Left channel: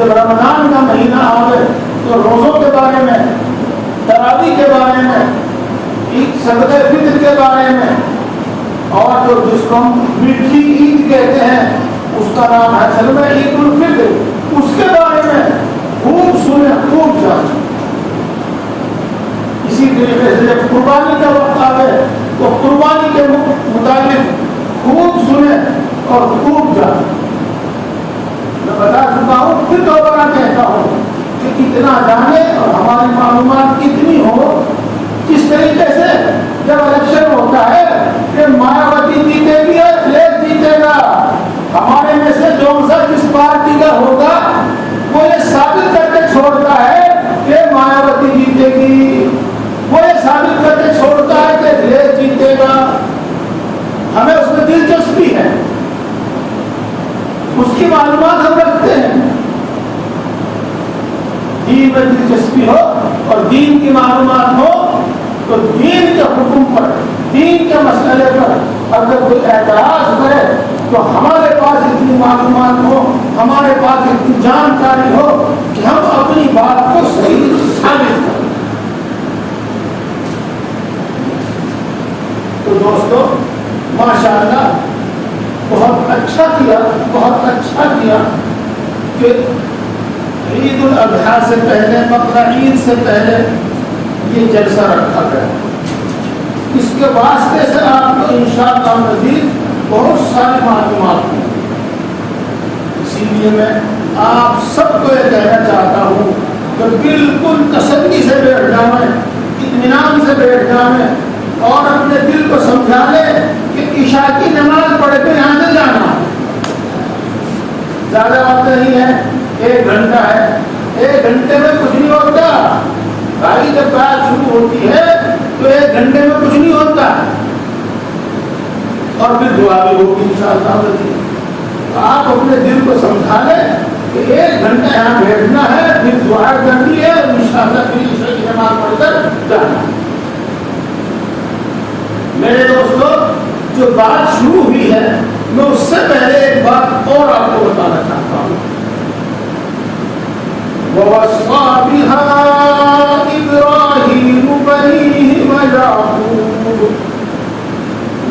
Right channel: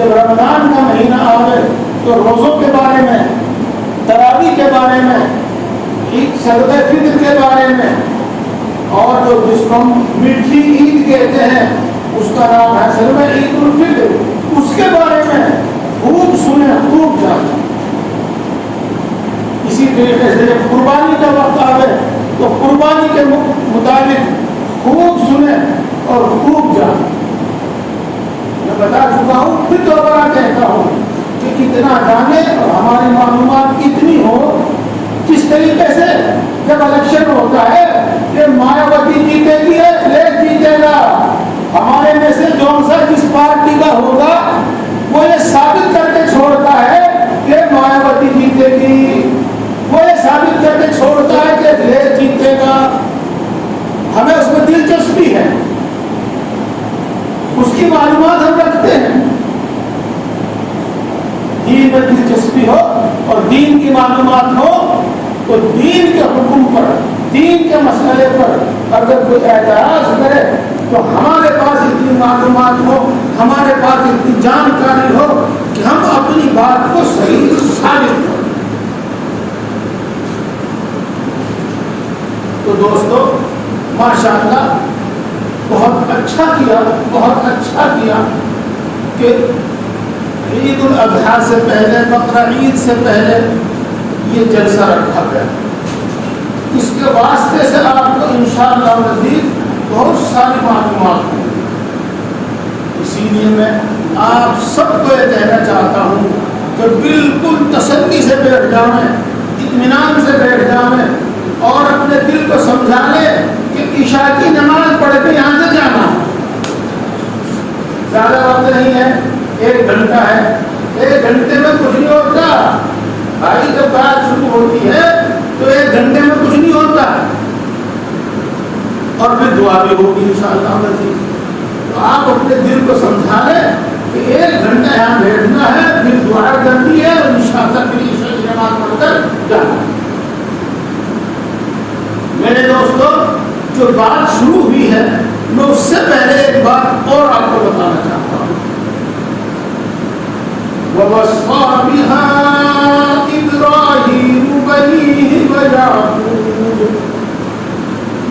جب رمضان کا مہینہ آئے تو روزوں کے بارے میں، تراویح کے بارے میں، صدقہ فطر کے بارے میں، اور جو جس کو ہم میٹھی عید کہتے ہیں اس کا نام ہے اصل میں عید الفطر، اس کے بارے میں خوب سنیں، خوب جانیں۔ اسی طریقے سے جب قربانی کا وقت آئے تو قربانی کے متعلق خوب سنیں اور خوب جانیں۔ میں بتا چکا ہوں، پھر دوبارہ کہتا ہوں کہ اتنا جانے اور ہماری معلومات اتنی ہو، کس طریقے سے جب الیکشن ہوتا ہے کہ مایاوتی جیتے گی یا اکھلیش جیتے گا، ہمارے میں سے جو سا جس پارٹی کا ہوگا وہ یہ ثابت کر کے چھوڑتا ہے کہ مایاوتی جیتے گی، وہ یہ ثابت کر کے چھوڑتا ہے کہ اکھلیش جیتے گا۔ ہمیں اس میں دلچسپی ہے، اس کی معلومات ہم رکھتے ہیں۔ دین میں دلچسپی ہو اور دین کی معلومات ہو تو دین کے حکم پر، دین کے مسئلے پر اگر کوئی اعتراض کرے تو ہمارے پاس اتنی معلومات ہو، ہمارے پاس اتنی جانکاری ہو کہ ہم اپنی بات کو صحیح ثابت کریں۔ تو دوستو ماشاءاللہ بہت اچھا کیا کہ عید الاضحیٰ سے پہلے، بقرہ عید سے پہلے یہ جلسہ رکھا گیا۔ اس کے واسطے سے آپ کو انشاءاللہ مزید بہت ساری معلومات ہوں۔ اسی لیے میں آپ سب کو یہ کہنا چاہتا ہوں کہ بالکل تسلی سے بیٹھ جائیں، اطمینان سے بیٹھ جائیں اور اپنے دل کو سمجھا لیں کہ عشاء کی نماز پڑھ کے یہاں سے جانا ہے، زیادہ وقت نہیں ہے، 1 گھنٹہ ہے، 1 گھنٹے میں کچھ نہیں ہوتا بھائی۔ جب بات شروع ہوتی ہے تو 1 گھنٹے میں کچھ نہیں ہوتا، اور پھر دعا بھی ہوگی انشاءاللہ۔ تو آپ اپنے دل کو سمجھا لیں کہ 1 گھنٹہ یہاں بیٹھنا ہے، پھر دعا کرنی ہے، انشاءاللہ پھر عشاء کی نماز پڑھ کر جانا ہے۔ میرے دوستو جو بات شروع ہوئی ہے میں اس سے پہلے ایک بات اور آپ کو بتانا چاہتا ہوں۔ وَوَصَّى بِهَا إِبْرَاهِيمُ بَنِيهِ وَيَعْقُوبُ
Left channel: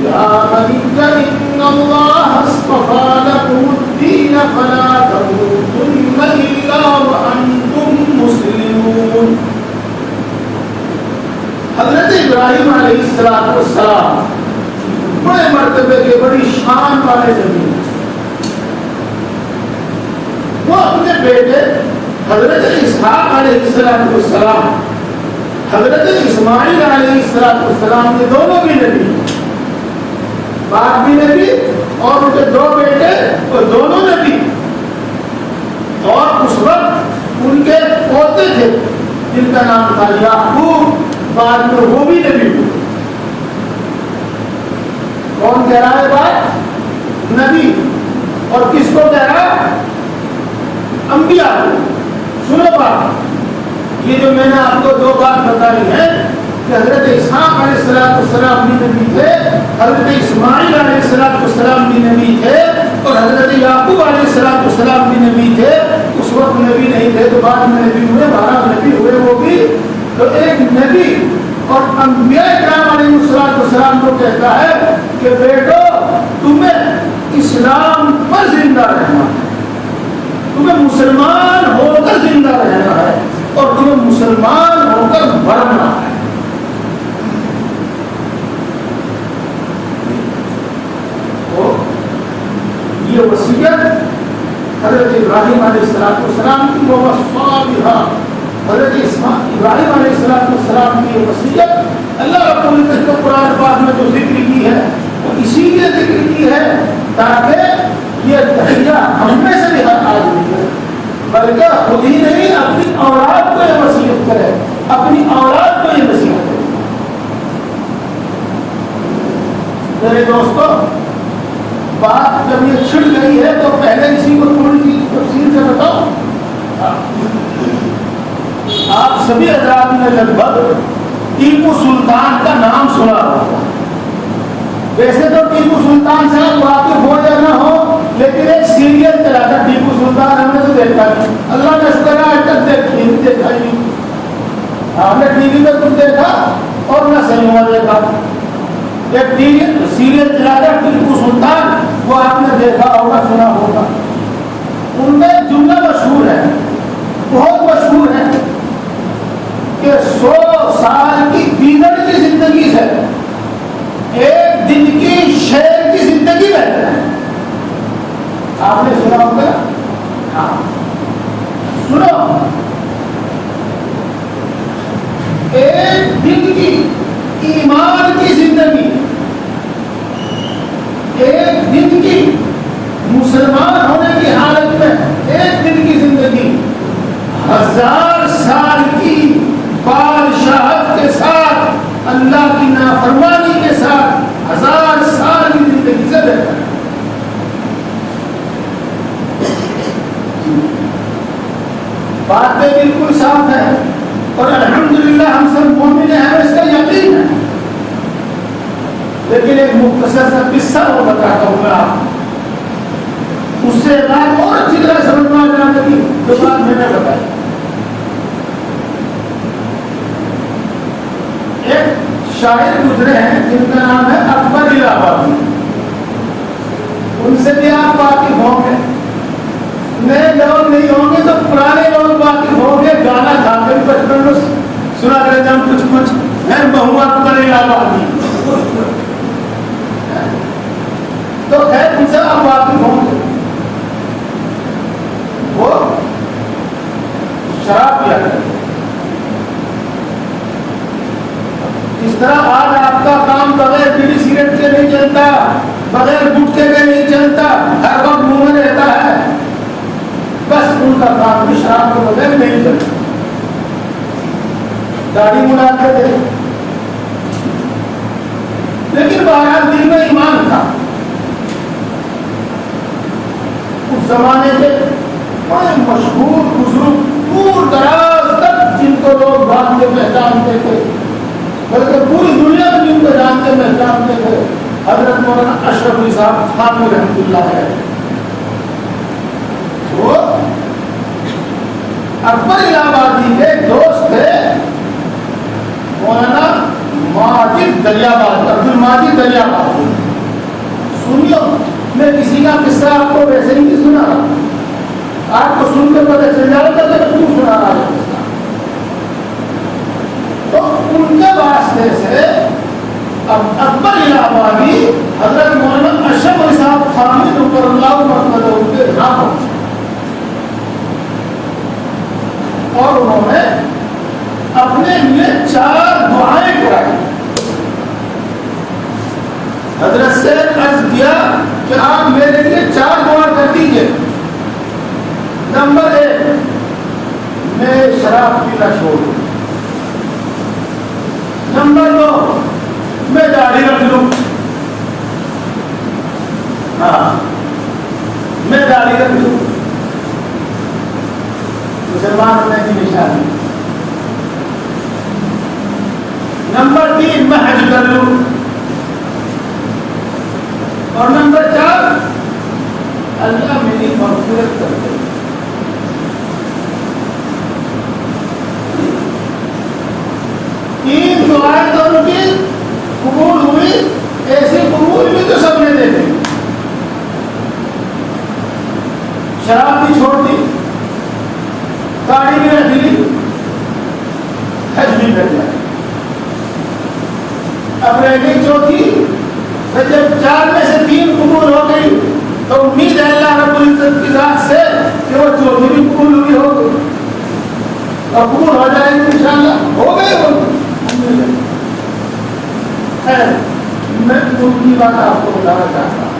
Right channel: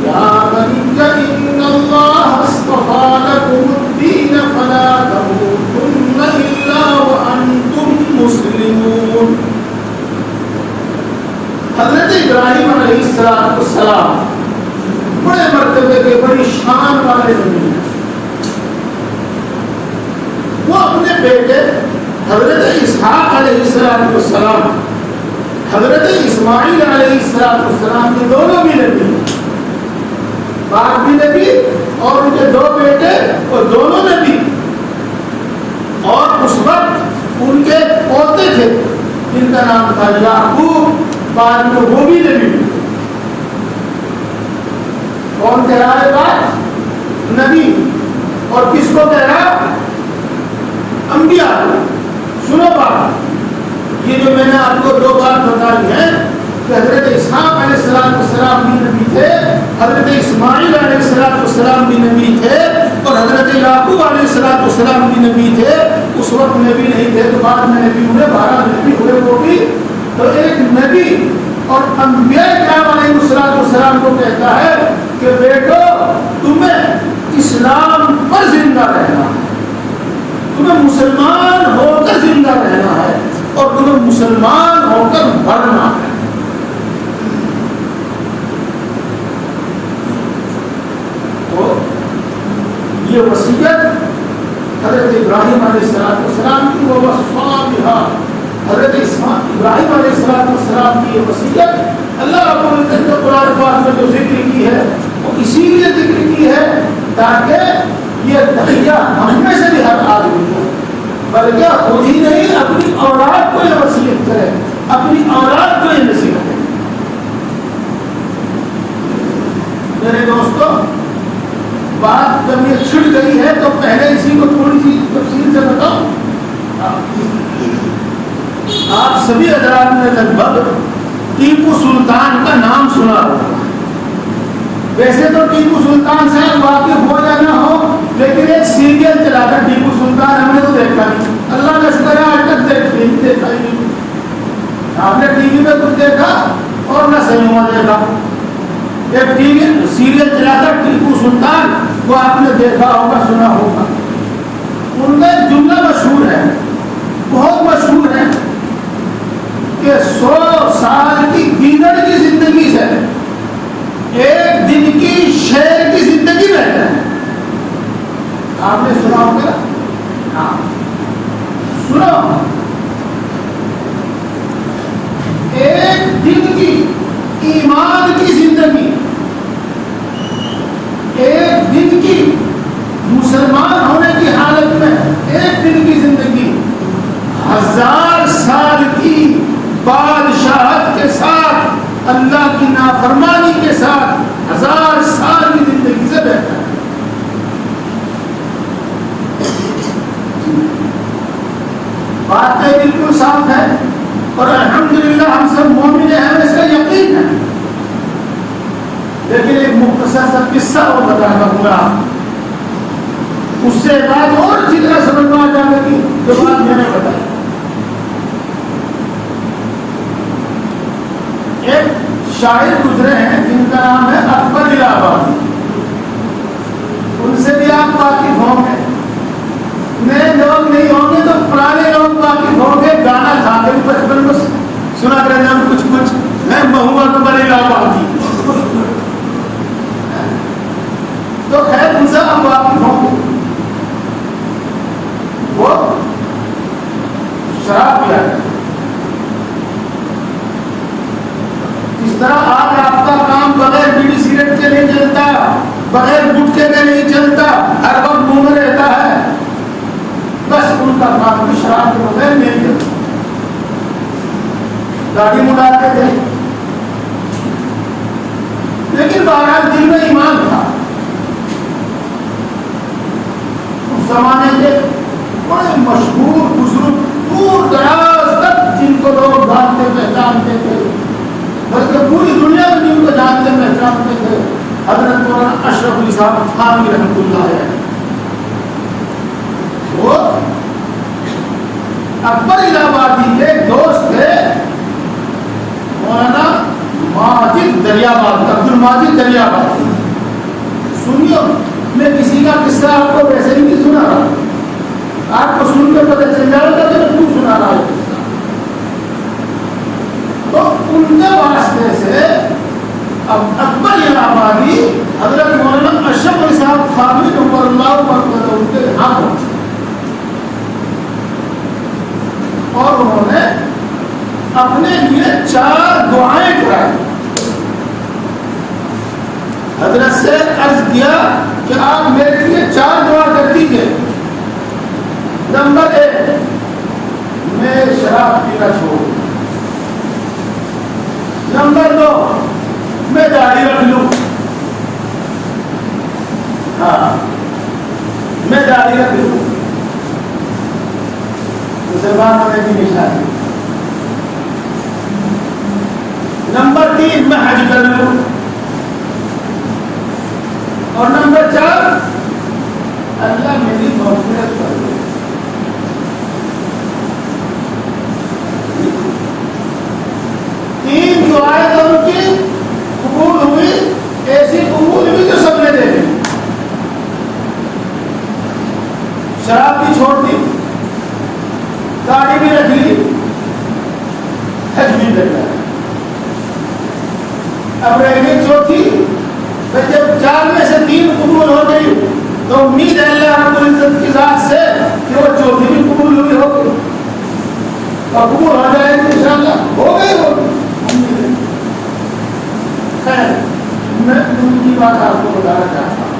يَا بَنِيَّ إِنَّ اللَّهَ اصْطَفَىٰ لَكُمُ الدِّينَ فَلَا تَمُوتُنَّ إِلَّا وَأَنتُم مُّسْلِمُونَ۔ حضرت ابراہیم علیہ السلام بڑے مرتبے کے، بڑی شان والے نبی، وہ اپنے بیٹے حضرت اسحاق علیہ السلام، حضرت اسماعیل علیہ السلام کے دونوں بھی نبی، باپ بھی نبی اور ان کے 2 بیٹے اور دونوں نبی، اور اس وقت ان کے پوتے تھے جن کا نام تھا یعقوب، بعد میں وہ بھی نبی ہوئے۔ کون کہہ رہا ہے بات؟ نبی۔ اور کس کو کہہ رہا؟ انبیاء کو۔ سنو بات، یہ جو میں نے آپ کو 2 بات بتائی ہے کہ حضرت اسحاق علیہ السلام بھی نبی تھے، حضرت اسماعیل علیہ السلام بھی نبی تھے، اور حضرت یعقوب علیہ السلام بھی نبی تھے۔ اس وقت نبی نہیں تھے تو بعد میں نبی ہوئے، 12 نبی ہوئے وہ بھی۔ تو ایک نبی اور انبیاء کرام علیہ السلام کو کہتا ہے کہ بیٹو تمہیں اسلام پر زندہ رہنا ہے، تمہیں مسلمان ہو کر زندہ رہنا ہے، اور تمہیں مسلمان ہو کر مرنا ہے۔ تو یہ وصیت حضرت ابراہیم علیہ السلام کی، وَوَصَّىٰ بِهَا، حضرت ابراہیم علیہ السلام کی یہ وصیت اللہ رب العزت نے قرآن پاک میں جو ذکر کی ہے وہ اسی لیے ذکر کی ہے تاکہ یہ تحیہ ہم میں سے بھی ہر آدمی ہے، بلکہ خود ہی نہیں اپنی اولاد کو یہ وصیت کرے، اپنی اولاد کو یہ نصیحت کرے۔ میرے دوستو بات جب یہ چھڑ گئی ہے تو پہلے اسی کو تھوڑی سی تفصیل سے بتاؤ۔ آپ سبھی حضرات نے لگ بھگ ٹیپو سلطان کا نام سنا ہوگا۔ ویسے تو ٹیپو سلطان سے واقف ہو یا نہ ہو، لیکن ایک سیریل چلا تھا ٹیپو سلطان، ہم نے تو دیکھا نہیں۔ اللہ آپ نے ٹی وی میں کچھ دیکھا اور نہ سنیما دیکھا. ایک ٹی وی سیریل چلاتا ٹیپو سلطان, وہ آپ نے دیکھا ہوگا, سنا ہوگا. ان میں جملہ مشہور ہے, بہت مشہور ہے, کہ 100 سال کی گیدڑ کی زندگی سے ایک دن کی شیر کی زندگی بہتر ہے. آپ نے سنا ہوگا؟ ہاں سنو. ایک دن کی ایمان کی زندگی, ایک دن کی مسلمان ہونے کی حالت میں ایک دن کی زندگی 1000 سال کی بادشاہت کے ساتھ, اللہ کی نافرمانی کے ساتھ 1000 سال کی زندگی سے بہتر ہے. باتیں بالکل صاف ہے اور الحمدللہ ہم سب مومن ہیں, اس کا یقین ہے. لیکن ایک مختصر سا قصہ وہ بتاتا ہوں گا, اس سے بات اور اچھی طرح سمجھ میں آ جانے کی جو بات میں نے بتائی. ایک شاعر گزرے ہیں جن کا نام ہے اکبر الہ آبادی. ان سے بھی آپ واقف ہوں گے, نئے لوگ نہیں ہوں گے تو پرانے لوگ واقف ہوں گے. گانا گاتے ہیں بچپن میں سنا کریں ہم کچھ کچھ ہے, بہو اکبر الہ آبادی. تو خیر ان سے ہم واقف ہوں گے. وہ شراب پیا کرتے, اس طرح آج آپ کا کام بغیر بیڑی سگریٹ کے نہیں چلتا, بغیر گٹکے کے نہیں چلتا, ہر وقت منہ میں رہتا ہے. بس ان کا کام بھی شراب کے بغیر نہیں چلتا. داڑھی مڑاتے تھے لیکن بہرحال دل میں ایمان تھا. اس زمانے کے بڑے مشہور بزرگ دور دراز تک جن کو لوگ جانتے پہچانتے تھے, بلکہ پوری دنیا میں جن کو جانتے پہچانتے تھے, حضرت مولانا اشرف علی صاحب تھانوی رحمۃ اللہ علیہ. وہ اکبر الہ آبادی کے دوست تھے مولانا ماجد دریاباد, عبد الماجد دریاباد. سنیو, میں کسی کا قصہ آپ کو ویسے ہی نہیں سنا رہا, آپ کو سن کے پتہ چل جائے گا کہ کیوں سنا رہا ہے قصہ. تو ان کے واسطے سے اب اکبر الہ آبادی حضرت مولانا اشرف علی صاحب تھانوی نمبر اللہ مقدر ان کے یہاں پہنچے اور انہوں نے اپنے لیے 4 دعائیں کرائی. حضرت سے عرض کیا کہ آپ میرے لیے 4 دعا کر دیجیے. نمبر 1, میں شراب پینا چھوڑ دوں. نمبر 2, میں داڑھی رکھ لوں. ہاں, میں داڑھی رکھ لوں. مسلمان میں بھی نشانی. نمبر 3, میں حج کر لوں. اور نمبر 4, اللہ میری مغفرت کر دے. تین دعائیں تو ان کی قبول ہوئی, ایسی قبول ہوئی تو سب نے دے دی. شراب بھی چھوڑ دی, گاڑی بھی رکھ لی, حج بھی کر لیا. اب رہ گئی چوتھی. جب 4 میں سے 3 قبول ہو گئی تو امید ہے اللہ رب العزت کی ذات سے کہ وہ چوتھی بھی قبول ہوئی ہوگی اور قبول ہو جائے گی انشاءاللہ. ہو گئی ہوگی. خیر, میں ان کی بات آپ کو بتانا چاہتا ہوں.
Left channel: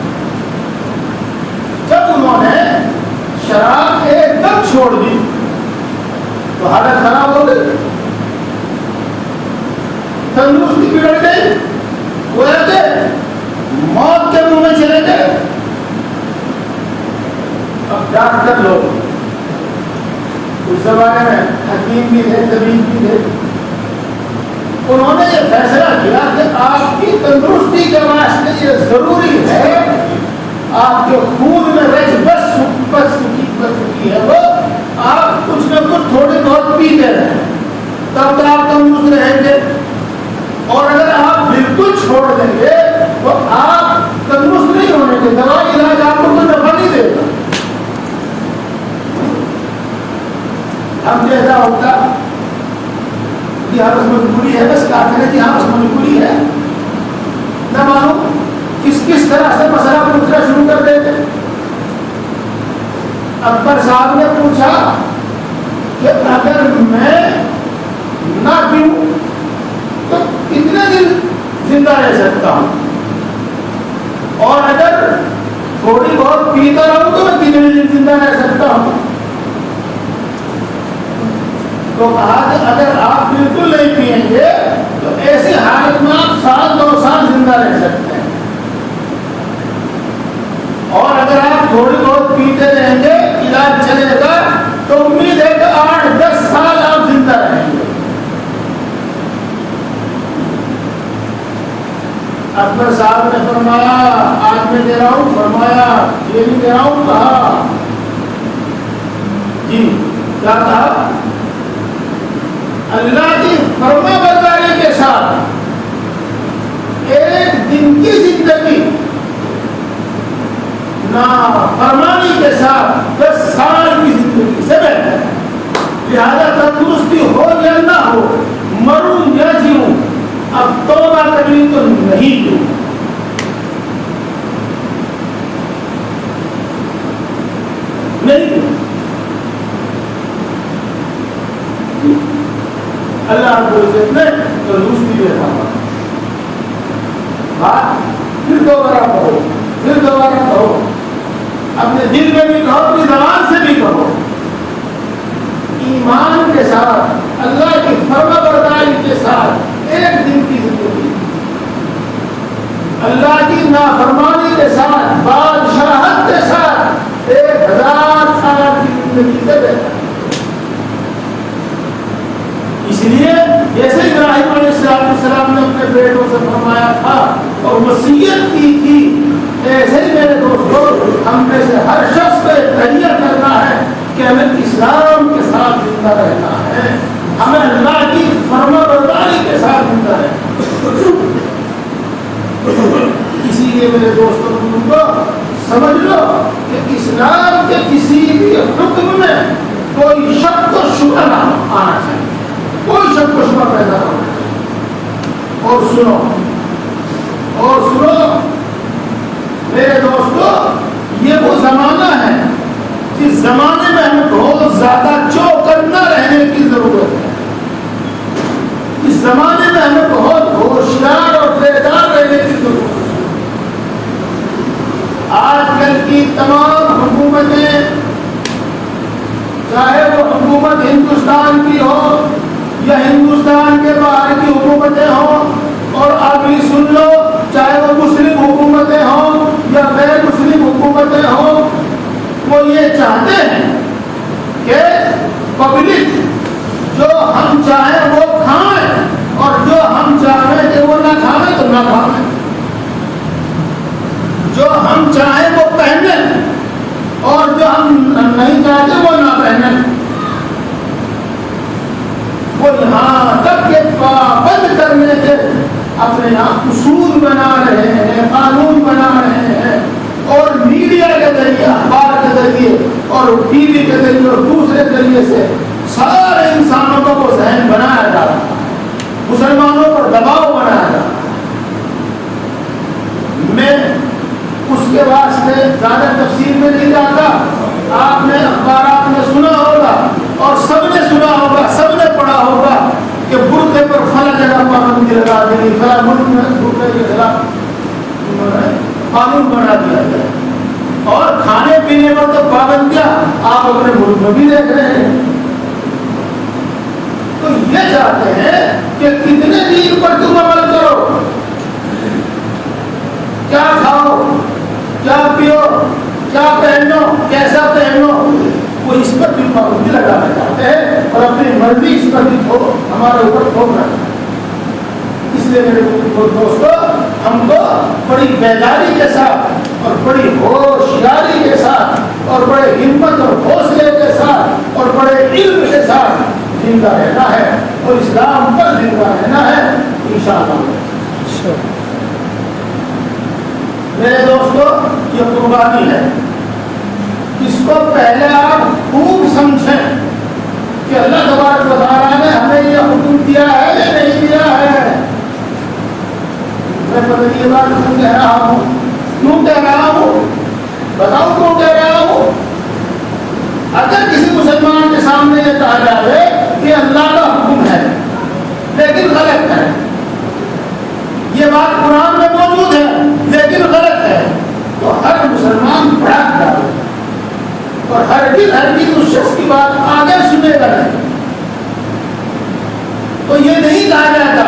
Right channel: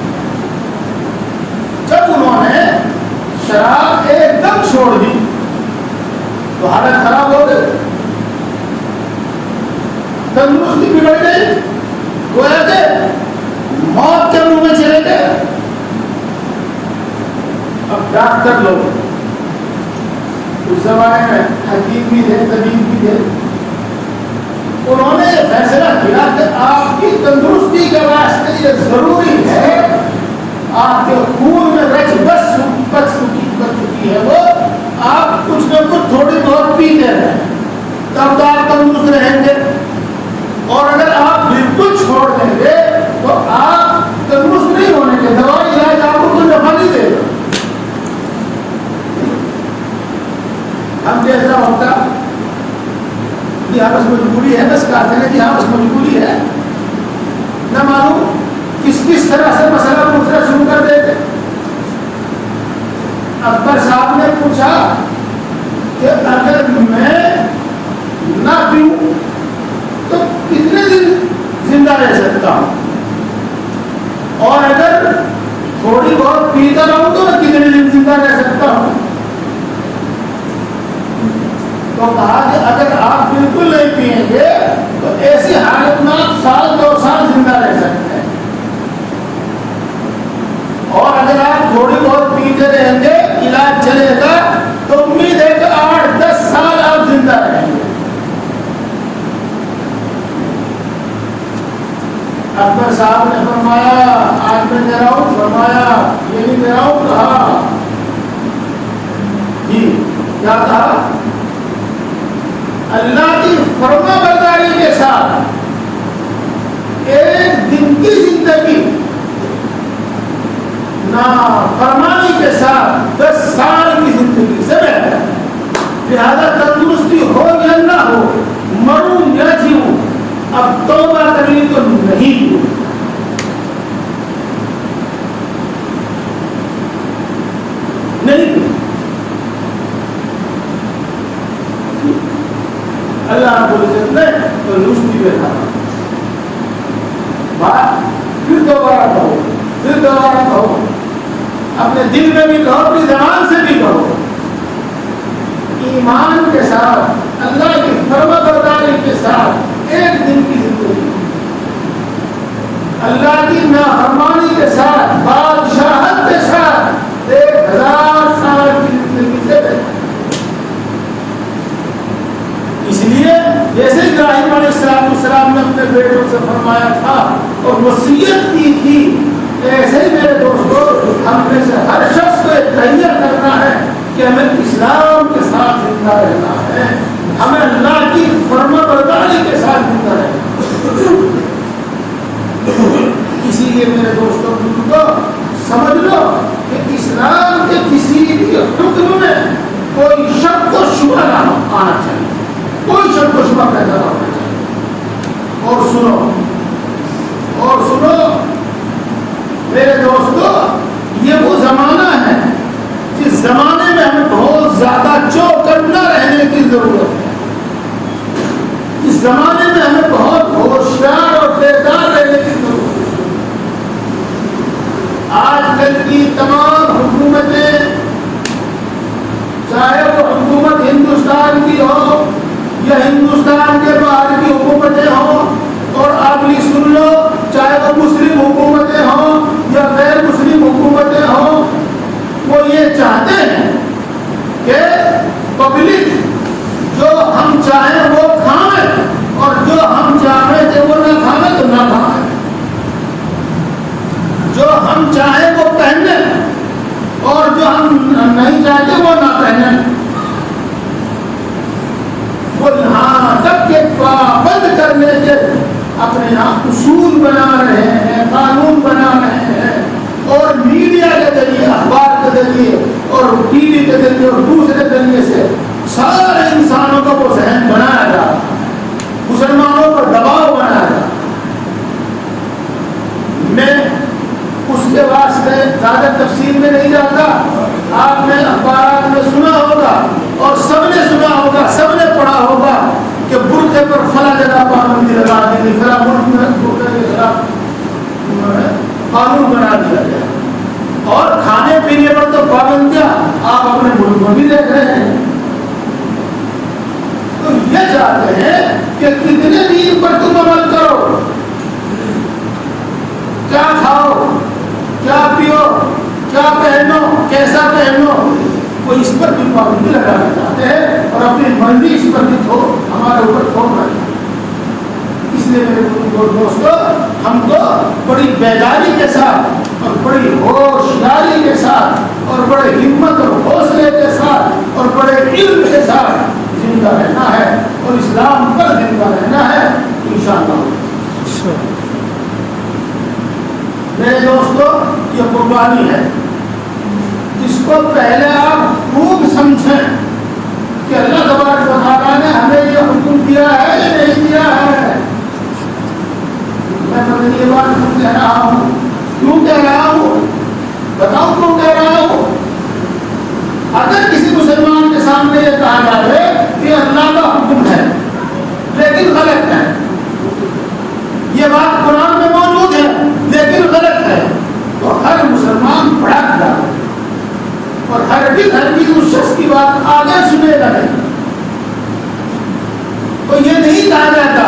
جب انہوں نے شراب ایک دم چھوڑ دی تو حالت خراب ہو گئی, تندرستی بگڑ گئی, گویا کہ موت کے منہ میں چلے گئے. اب ڈاکٹر لوگ اس زمانے میں حکیم بھی تھے, طبیب بھی تھے, انہوں نے یہ فیصلہ کیا کہ آپ کی تندرستی کے واسطے یہ ضروری ہے, آپ کے خون میں رچ بچ چکی ہے, وہ آپ کچھ نہ کچھ تھوڑی بہت پیتے رہیں. تب تو آپ تندرست رہیں گے. اور اگر آپ بالکل چھوڑ دیں گے تو آپ تندرست نہیں ہونے کے. دوائی علاج آپ کو کوئی نفع نہیں دے گا. اب جیسا ہوتا کہ ہاں بس مجبوری ہے, بس کہتے ہیں کہ ہاں بس مجبوری ہے, نہ معلوم کس طرح سے مسئلہ پوچھنا شروع کر دیتے. اکبر صاحب نے پوچھا کہ اگر میں نہ پیوں تو کتنے دن زندہ رہ سکتا ہوں, اور اگر تھوڑی بہت پیتا رہوں تو میں کتنے دن زندہ رہ سکتا ہوں. تو کہا کہ اگر آپ بالکل نہیں پیئیں گے تو ایسی حالت میں آپ 1-2 سال زندہ رہ سکتے ہیں, اور اگر آپ تھوڑی بہت پیتے رہیں گے, علاج چلے گا, تو امید ہے کہ 8-10 سال آپ زندہ رہیں گے. اکبر صاحب نے فرمایا آج میں دے رہا ہوں, فرمایا یہ نہیں دے رہا ہوں. کہا جی کیا کہا؟ اللہ کی فرما برداری کے ساتھ 1 دن کی زندگی, نا فرمانی کے ساتھ 10 سال کی زندگی سے بہتر ہے. لہذا تندرستی ہو یا نہ ہو, مروں یا جیوں, اب توبہ کرنی تو نہیں دوں. نہیں اللہ رب العزت نے تندرستی دے رہا. پھر دوبارہ کہو, پھر دوبارہ کہو, اپنے دل میں بھی کہو, اپنی زبان سے بھی کہو, ایمان کے ساتھ, اللہ کی فرما برداری کے ساتھ 1 دن کی زندگی, اللہ کی نافرمانی کے ساتھ, بادشاہت کے ساتھ 1000 سال کی زندگی سے بہتر. اس لیے جیسے ابراہیم علیہ السلام نے اپنے بیٹوں سے فرمایا تھا اور وصیت کی تھی, ایسے ہی میرے دوستوں ہم میں سے ہر شخص کو تیار کرنا ہے کہ ہمیں اسلام کے ساتھ زندہ رہنا ہے, ہمیں اللہ کی فرما برداری کے ساتھ زندہ رہنا. اسی لیے میرے دوستوں بزرگوں سمجھ لو کہ اسلام کے کسی بھی حکم میں کوئی شک و شبہ نہ آنا چاہیے, کوئی شک و شبہ پیدا نہ ہونا چاہیے. اور سنو میرے دوستو, یہ وہ زمانہ ہے جس زمانے میں ہمیں بہت زیادہ چوکنا رہنے کی ضرورت ہے. اس زمانے میں ہمیں بہت ہوشیار اور بیدار رہنے کی ضرورت ہے. آج کل کی تمام حکومتیں, چاہے وہ حکومت ہندوستان کی ہو یا ہندوستان کے باہر کی حکومتیں ہوں, اور آپ یہ سن لو, چاہے وہ مسلم حکومتیں ہوں یا غیر مسلم حکومتیں ہوں, وہ یہ چاہتے ہیں کہ پبلک جو ہم چاہیں وہ کھائیں, اور جو ہم چاہیں کہ وہ نہ کھائیں تو نہ کھائیں, جو ہم چاہیں وہ پہنیں اور جو ہم نہیں چاہتے وہ نہ پہنیں. وہ یہاں تک کہ پابند کرنے کے اپنے آپ اصول بنا رہے ہیں, قانون بنا رہے ہیں, اور میڈیا کے ذریعے, اخبار کے ذریعے اور ٹی وی کے ذریعے اور دوسرے ذریعے سے سارے انسانوں کا وہ ذہن بنایا جا رہا ہے, مسلمانوں پر دباؤ بنایا جا رہا ہے. میں اس کے واسطے زیادہ تفصیل میں نہیں جاتا. آپ نے اخبارات میں سنا ہوگا اور سب نے سنا ہوگا, سب نے پڑھا ہوگا کہ برقعے پر فلاں جگہ پابندی لگا دی, فلاں ملک میں برقعے کے خلاف قانون بنا دیا گیا, اور کھانے پینے پر تو پابندیاں آپ اپنے ملک میں بھی دیکھ رہے ہیں. تو یہ چاہتے ہیں کہ کتنے دن پر تم عمل کرو, کیا کھاؤ, کیا پیو, کیا پہنو, کیسا پہنو, وہ اس پر بھی پابندی لگانا چاہتے ہیں اور اپنی مرضی اس پر بھی ہمارے اوپر تھوپ رہے ہیں. اس لیے میرے دوستوں ہم کو بڑی بیداری کے ساتھ اور بڑی ہوشیاری کے ساتھ اور بڑے ہمت اور حوصلے کے ساتھ اور بڑے علم کے ساتھ زندہ رہنا ہے اور اسلام پر زندہ رہنا ہے انشاءاللہ۔ میرے دوستو، یہ قربانی ہے، اس کو پہلے آپ خوب سمجھیں کہ اللہ تبارک و تعالیٰ نے ہمیں یہ حکم دیا ہے یا نہیں دیا ہے۔ میں پتہ نہیں یہ بات کیوں کہہ رہا ہوں، کیوں کہہ رہا ہوں، بتاؤ کیوں کہہ رہا ہوں۔ اگر کسی مسلمان کے سامنے یہ کہا جائے کہ اللہ کا حکم ہے لیکن غلط ہے، یہ بات قرآن میں موجود ہے لیکن غلط ہے، تو ہر مسلمان بھڑک جائے اور ہر چیز اس شخص کی بات آگے سنے گا نہیں۔ تو یہ نہیں کہا جاتا،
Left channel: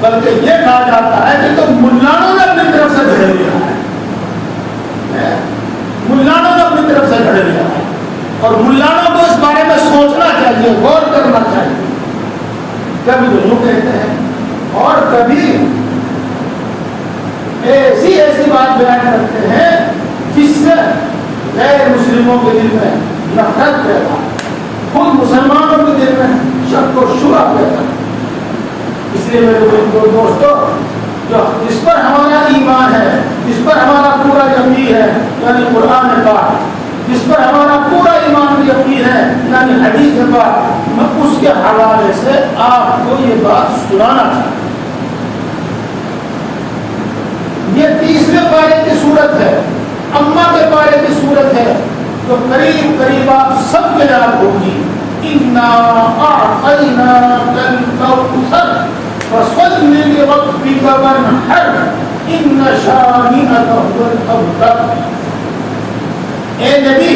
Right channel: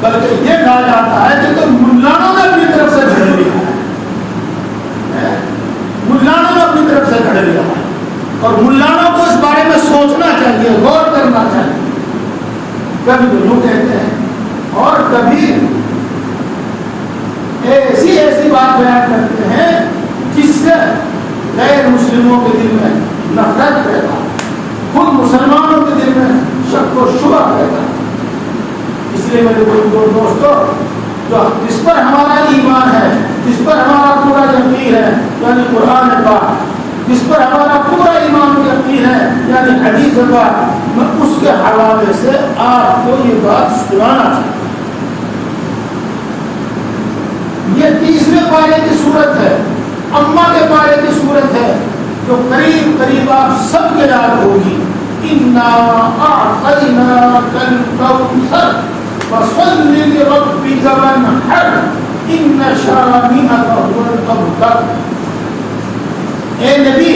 بلکہ یہ کہا جاتا ہے کہ تو ملانوں نے اپنی طرف سے گھڑ لیا ہے، ملانوں نے اپنی طرف سے گھڑ لیا ہے، اور ملانوں کو اس بارے میں سوچنا چاہیے، غور کرنا چاہیے۔ کبھی تو یوں کہتے ہیں اور کبھی ایسی بات بیان کرتے ہیں جس سے غیر مسلموں کے دل میں نفرت پیدا، خود مسلمانوں کے دل میں شک و شبہ پیدا۔ اس لیے میرے دوستو، جو جس پر ہمارا ایمان ہے، جس پر ہمارا پورا یقین ہے یعنی قرآن پاک، جس پر ہمارا پورا ایمان یقین ہے یعنی حدیث پاک، میں اس کے حوالے سے آپ کو یہ بات سنانا چاہتا ہوں۔ یہ 30ویں پارے کی صورت ہے، اما کے پارے کی صورت ہے، جو قریب قریب آپ سب کے یاد ہوگی۔ اِنَّا أَعْطَيْنَاكَ الْكَوْثَرَ فَصَلِّ لِرَبِّكَ وَانْحَرْ إِنَّ شَانِئَكَ هُوَ الْأَبْتَرُ۔ اے نبی،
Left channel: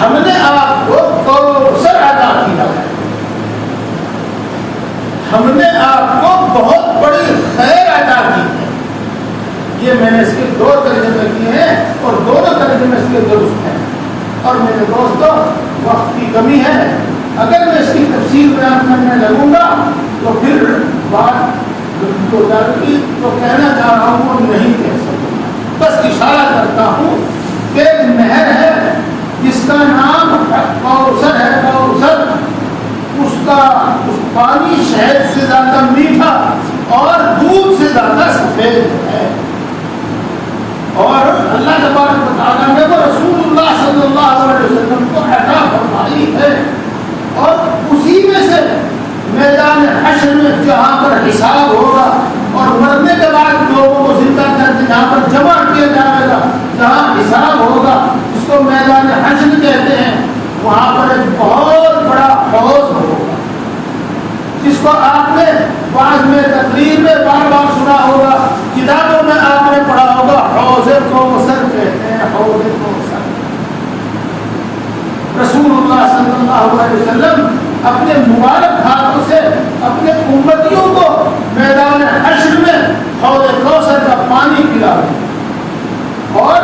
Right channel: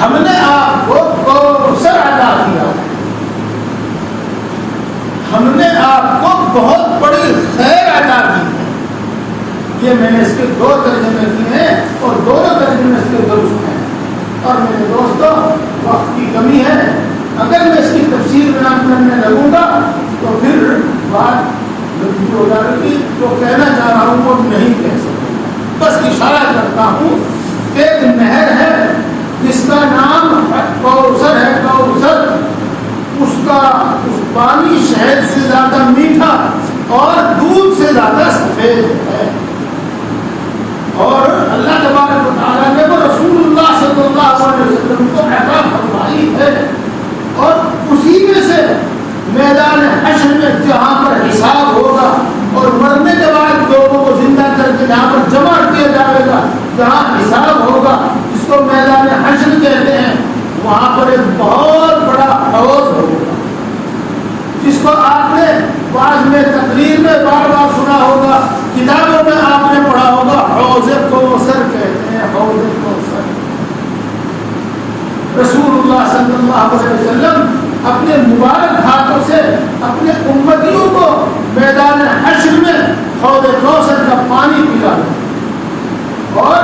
ہم نے آپ کو کوثر عطا کیا ہے، ہم نے آپ کو بہت بڑی خیر عطا کی ہے۔ یہ میں نے اس کے 2 ترجمے کیے ہیں اور دونوں ترجمے اس کے درست ہیں، اور میرے دوستو وقت کی کمی ہے، اگر میں اس کی تفسیر بیان کرنے لگوں گا تو پھر بات ہو جائے گی، تو کہنا چاہ رہا ہوں وہ نہیں کہہ سکوں گا۔ بس اشارہ کرتا ہوں کہ ایک نہر ہے جس کا نام کوثر ہے، کوثر، اس پانی شہد سے زیادہ میٹھا اور دودھ سے زیادہ سفید ہے، اور اللہ تبارک و تعالیٰ نے وہ رسول اللہ صلی اللہ علیہ وسلم کو عطا فرمائی ہے، اور اسی میں سے میدان حشر میں جہاں پر حساب ہوگا اور مرنے کے بعد لوگوں کو زندہ کر کے جہاں پر جمع کیا جائے گا، جہاں حساب ہوگا، جس کو میدان حشر کہتے ہیں، وہاں پر ایک بہت بڑا حوض ہوگا، جس کو آپ نے بعض میں تقریر میں بار بار سنا ہوگا، کتابوں میں آپ نے پڑھا ہوگا، حوض کوثر کہتے ہیں، حوض کوثر۔ رسول اللہ صلی اللہ علیہ وسلم اپنے مبارک ہاتھوں سے اپنے امتیوں کو میدان حشر میں حوض کوثر کا پانی پلایا، اور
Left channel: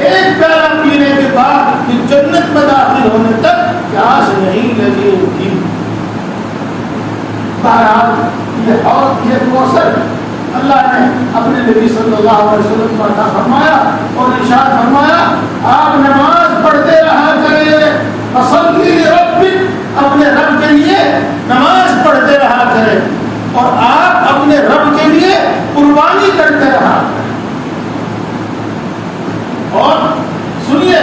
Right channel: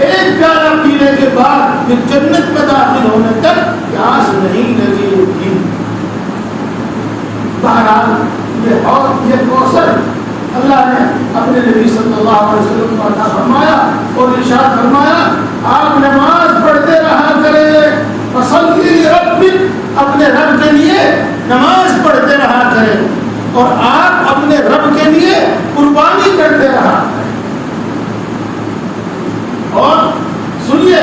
ایک پیالہ پینے کے بعد پھر جنت میں داخل ہونے تک پیاس نہیں لگی تھی۔ بہرحال یہ کوثر اللہ نے اپنے نبی صلی اللہ علیہ وسلم کو عطا فرمایا اور ارشاد فرمایا، آپ نماز پڑھتے رہا کریں، فصلی لربک، اپنے رب کے لیے نماز پڑھتے رہا کریں، اور آپ اپنے رب کے لیے قربانی کرتے رہا کریں۔ اور سنیے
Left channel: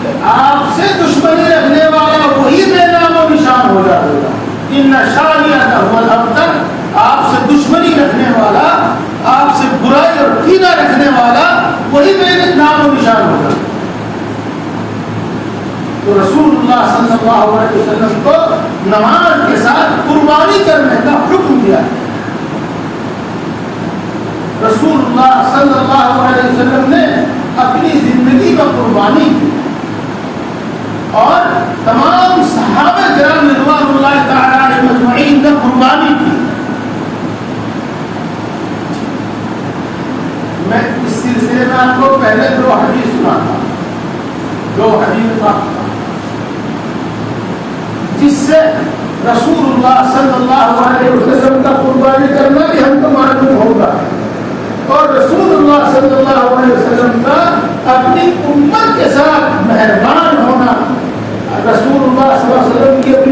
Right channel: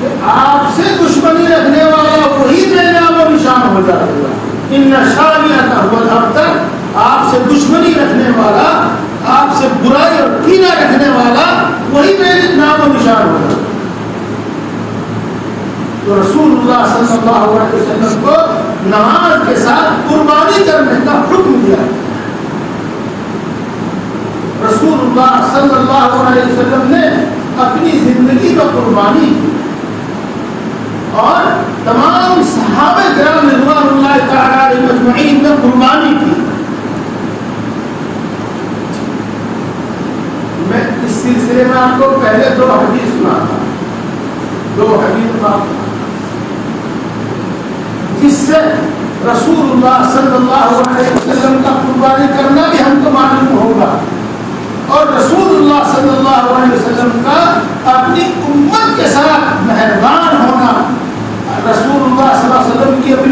کہ آپ سے دشمنی رکھنے والا وہی بے نام و نشان ہو جائے گا۔ ان شانئک هو الابتر، آپ سے دشمنی رکھنے والا، آپ سے برائی اور کینہ رکھنے والا وہی بے نام و نشان ہوگا۔ تو رسول اللہ صلی اللہ علیہ وسلم کو نماز کے ساتھ قربانی کرنے کا حکم دیا ہے۔ رسول اللہ صلی اللہ علیہ وسلم نے اپنی زندگی کو قربانی کی، اور تمام صحابہ کرام رضوان اللہ تعالی علیہم اجمعین نے قربانی کی۔ میں اس سلسلے میں آپ کو پہلے 2 حدیث سناتا ہوں، 2 حدیث جس سے رسول اللہ صلی اللہ علیہ وسلم کا قربانی کرنا بھی ہم کو معلوم ہوگا، اور رسول اللہ صلی اللہ علیہ وسلم کا اپنی امت کے ساتھ مہربان ہونا، رسول اللہ صلی اللہ علیہ وسلم کی اپنی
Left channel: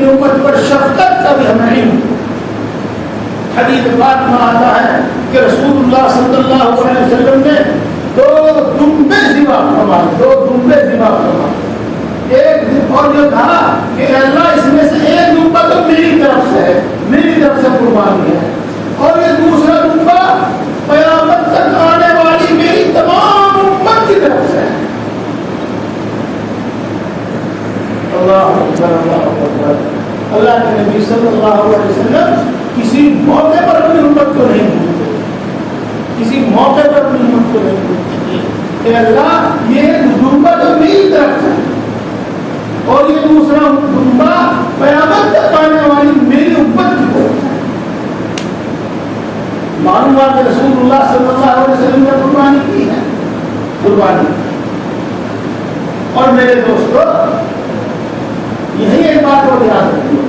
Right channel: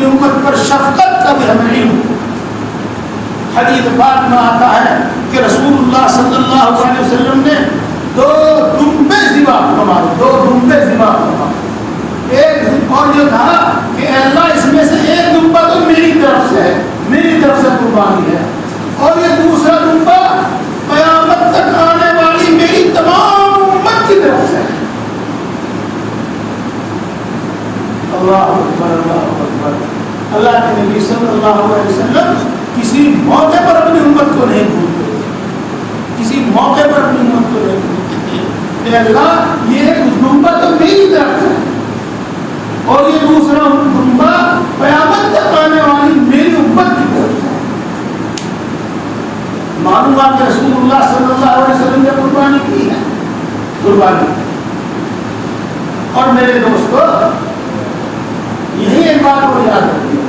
پاک میں آتا ہے کہ رسول اللہ صلی اللہ علیہ وسلم نے 2 دمبے ذبح فرمائے. ایک اور جو تھا کہ اللہ اس میں سے ایک دمبا تو میری طرف سے قربانی ہے, اور یہ دوسرا دمبا قیامت تک آنے والی میری تمام امت کی طرف سے ہے. اللہ اکبر اللہ اکبر. اللہ کے نبی صلی اللہ علیہ وسلم کسی موقع پر اپنی امت کو نہیں بھولتے, کسی موقع پر اپنی امت کو نہیں بھولتے کہ اللہ یہ دمبا تو میری طرف سے اور یہ دوسرا دمبا قیامت تک آنے والی میری امت کی طرف ہے. معلوم ہے کہ رسول اللہ صلی اللہ علیہ وسلم نے قربانی کی ہے, قربانی. اور میرے دوستو یہی ایک بات کو یاد رکھیے,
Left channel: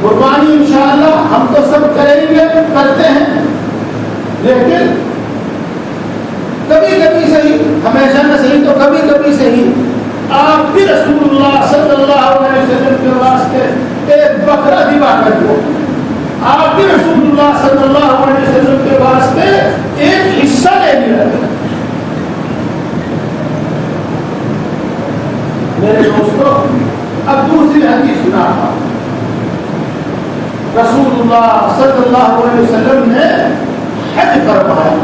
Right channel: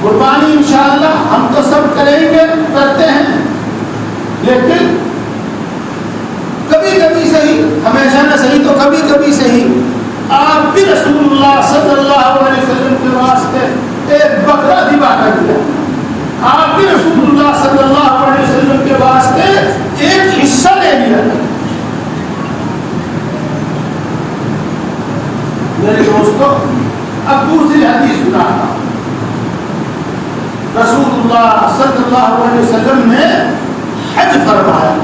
قربانی انشاءاللہ ہم تو سب کریں گے, کرتے ہیں, لیکن کبھی کبھی صحیح, ہمیشہ نہ صحیح تو کبھی کبھی صحیح, آپ بھی رسول اللہ صلی اللہ علیہ وسلم کے واسطے ایک بکرا ذبح کر دیا. آپ بھی رسول اللہ صلی اللہ علیہ وسلم کے واسطے ایک حصہ لے لیا. میرے دوستو اب دوسری حدیث سناتا ہوں. رسول اللہ صلی اللہ علیہ وسلم نے حج فرمایا,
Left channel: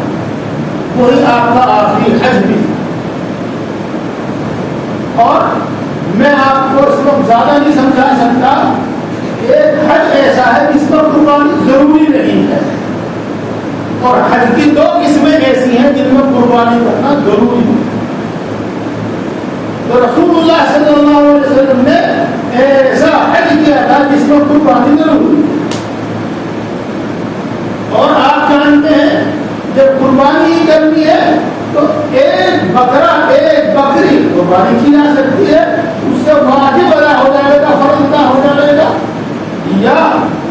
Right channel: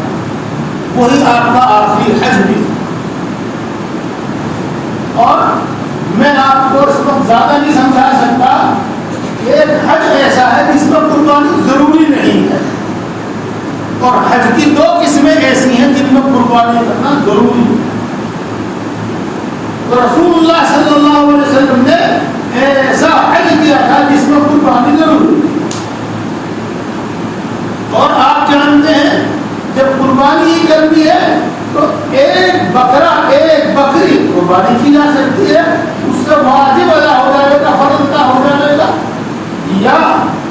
وہی آپ کا آخری حج بھی, اور میں آپ کو اس وقت زیادہ نہیں سمجھا سکتا. ایک حج ایسا ہے جس پر قربانی ضروری نہیں ہے, اور حج کی 2 قسمیں ایسی ہیں جن میں قربانی کرنا ضروری ہے. تو رسول اللہ صلی اللہ علیہ وسلم نے ایسا حج کیا تھا جس میں قربانی ضروری ہے. اور آپ جانتے ہیں جب قربانی کرنی ہے تو ایک بکرا, ایک بکری قربانی کی جا سکتی ہے, اس سے واجب ادا ہو جائے گا, فرض ادا ہو جائے گا, یا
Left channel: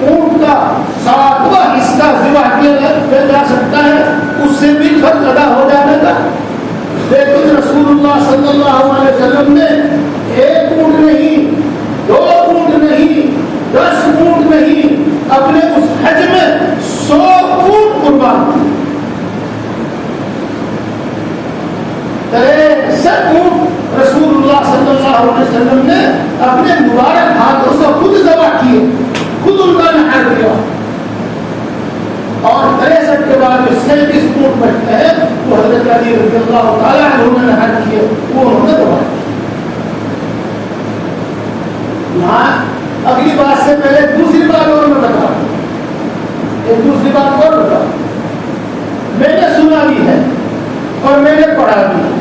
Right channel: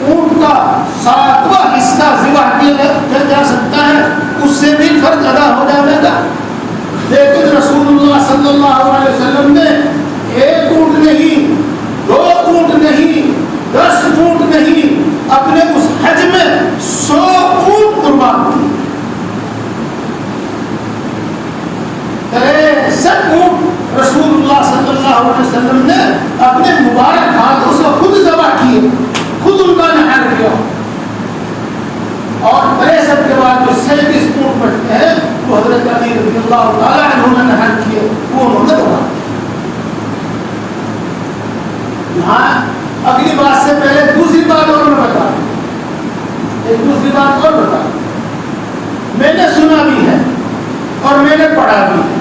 اونٹ کا 7واں حصہ ذبح کیا جا سکتا ہے, اس سے بھی فرض ادا ہو جائے گا. لیکن رسول اللہ صلی اللہ علیہ وسلم نے 1 اونٹ نہیں, 2 اونٹ نہیں, 10 اونٹ نہیں, اپنے اس حج میں 100 اونٹ قربان کیے. 63 اونٹ رسول اللہ صلی اللہ علیہ وسلم نے اپنے مبارک ہاتھوں سے خود ذبح کیے, خود ان کا نہار کیا. اور 63 کے بعد جو 37 اونٹ بچتے ہیں وہ حضرت علی رضی اللہ تعالیٰ عنہ نے نہار کیے, وہ انہوں نے ذبح کیا. یہاں اگلی بات سے پہلے دوسری بات اور میں بتا, ایک دوسری بات اور بتا. میں نے سنا بھی ہے اور میں نے پڑھا بھی ہے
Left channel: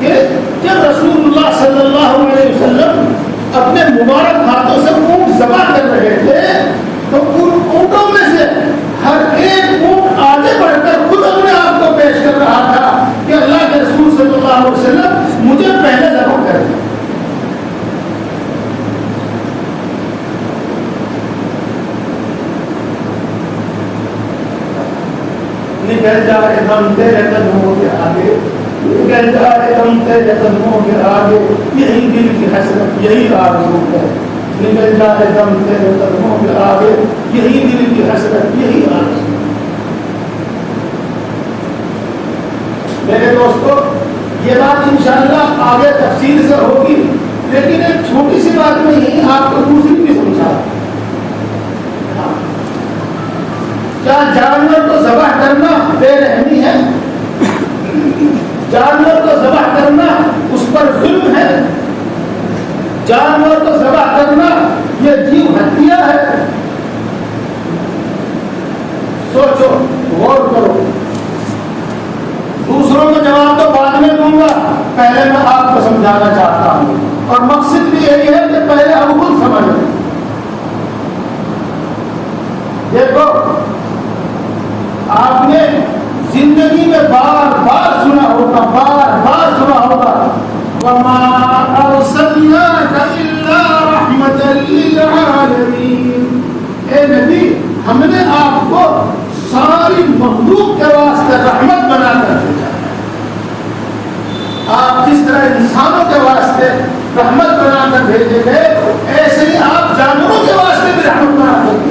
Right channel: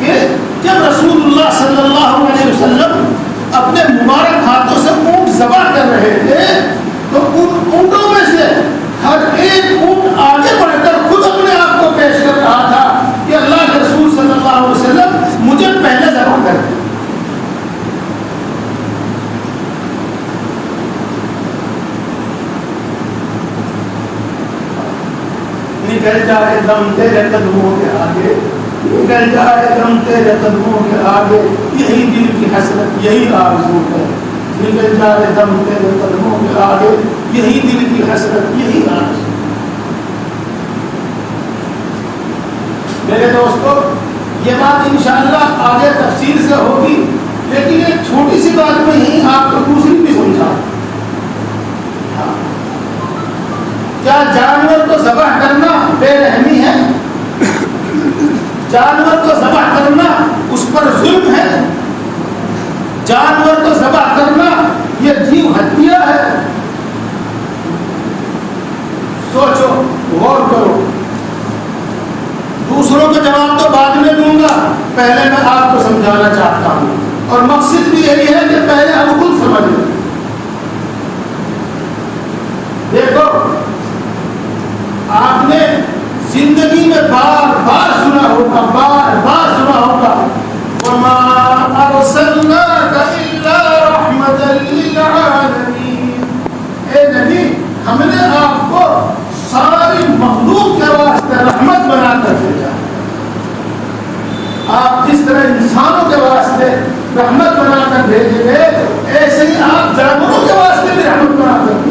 کہ جب رسول اللہ صلی اللہ علیہ وسلم اپنے مبارک ہاتھوں سے اونٹ ذبح کر رہے تھے تو ان اونٹوں میں سے ہر ایک اونٹ آگے بڑھ کر خود اپنے آپ کو پیش کر رہا تھا کہ اللہ کے رسول صلی اللہ علیہ وسلم مجھے پہلے ذبح کر دیا. نکل جائے دم تیرے قدموں کے آگے, نکل جائے دم تیرے قدموں کے آگے, یہی دل کی حسرت, یہی آرزو ہے. نکل جائے دم تیرے قدموں کے آگے, یہی دل کی حسرت, یہی آرزو. میرے دوستو یہ بات انشاءاللہ آگے تفصیل سے ہوگی, لیکن ایک چھوٹی سی بات میں ہی آپ کو دوسری بھی سمجھا. کیا جانور کو ذبح کرنا بے رحمی ہے؟ جانور کو ذبح کرنا اس پر ظلم ہے؟ جانور کو ذبح کرنا یہ جیو ہتیا ہے؟ سوچو, غور کرو. دوسروں کو جواب تو بعد میں دوں گا, پہلے میں آپ کو سمجھانا چاہتا ہوں, اور مقصد بھی یہی ہے کہ پہلے ہم خود سمجھ لیں. دیکھو, آپ نے زندگی میں بار بار سنا ہوگا, بار بار سنا ہوگا, وَمَا أَرْسَلْنَاكَ إِلَّا رَحْمَةً لِلْعَالَمِينَ. اے نبی, ہم نے آپ کو ساری مخلوق کے واسطے رحمت بنا کر بھیجا. آپ جس طرح انسانوں کے واسطے رحمت بنا کر بھیجے گئے, ایسے ہی آپ جانوروں کے واسطے بھی رحمت بنا کر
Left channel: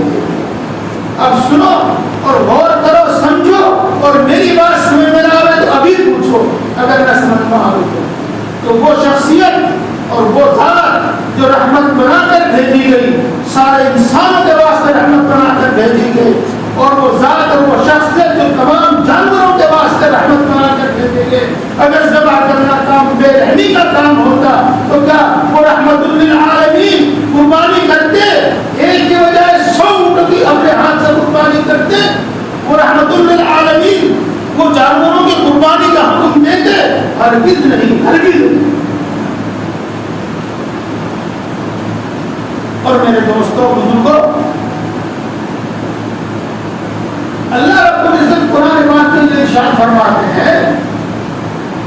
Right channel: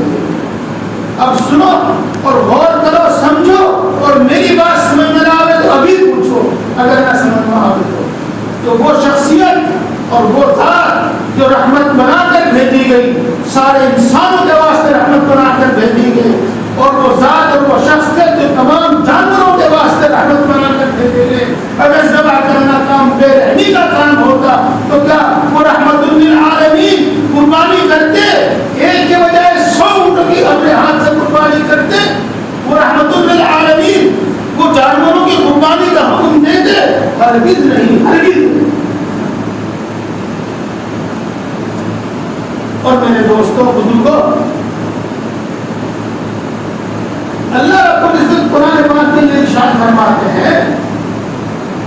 شخصیت اور وہ ذات جو رحمت بنا کر بھیجی گئی، سارے انسانوں کے واسطے رحمت بنا کر بھیجی گئی، اور وہ ذات اور وہ شخصیت جو تمام جانوروں کے واسطے رحمت بنا کر بھیجے گئے، اگر ذبح کرنا کام بے رحمی کا کام ہوتا تو کیا وہ رحمت للعالمین قربانی کرتے؟ ایک کے بجائے 100 اونٹوں کی اپنے ہاتھ سے قربانی کرتے؟ وہ رحمت للعالمین وہ جانوروں کی قربانی کا حکم دیتے؟ ہرگز نہیں، ہرگز نہیں۔ اور میرے دوستوں بزرگوں، اللہ رب العزت قرآن پاک میں ارشاد فرماتے ہیں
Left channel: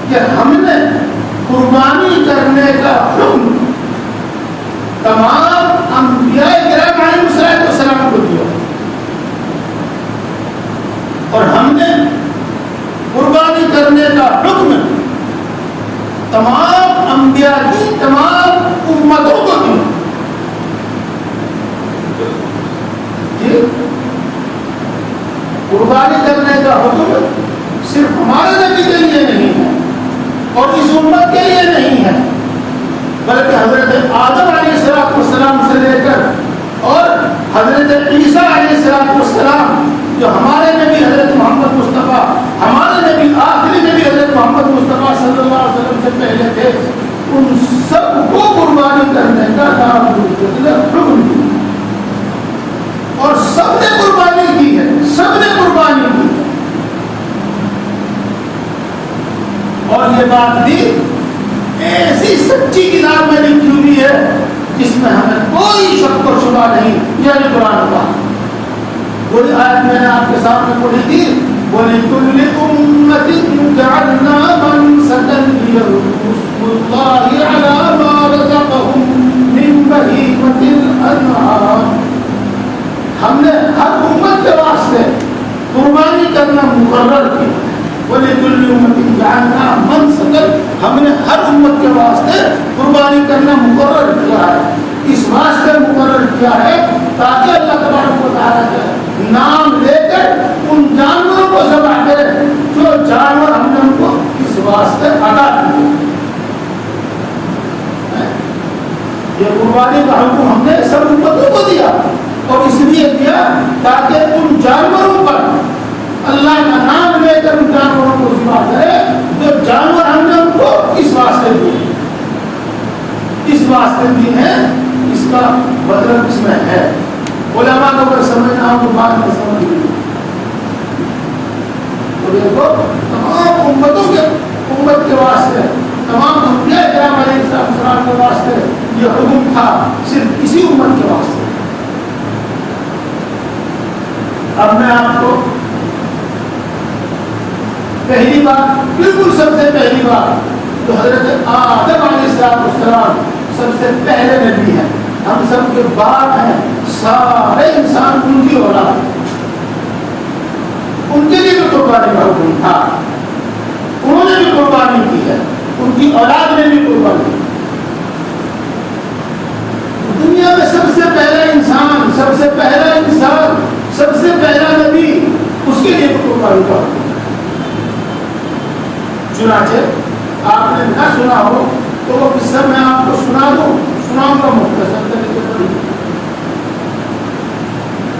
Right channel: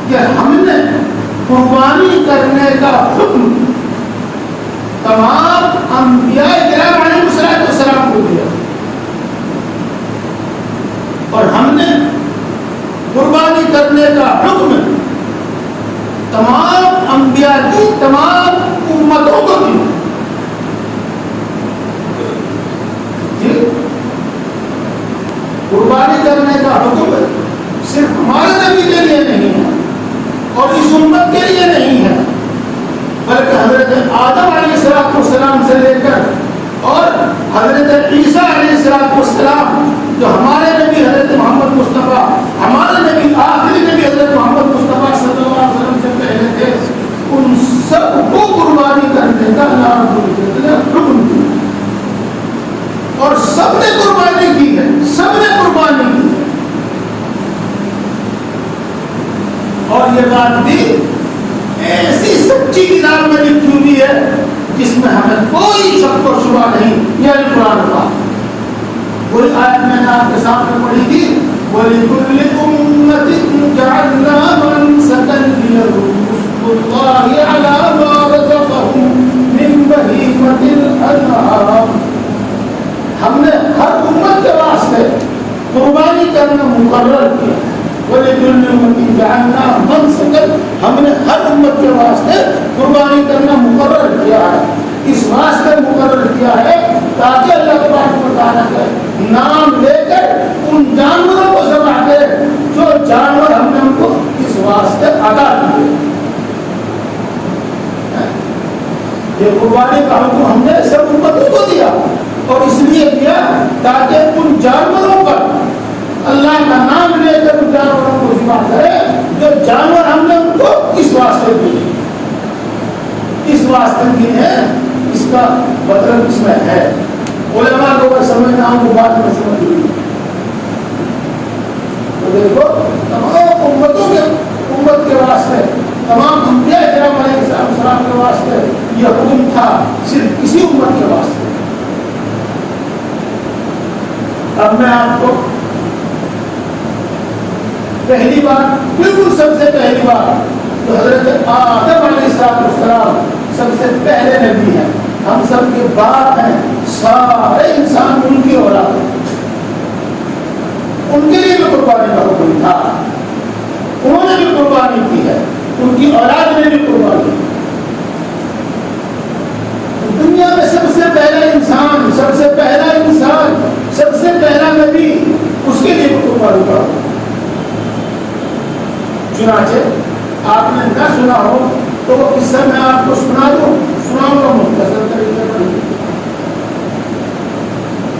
کہ ہم نے قربانی کرنے کا حکم تمام انبیاء کرام علیہ السلام کو دیا، اور ہم نے قربانی کرنے کا حکم تمام انبیاء کی تمام امتوں کو دیا۔ قربانی کرنے کا حکم صرف ہمارے نبی کے لیے نہیں ہے اور اس امت کے لیے نہیں ہے، بلکہ حضرت آدم علیہ السلام سے لے کر اور حضرت عیسیٰ علیہ السلام جو ہمارے نبی حضرت محمد مصطفیٰ، ہمارے نبی آخری نبی حضرت محمد مصطفیٰ صلی اللہ علیہ وسلم سے پہلے تھے، ان سب کو قربانی کرنے کا حکم دیا، اور سب نے قربانی کی ہے، سب نے قربانی کی، اور یہ بات بھی ایسی سچی کتاب میں لکھی ہوئی ہے جس میں ہمیں کوئی شک و شبہ نہیں، یہ قرآن پاک۔ کوئی آیت میں نے آپ کے سامنے پڑھی تھی، وَلِكُلِّ أُمَّةٍ جَعَلْنَا مَنسَكًا لِيَذْكُرُوا اسْمَ اللَّهِ عَلَىٰ مَا رَزَقَهُم مِّن بَهِيمَةِ الْأَنْعَامِ۔ ہم نے ہر امت کے واسطے قربانی کرنا مقرر کیا، وَلِكُلِّ أُمَّةٍ جَعَلْنَا مَنسَكًا، ہم نے ہر امت کے واسطے قربانی کرنا مقرر کیا ہے، اس واسطے مقرر کیا ہے تاکہ اللہ تبارک و تعالیٰ کا نام لے کر ان جانوروں کو ذبح کرے جو جانور ہم نے ان کو اس واسطے عطا کیے۔ یہ قربانی کا حکم ہم نے سب امتوں کو دیا، اور اس لیے دیا تاکہ ان جانوروں پر اللہ کا نام لے کر ان جانوروں کو ذبح کرے جو جانور ہم نے ان کو اس واسطے دیے، اس واسطے دی ہے، اس کا مطلب اس میں ہے۔ علماء کو اگر سمجھنا ہو تو بات میں سمجھ لیجیے۔ تو دیکھو تمام امتوں کے امت کے واسطے، تمام انبیاء کرام علیہ السلام کے واسطے یہ حکم تھا، صرف اسی امت کے واسطے۔ اب میں آپ کو پہلی بات، بالکل سب سے پہلی بات، جو حضرت آدم علیہ السلام سب سے پہلے نبی ہیں، ہم سب کے باپ ہیں، سارے انسان ان کی اولاد، ان کے لیے بھی قربانی کا حکم تھا، انہوں نے بھی قربانی کی ہے، ان کی اولاد نے بھی قربانی کی۔ دنیا میں سب سے پہلا انسان، سب سے پہلا انسان، سب سے پہلا نبی، اس کے لیے بھی قربانی کا حکم۔ چنانچہ آپ نے نہ سنا ہو تو وہ قصہ میں آپ کو سناؤں گا مختصر طریقے پر۔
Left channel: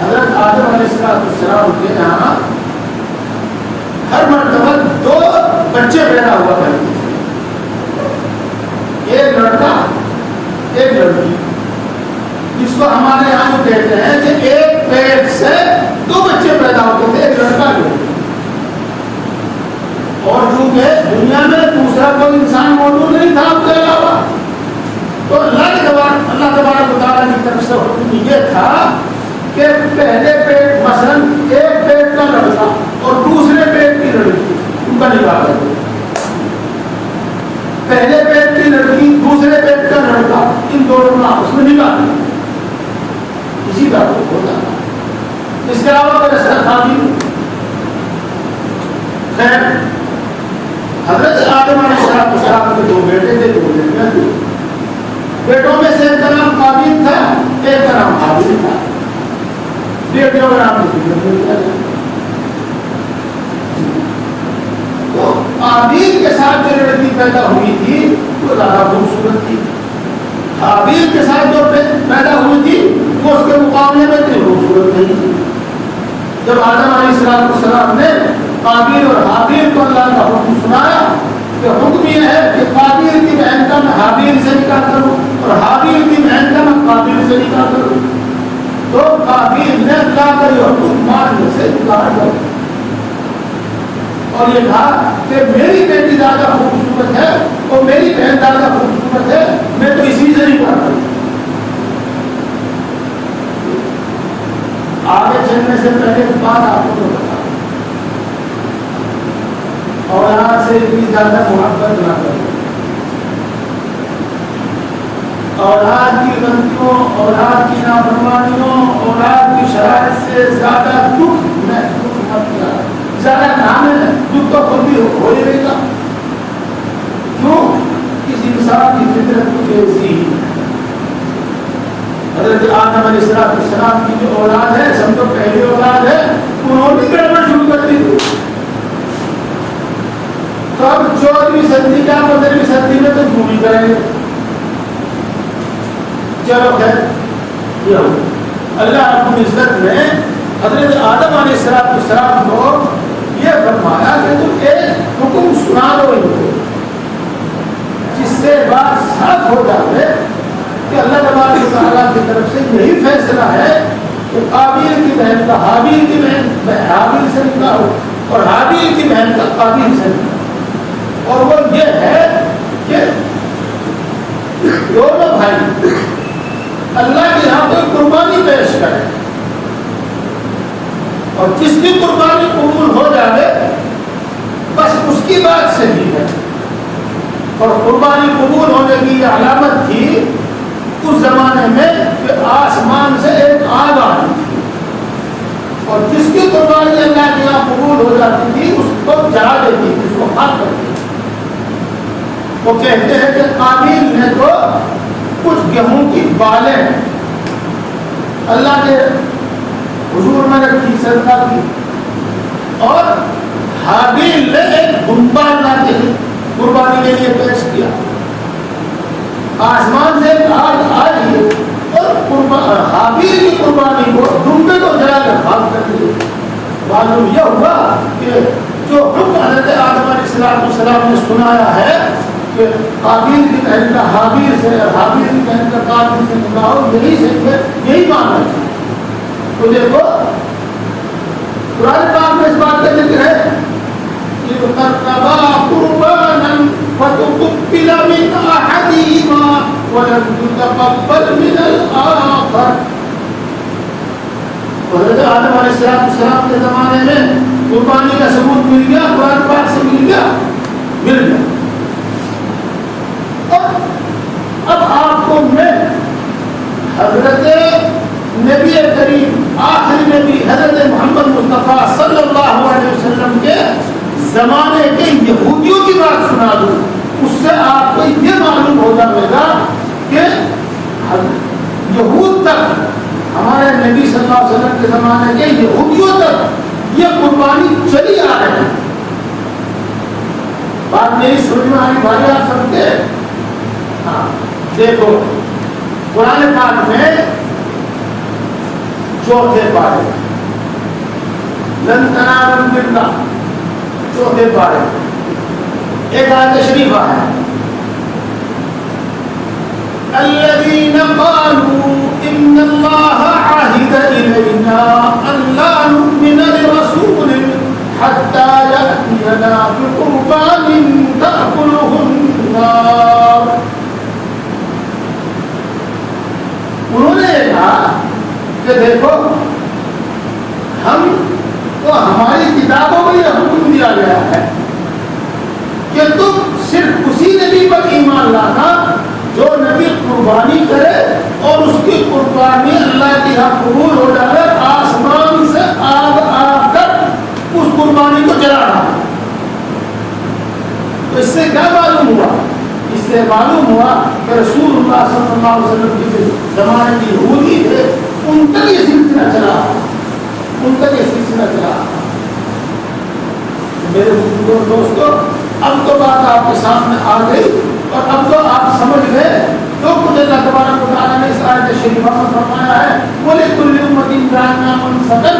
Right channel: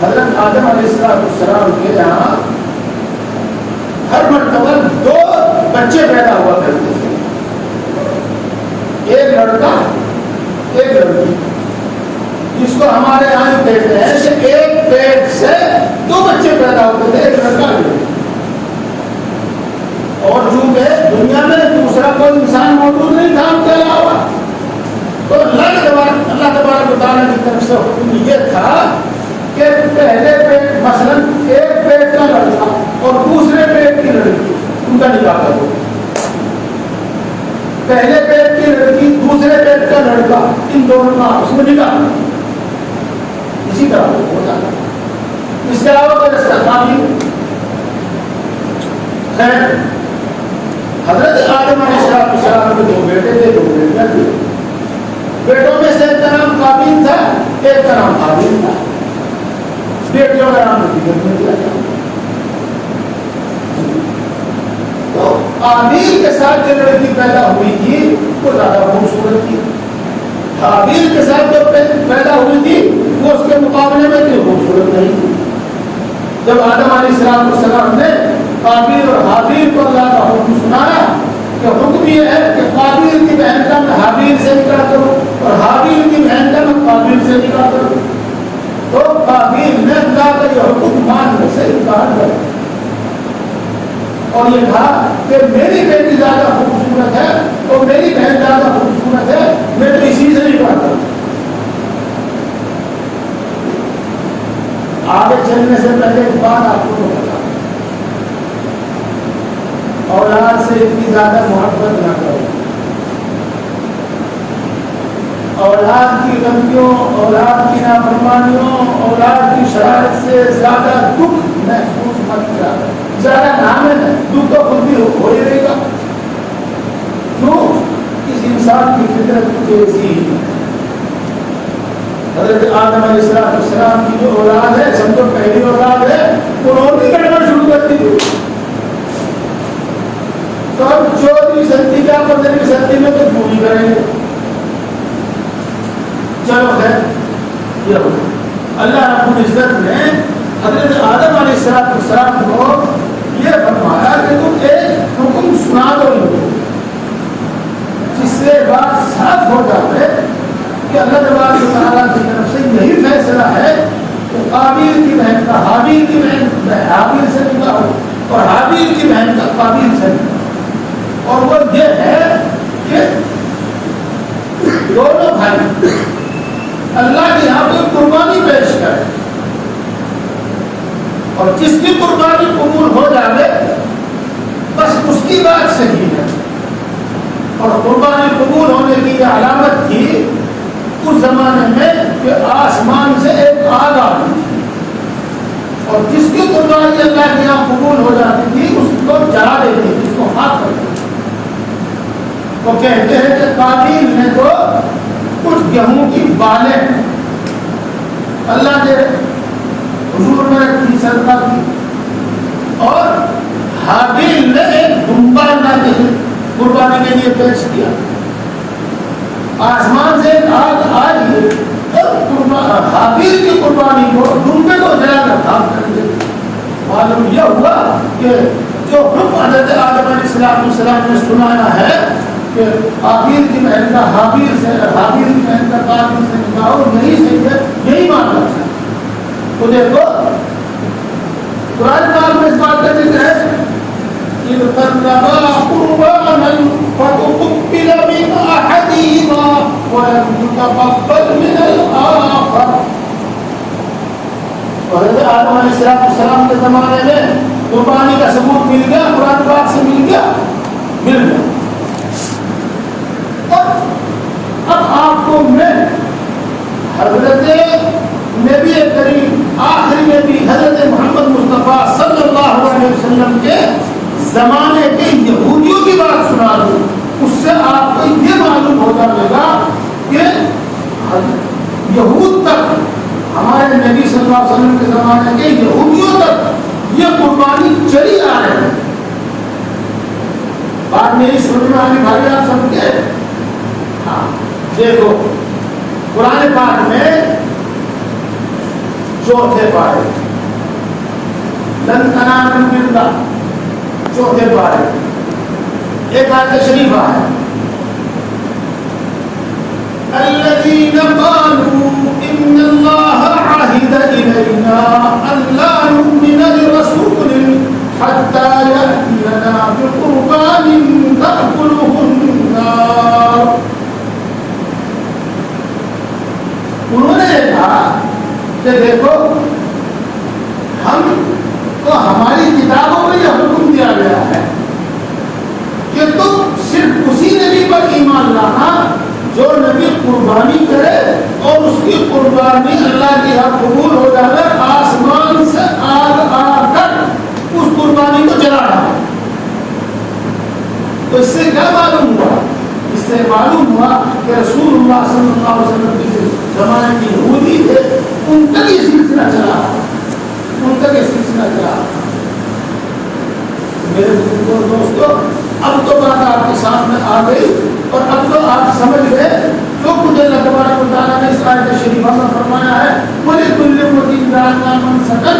حضرت آدم علیہ السلام کے یہاں ہر مرتبہ 2 بچے پیدا ہوا کرتے تھے، ایک لڑکا ایک لڑکی، جس کو ہمارے یہاں جو کہتے ہیں کہ ایک پیٹ سے 2 بچے پیدا ہوتے تھے، ایک لڑکا ایک۔ اور چونکہ دنیا میں دوسرا کوئی انسان موجود نہیں تھا ان کے علاوہ، تو اللہ تبارک و تعالیٰ کی طرف سے حکم یہ تھا کہ پہلے پیٹ، مثلا ایک پیٹ کا لڑکا اور دوسرے پیٹ کی لڑکی، ان کا نکاح کرو۔ پہلے پیٹ کی لڑکی، دوسرے پیٹ کا لڑکا، ان دونوں کا آپس میں نکاح کرو، اسی طرح ہوتا ہے۔ اس کے علاوہ کوئی رسالہ نہیں۔ خیر، حضرت آدم علیہ السلام کے 2 بیٹے تھے، 2 بیٹیاں تھیں۔ بیٹوں میں سے ایک کا نام قابیل تھا، ایک کا نام حابیل تھا۔ بیٹیوں کا نام تو قابیل کے ساتھ جو لڑکی پیدا ہوئی تھی وہ زیادہ خوبصورت تھی. حابیل کے ساتھ جو پیدا ہوئی تھی وہ اس کے مقابلے میں اتنی خوبصورت نہیں تھی. جب آدم علیہ السلام نے قابیل اور حابیل کو اللہ کا حکم سنایا کہ حکم یہ ہے کہ قابیل کی بہن کا میں حابیل سے نکاح کروں اور حابیل کی بہن کا میں قابیل سے نکاح کروں، تو قابیل نے اللہ کا یہ حکم ماننے سے انکار کیا اور یہ کہا کہ میری بیٹی زیادہ خوبصورت ہے اور میری بہن زیادہ خوبصورت ہے، میں تو اسی سے نکاح کروں. آگے چلنے سے پہلے ایک بات آپ کو بتا، اولاد سے اتنی زیادہ محبت نہ کریں. اولاد کی غلطیوں، اولاد کی نافرمانیوں، اولاد کی شرارت سے زیادہ دکھ محسوس مت کریں. زیادہ کام ہے دکھ تو خود بھی ہو ہی رہے گا. کیوں؟ اس انسان کی فطرت کچھ ایسی. حضرت آدم علیہ السلام کی جو اولاد ہے، سمجھو پہلی اولاد ہے، انہوں نے گڑبڑ شروع کر دی تھی. تو اب 14ویں صدی کا 15ویں صدی میں تو پوری کریں گے. چلو خیر یہ ہو. اللہ رب العزت نے حضرت آدم علیہ السلام کو یہ فرمایا کہ تم ایک حکم سنا دو ان کو، جس سے بات صاف ہو جائے کہ اللہ تبارک و تعالیٰ کی طرف سے یہی فیصلہ ہے کہ قابیل کی بہن کا حابیل کی بہن حابیل سے نکاح ہو اور حابیل کی بہن کا قابیل سے نکاح. اور وہ یہ ہے کہ دونوں بھائی اللہ کے یہاں کوئی قربانی پیش کرے اور جس کی قربانی قبول ہو جائے بس اس کی بات صحیح ہے. اور قربانی قبول ہونے کی یہ علامت تھی اس زمانے میں کہ آسمان سے ایک آگ آتی تھی اور جس کی قربانی اللہ کے یہاں قبول ہو جاتی تھی اس کو جلا دیتی تھی، اس کو خاک کرتی تھی. وہ کہتے ہیں کہ قابیل نے تو کچھ گیہوں کی بالیں اللہ کے حضور میں رکھی، صدقہ کی، اور حابیل نے ایک دمبا لا کے قربانی کے لیے پیش کیا. آسمان سے ایک آگ آئی اور حابیل کی قربانی کو دمبے کو جلا کر خاک کر دی. معلوم یہ ہوا کہ جو حکم حضرت آدم علیہ السلام نے سنایا ہے کہ حابیل کی بہن کا حابیل سے، حابیل کی بہن کا قابیل سے نکاح ہو، یہی صحیح ہے، یہی ماننا تھا. تو دیکھو قرآن پاک میں اس بات کا ذکر ہے کہ قربا قربانا فتقبل من احدهما ولم يتقبل من الاخر. حضرت آدم علیہ السلام کے زمانے میں قربانی کا ثبوت مل گیا، قرآن پاک سے مل گیا. اب آپ کو میں حضرت نبی کریم آخری نبی حضرت محمد مصطفیٰ صلی اللہ علیہ وسلم کے زمانے کے یہودیوں کی بات سنا دوں. اس سے آپ کو یہ معلوم ہو جائے گا کہ یہود تک، ہمارے نبی صلی اللہ علیہ وسلم کے زمانے کے یہودیوں تک یہ قربانی چلی آ رہی ہے. بات میری سننے میں آنے والی آپ سمجھتے ہیں؟ ہاں دیکھو قرآن پاک میں چوتھے پارے لن تنالوا البر، چوتھے پارے ایک آیت شریفہ ہے الذين قالوا ان الله عهد الينا الا نؤمن لرسول حتى يأتينا بقربان تأكله النار. انہوں نے کہا کہ دیکھو ہم تو ہماری کتابوں میں یہ حکم دیا گیا ہے کہ تم صرف اسی نبی پر ایمان لانا جو نبی قربانی کرے اور اس کی قربانی اللہ کی یہاں قبول ہو جائے، آسمان سے آگ آ کر اس قربانی کو جلانا. تو اس سے کیا معلوم ہوا؟ اس سے معلوم ہوا کہ رسول اللہ صلی اللہ علیہ وسلم کے زمانے کی یہودی تھے، ان کا یہ سلسلہ چلا، ان کا یہ سلسلہ چلا. میرے دوستوں اب تو بات آپ کے سامنے آ گئی اور اب تو آپ سمجھ گئے جو کچھ اللہ تبارک و تعالیٰ نے اس آیت شریفہ میں فرمایا ہے وَلِكُلِّ أُمَّةٍ جَعَلْنَا مَنسَكًا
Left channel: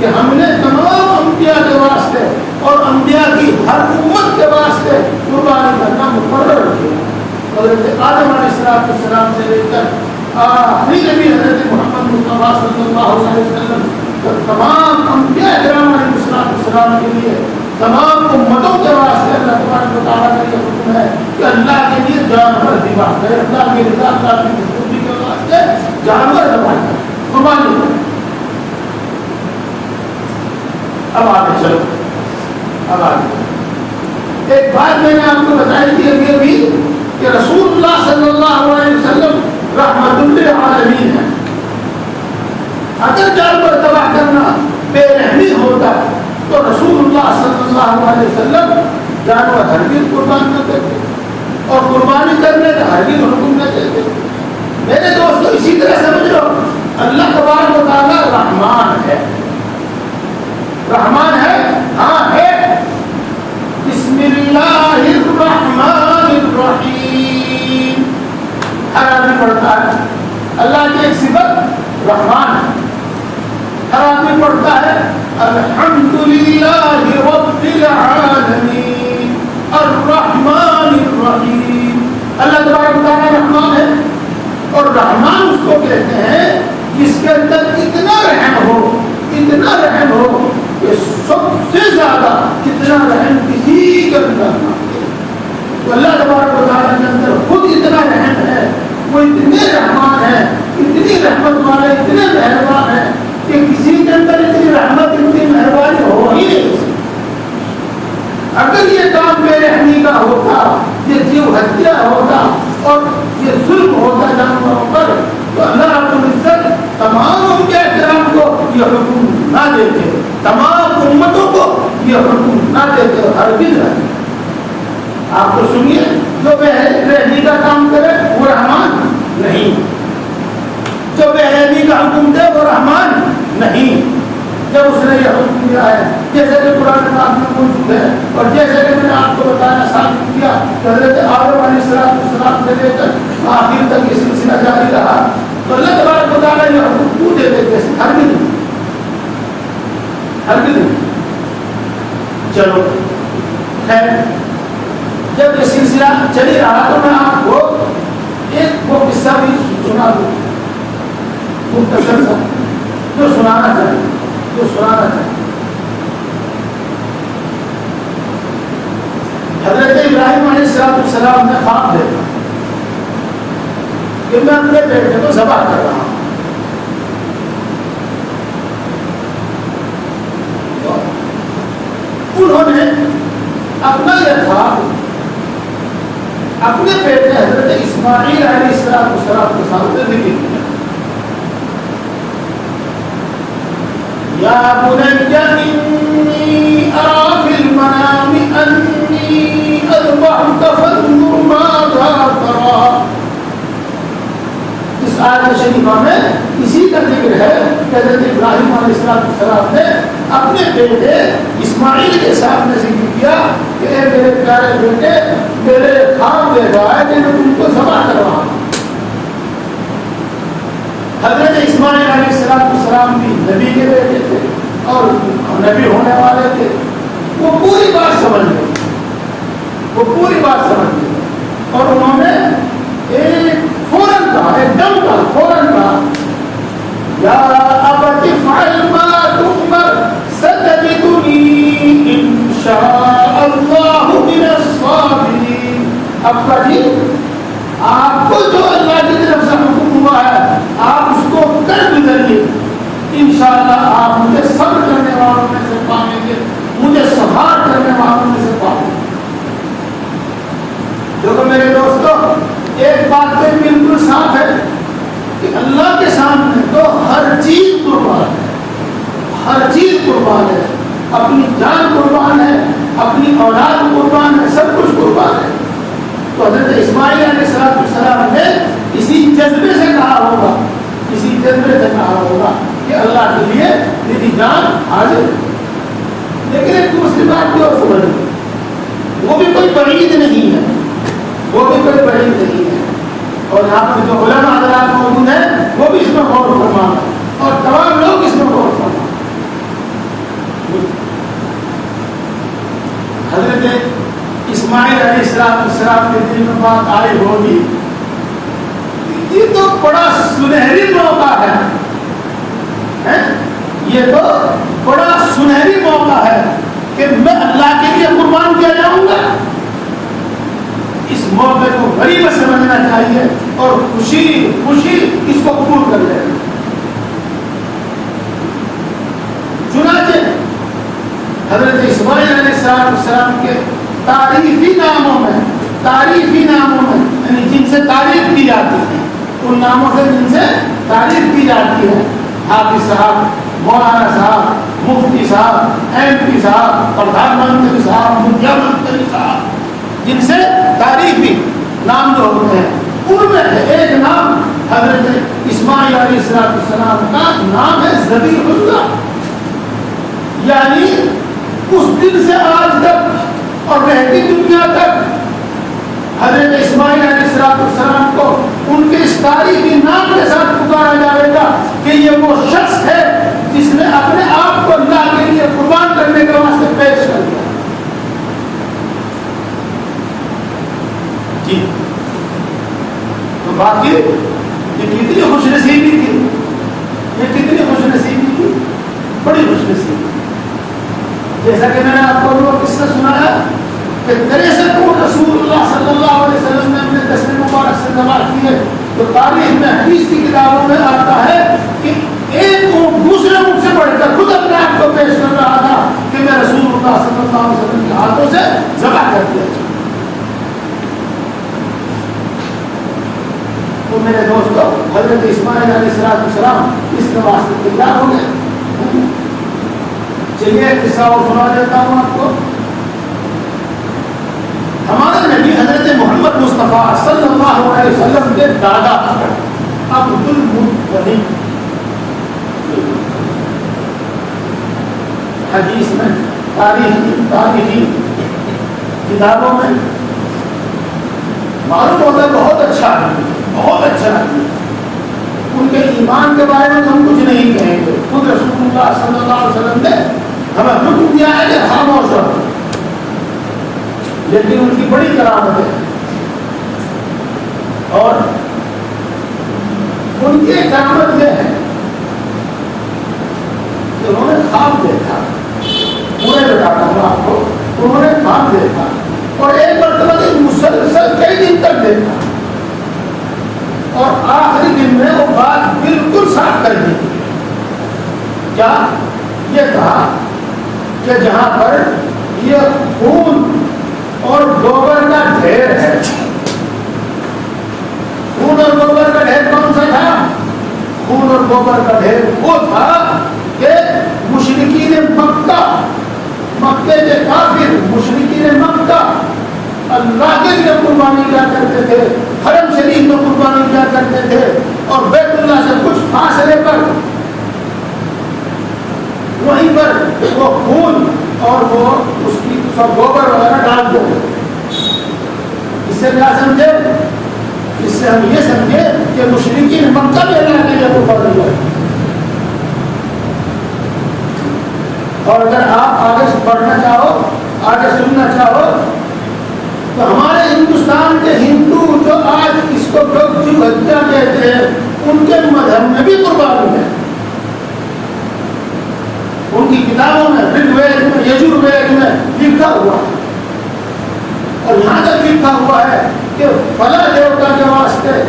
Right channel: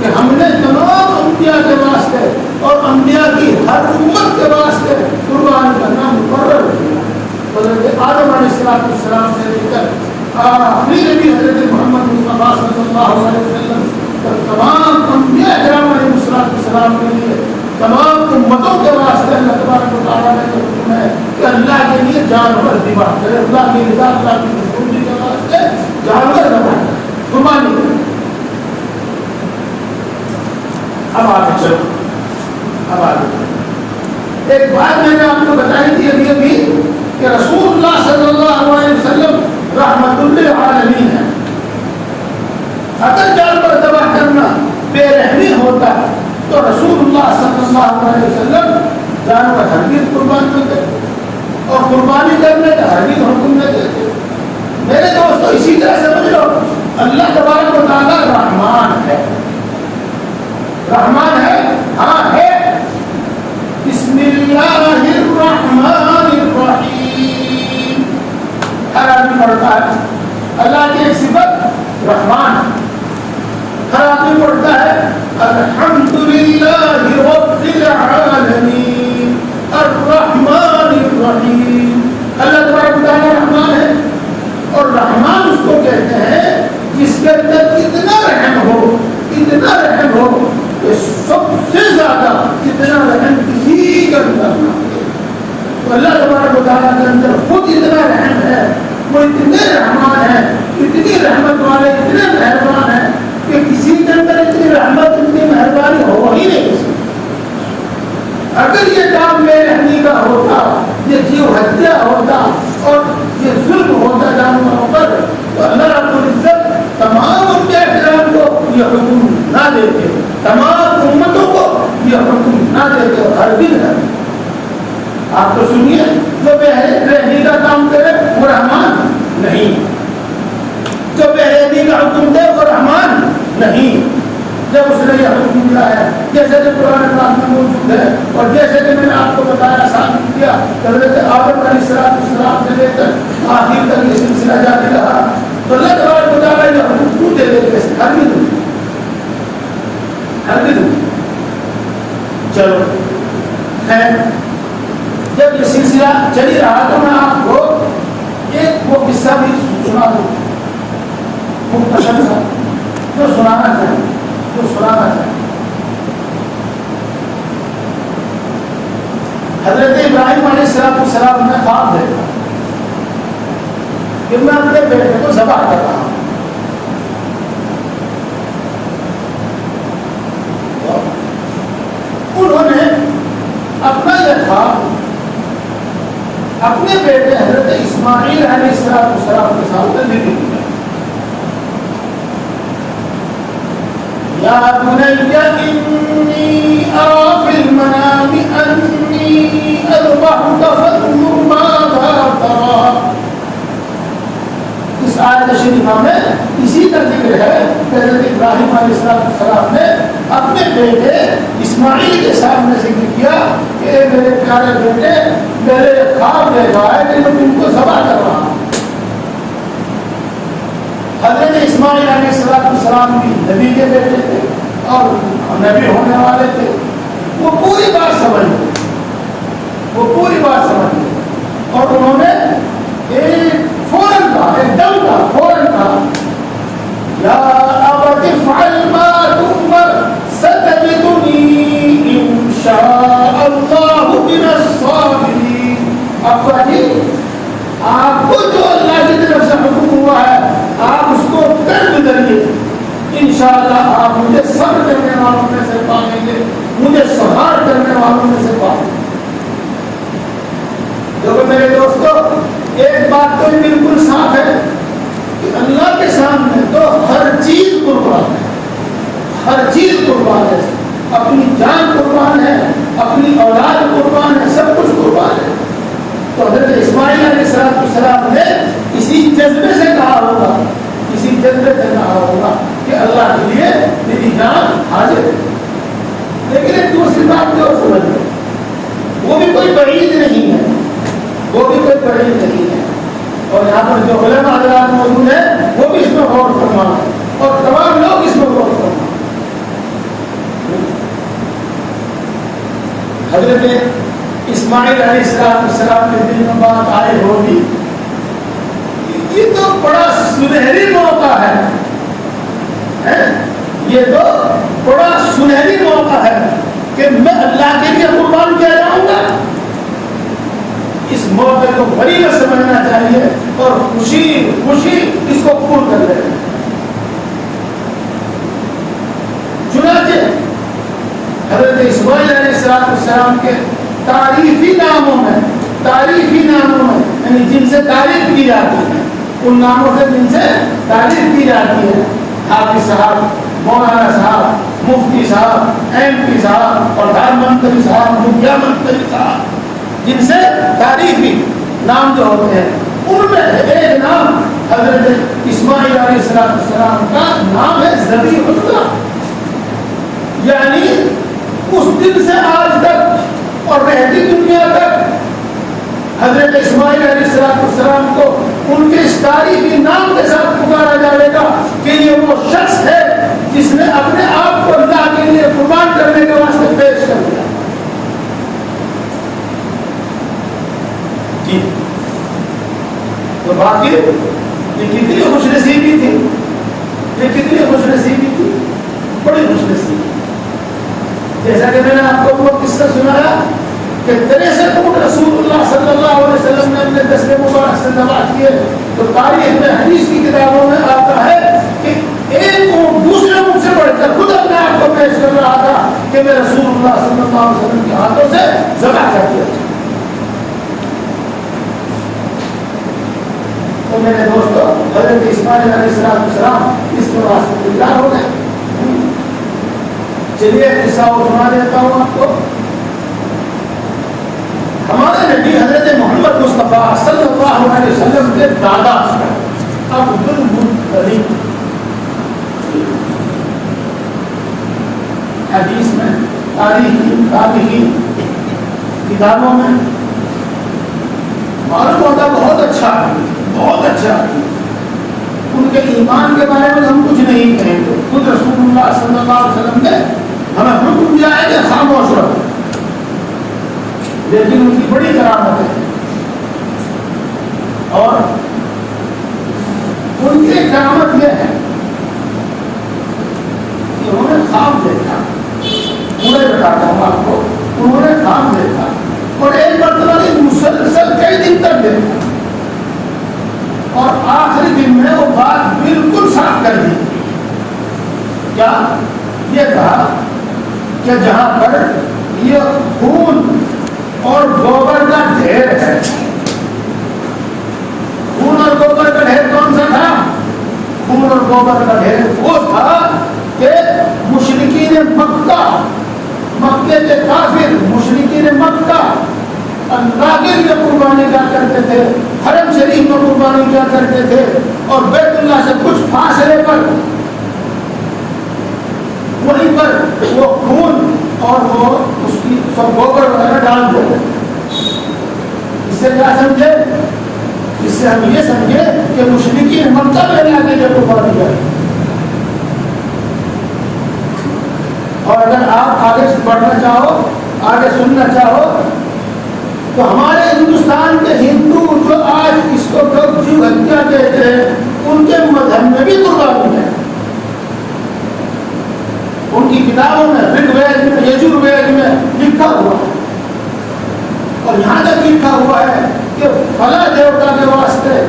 کہ ہم نے تمام انبیاء کے واسطے اور انبیاء کی ہر امت کے واسطے قربانی کرنا مقرر کیا. حضرت آدم علیہ السلام سے لے کر آخری نبی حضرت محمد مصطفیٰ صلی اللہ علیہ وسلم تمام انبیاء کرام علیہ السلام کے لیے تمام امتوں کے واسطے اللہ تبارک و تعالیٰ نے یہ حکم ہے کہ اللہ کے لیے جانور ذبح کرے. اللہ کی رضا اللہ کی خوشی کے واسطے جانور ذبح کرے قربانی کرے. اب آگے چلو. اب آگے ایک بات میں نے آپ کو بتائی تھی ابھی بھی کہ رسول اللہ صلی اللہ علیہ وسلم رحمت للعالمین ہے. اگر جانور تباہ کرنا بے رحمی ہوتا تو رسول اللہ صلی اللہ علیہ وسلم جانور ہرگز قربان نہ کرتے اور قربانی کرنے کا ہرگز حکم نہ دیتے. میرے دوستو اسی طرح سمجھ لو اللہ تبارک و تعالیٰ رحمان ہے. رحمان ہے ہاں ہے. بسم اللہ الرحمن الرحیم ہر آدمی پڑھتا ہے. اللہ کی ایک صفت رحمان ہے. ہر آدمی پڑھتا ہے الحمدللہ رب العالمین الرحمن الرحیم. اللہ تبارک و تعالیٰ رحمان ہے اور رحمان اس کو کہتے ہیں جس کے اندر اتنا رحم ہو کہ سب سے زیادہ اتنا رحم کسی کے اندر نہ ہو. تو اللہ تبارک و تعالیٰ کے اندر خود اتنا رحم ہے. وہ اتنے رحمان ہیں اتنی رحمت والے اتنے مہربان ہیں کہ کسی کے اندر اتنی رحمت اتنی مہربانی ہو ہی نہیں سکتی. اگر یہ کام بے رحمی کا ہوتا یہ جیو ہتیا ہوتا اور یہ ظلم ہوتا جانوروں پر تو اللہ رب العزت تمام انبیاء کرام کو یہ حکم نہ دیتے. تمام امتوں کو یہ حکم نہ دیتے اور ہرگز نہ دیتے. آپ تو سنیے جو بے رحمی کا کام کرے وہ رحمان نہیں. جو بے رحمی کا حکم دے وہ رحمان نہیں. جب اس نے یہ حکم دیا ہے جیسے کہ قرآن پاک میں موجود ہے اور جیسے کہ میں نے آپ کو بتایا ثابت کیا حضرت آدم علیہ السلام سے لے کر آخر تک یہ سلسلہ جاری رہا تو اللہ تبارک و تعالیٰ یہ حکم کیوں دے دے گے ہرگز نہیں. چلو خیر جب یہ سلسلہ چلی رہا تو میں آپ کو ایک وہ قصہ بھی سنا دوں مختصر سا جو سنانا چاہوں. حضرت ابراہیم علیہ السلام نے خواب دیکھا کہ میں اپنے بیٹے کو ذبح کر رہا ہوں. انہوں نے اپنا یہ خواب اپنے بیٹے حضرت اسماعیل علیہ السلام کے سامنے ذکر کیا. یا بنی انی ارى فی المنام انی اذبحک فانظر ماذا ترى. اس آیت شریفہ میں اسی کا ذکر ہے کہ حضرت ابراہیم علیہ السلام نے اپنے بیٹے اسماعیل کے سامنے ذکر کیا کہ اے میرے پیارے بیٹے میرے خواب دے رہا ہے کہ میں تم کو ذبح کرواؤں. حضرت اسماعیل علیہ السلام بھی نبی کے بیٹے تھے اور نبی ہونے والے تھے. وہ پوری بات سمجھ گئے اور انہوں نے ایک فوراً کہا یا ابت افعل ما تؤمر ستجدنی ان شاء اللہ من الصابرین. ابا جی آپ کو جو اللہ کی طرف سے حکم ہوا ہے آپ اس کو کر گزریے. انشاءاللہ آپ مجھے صبر کرنے والوں میں سے پائیں گے مجھے سہار کرنے والوں میں سے پائیں گے. دیکھو میرے دوستو اور یہاں پر جو علماء حضرات موجود ہیں وہ بھی اس پر غور فرما اور تمام لوگ اس پر غور فرما. حضرت اسماعیل علیہ السلام کے دل میں بات آئی ہوگی یہ تو بڑا سنہری موقع ہے، یہ تو بڑا سنہری موقع ہے کہ میں اللہ کے لیے قربان کیا جاؤں گا. اس موقع کو غریب سمجھنا چاہیے اور خوشی خوشی اس کو قبول کر لیں. چنانچہ حضرت اسماعیل علیہ السلام کے تاریخی ناموں میں یعنی جن سے تعریف کی جاتی ہے، ان ناموں سے جن سے تعریف کی جاتی ہے، حافظ صاحب، مولانا صاحب، مفتی صاحب، MP صاحب، پردھان منتری صاحب، مکھیہ منتری صاحب، جن سے تعریفی نام جو ہوتے ہیں ان میں ایک نام حضرت اسماعیل علیہ السلام کا نام ہے ذبیح اللہ. یعنی اس دن سے آج تک اور رہتی دنیا تک حضرت اسماعیل علیہ السلام کو ان کے اس تاریخی نام کے ساتھ پکارا جائے گا کہ یہ وہ شخص ہے جس نے اپنے آپ کو اللہ کے لیے قربان کرنے کے واسطے پیش کر دیا. جی تو باقی یہ کتنی خوش نصیبی تھی، یہ کتنی خوش نصیبی تھی، بڑی خوش نصیبی. جیسا کہ میں نے آپ کو وہ قصہ سنایا کہ تیرے سے کون رسول اللہ صلی اللہ علیہ وسلم نے اپنے دستے مبارک سے نواز کیے، تو تاریخ میں حدیث کی کتابوں میں آتا ہے کہ ایک اونٹ دوسرے اونٹ سے بڑھ کر خود اپنے آپ کو پیش کر رہا تھا کہ میں رسول اللہ صلی اللہ علیہ وسلم کے ہاتھوں سے ذبح کر دیا. تو میرے دوستو حضرت اسماعیل علیہ السلام اس کے واسطے تیار ہو گئے. چلیے قصہ اور سنا دیتا ہوں آپ کو. ہمارے نبی حضرت محمد مصطفیٰ صلی اللہ علیہ وسلم کے دادا عبد المطلب حدیث میں تاریخی کتابوں میں معلوم ہوتا ہے بہت اچھا ان کے ایمان کے بارے میں ہم کچھ نہیں کہیں گے. خود رسول اللہ صلی اللہ علیہ وسلم نے ہمیں حکم دیا ہے کہ خاموش رہو، لیکن ان کی بڑی کرامت ہے اور ان کی کرامت یہ ہے کہ انہوں نے خواب دیکھا. پورے بتاتا ہوں آپ کو، انہوں نے خواب دیکھا اور ایک مرتبہ مسلسل کئی دن تک دیکھا اور آخری دن میں وہ بات بالکل صاف کر دی. کیا یہ کہا کہ جہاں پر یہ خون اور گوبر کا ڈھیر ہے، خون اور گوبر کا ڈھیر کون سا تھا؟ خون اور گوبر کا ڈھیر وہ تھا کہ مشرکین مکے کے کافر مشرکین مکہ اللہ کے لیے قربانی کیا کرتے تھے، حرم شریف میں قربانی کیا کرتے تھے اور بیت اللہ سے کچھ فاصلے پر وہیں پر وہ خون اور وہ اس کی سب گوبر وغیرہ ڈال دیتے. اس سے کیا سمجھے؟ اس سے ہم یہ سمجھے کہ مشرکین مکہ میں اللہ کے لیے قربانی کیا. اور اگر آپ آگے سے پڑھنا چاہو، آگے سننا چاہو، تو ہمارے ہندوستان کے ہندو جو آج اس کو جیو ہتیا کہتے ہیں ان کے مذہب میں بھی قربانی ہے. ان کی کتابوں میں رگ وید میں یجوروید میں لکھا ہوا ہے اور یہاں تک لکھا ہوا ہے کہ فلاں دیوتا کے واسطے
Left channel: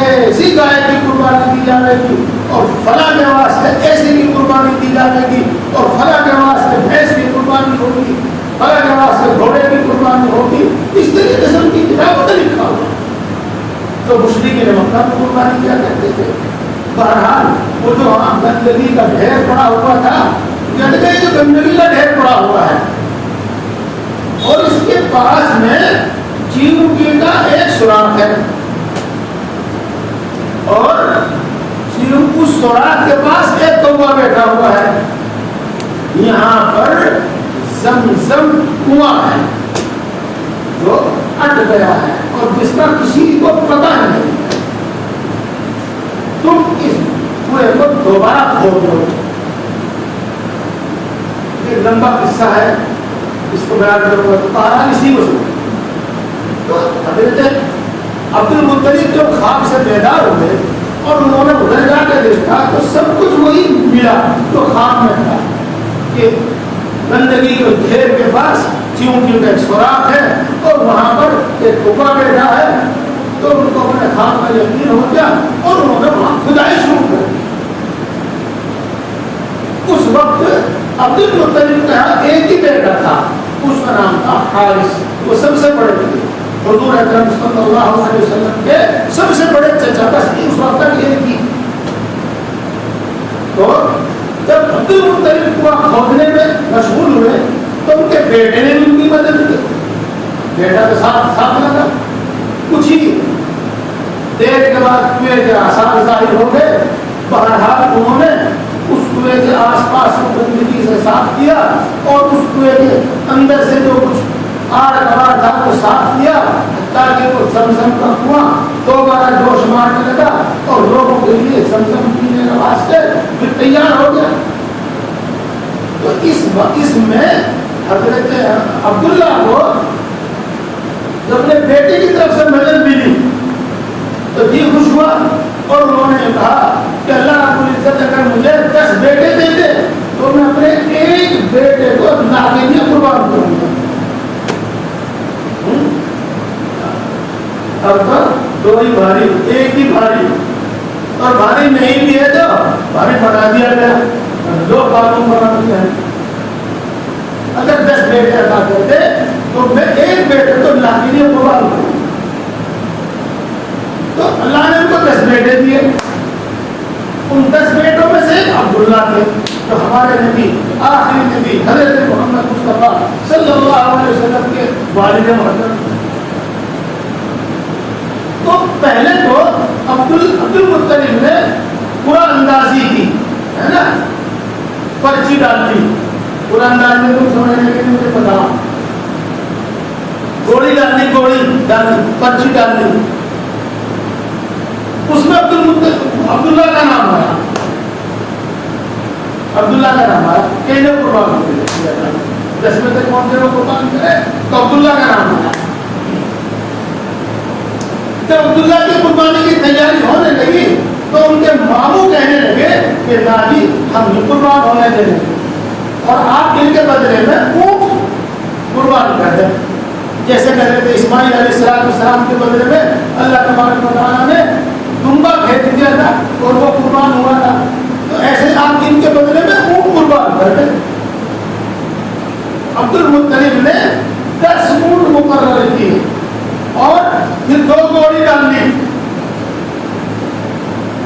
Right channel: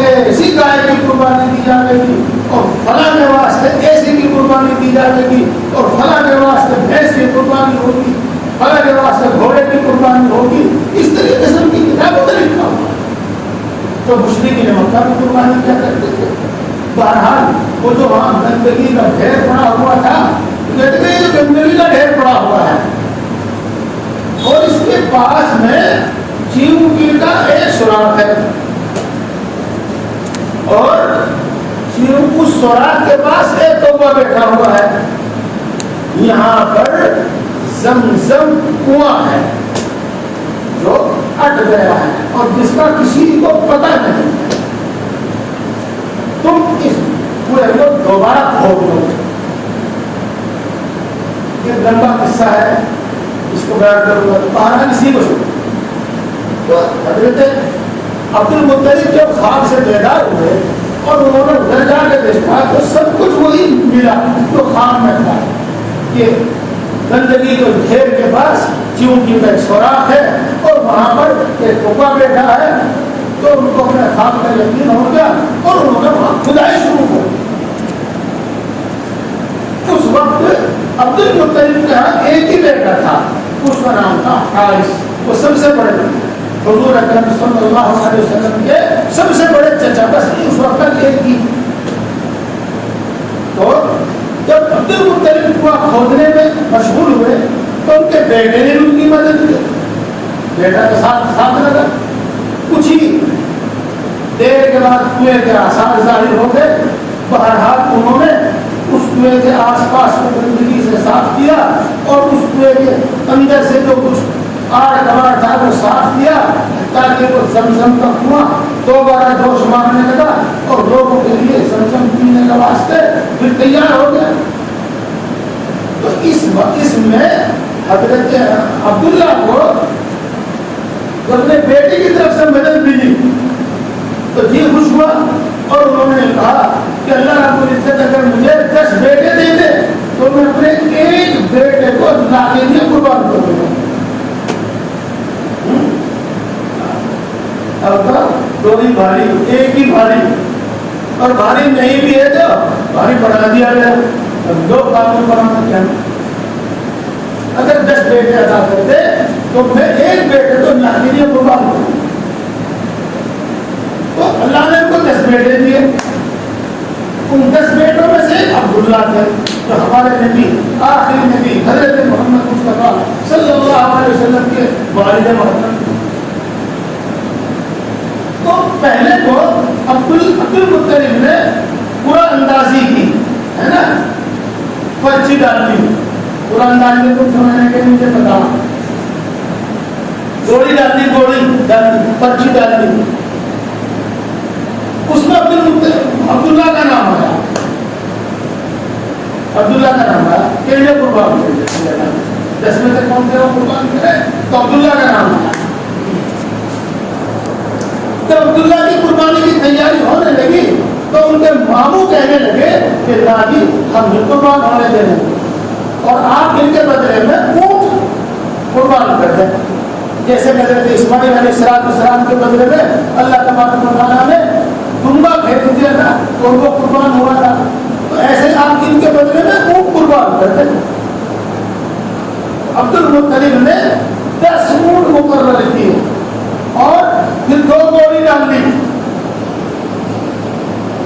ایسی گائے کی قربانی دی جائے گی اور فلاں کے واسطے ایسی کی قربانی دی جائے گی اور فلاں کے واسطے بھینس کی قربانی ہوگی، فلاں کے واسطے گھوڑے کی قربانی ہوگی. اس طریقے سے ان کی کتابوں میں لکھا ہوا ہے. تو مشرکین مکہ کی قربانی کیا کرتے تھے. بہرحال وہ جو وہاں گندگی کا ڈھیر پڑا ہوا تھا، کہتے ہیں جو گندگی کا ڈھیر پڑا ہوا ہے اور اس کے پاس میں چیوکی کا ایک سوراخ ہے اور اس سوراخ کے پاس ایک کوا بیٹھا ہوا ہے. یہاں پر زمزم کنواں ہے جو اٹ گیا ہے اور جس کا کسی کو پتہ نہیں. کروں گا، کہا اسی کو سن۔ تو حضرت عبد المطلب جو خواب سے بیدار ہوئے اور انہوں نے ادھر جا کے دیکھا تو سب کچھ وہی ملا جو خواب میں تھا، کہ گندگی کے ڈھیر کے پاس چیونٹی کا ایک سوراخ ہے اور وہاں پر ایک کپا بیٹھا ہے۔ تو ان کو اپنے خواب کا یقین ہو گیا اور انہوں نے وہاں کھدائی شروع کر دی۔ اس وقت عبد المطلب کا ایک ہی بیٹا تھا، اس کا نام تھا حارث، وہ سب سے بڑے تھے، حضور اکرم صلی اللہ علیہ وسلم کے سب سے بڑے چچا، بس اس وقت تک ایک ہی۔ تو جب عبد المطلب کو کھودنے میں مشغول ہوئے تو ان کے بیٹے نے بھی ان کی مدد کی، بیٹا کے ساتھ لگا۔ کچھ ہی دیر کے بعد کنویں کے آثار ظاہر ہو گئے۔ بہرحال انہوں نے اس کنویں کے آس پاس کو گندگی سے صاف کیا اور اس کنویں کے اندر سے جو کچھ آڑ کباڑ تھا وہ صاف کیا، تاکہ وہ زمزم کا کنواں دوبارہ جوش مارنے لگا اور لوگوں کے لیے زمزم پینے کے واسطے پھر تیار ہو گیا۔ تو اس میں حضرت عبداللہ کو جب اپنے بیٹے کی طرف سے مدد ملی تو جی خوش ہوا اور انہوں نے کہا کہ اللہ رب العزت اگر مجھے 10 بیٹے دے دے تو میں اپنے ایک بیٹے کو اللہ کے لیے قربان کروں گا۔ اب تو دو ہی بھاری، ایک ہی بھاری، اور بھاری نہیں بھی ہے تو بھاری بڑھا دیا گیا، دو باتوں پر ہم کہیں اگر 10 بیٹے عطا کرتے تو میں ایک بیٹے تو اللہ کے لیے قربان کروں۔ تو اللہ نے ان کو 10 بیٹے دیے۔ ان 10 بیٹوں میں سے عبداللہ تھے جو ہمارے نبی، آخری نبی حضرت محمد مصطفیٰ صلی اللہ علیہ وسلم کے والد محترم۔ تو پہلے تو عبد المطلب نے قرآن اندازی کی، ہے نا، پرچی ڈالی۔ قرآن اندازی میں تم سمجھنے کے لیے مجھے بتاؤ، گولی ڈالی، پرچی ڈالی، اس میں عبداللہ کا نام آیا، عبداللہ کا نام آیا کہ انہیں قربان کرے، 10 میں سے کون سے قربان کرے تو عبداللہ کا نام آیا۔ جب عبداللہ کی قربانی کی تیاری ہونے لگی تو ان کے ماموں کہنے لگے کہ دادی ہم بھی قربان ہونے دیں گے اور آپ ان کے بدلے میں اونٹ قربان کر دیں، جیسے حضرت اسماعیل علیہ السلام کے بدلے میں اللہ تبارک و تعالیٰ نے دمبا پھینک دیا تھا اور وہ قربان ہوا تھا، تو ایسے آپ ان کے بدلے میں اونٹ قربان کر دیں۔ عبد المطلب نے 10 اونٹ مقرر کیے اور پھر 2 گولی ڈالنی،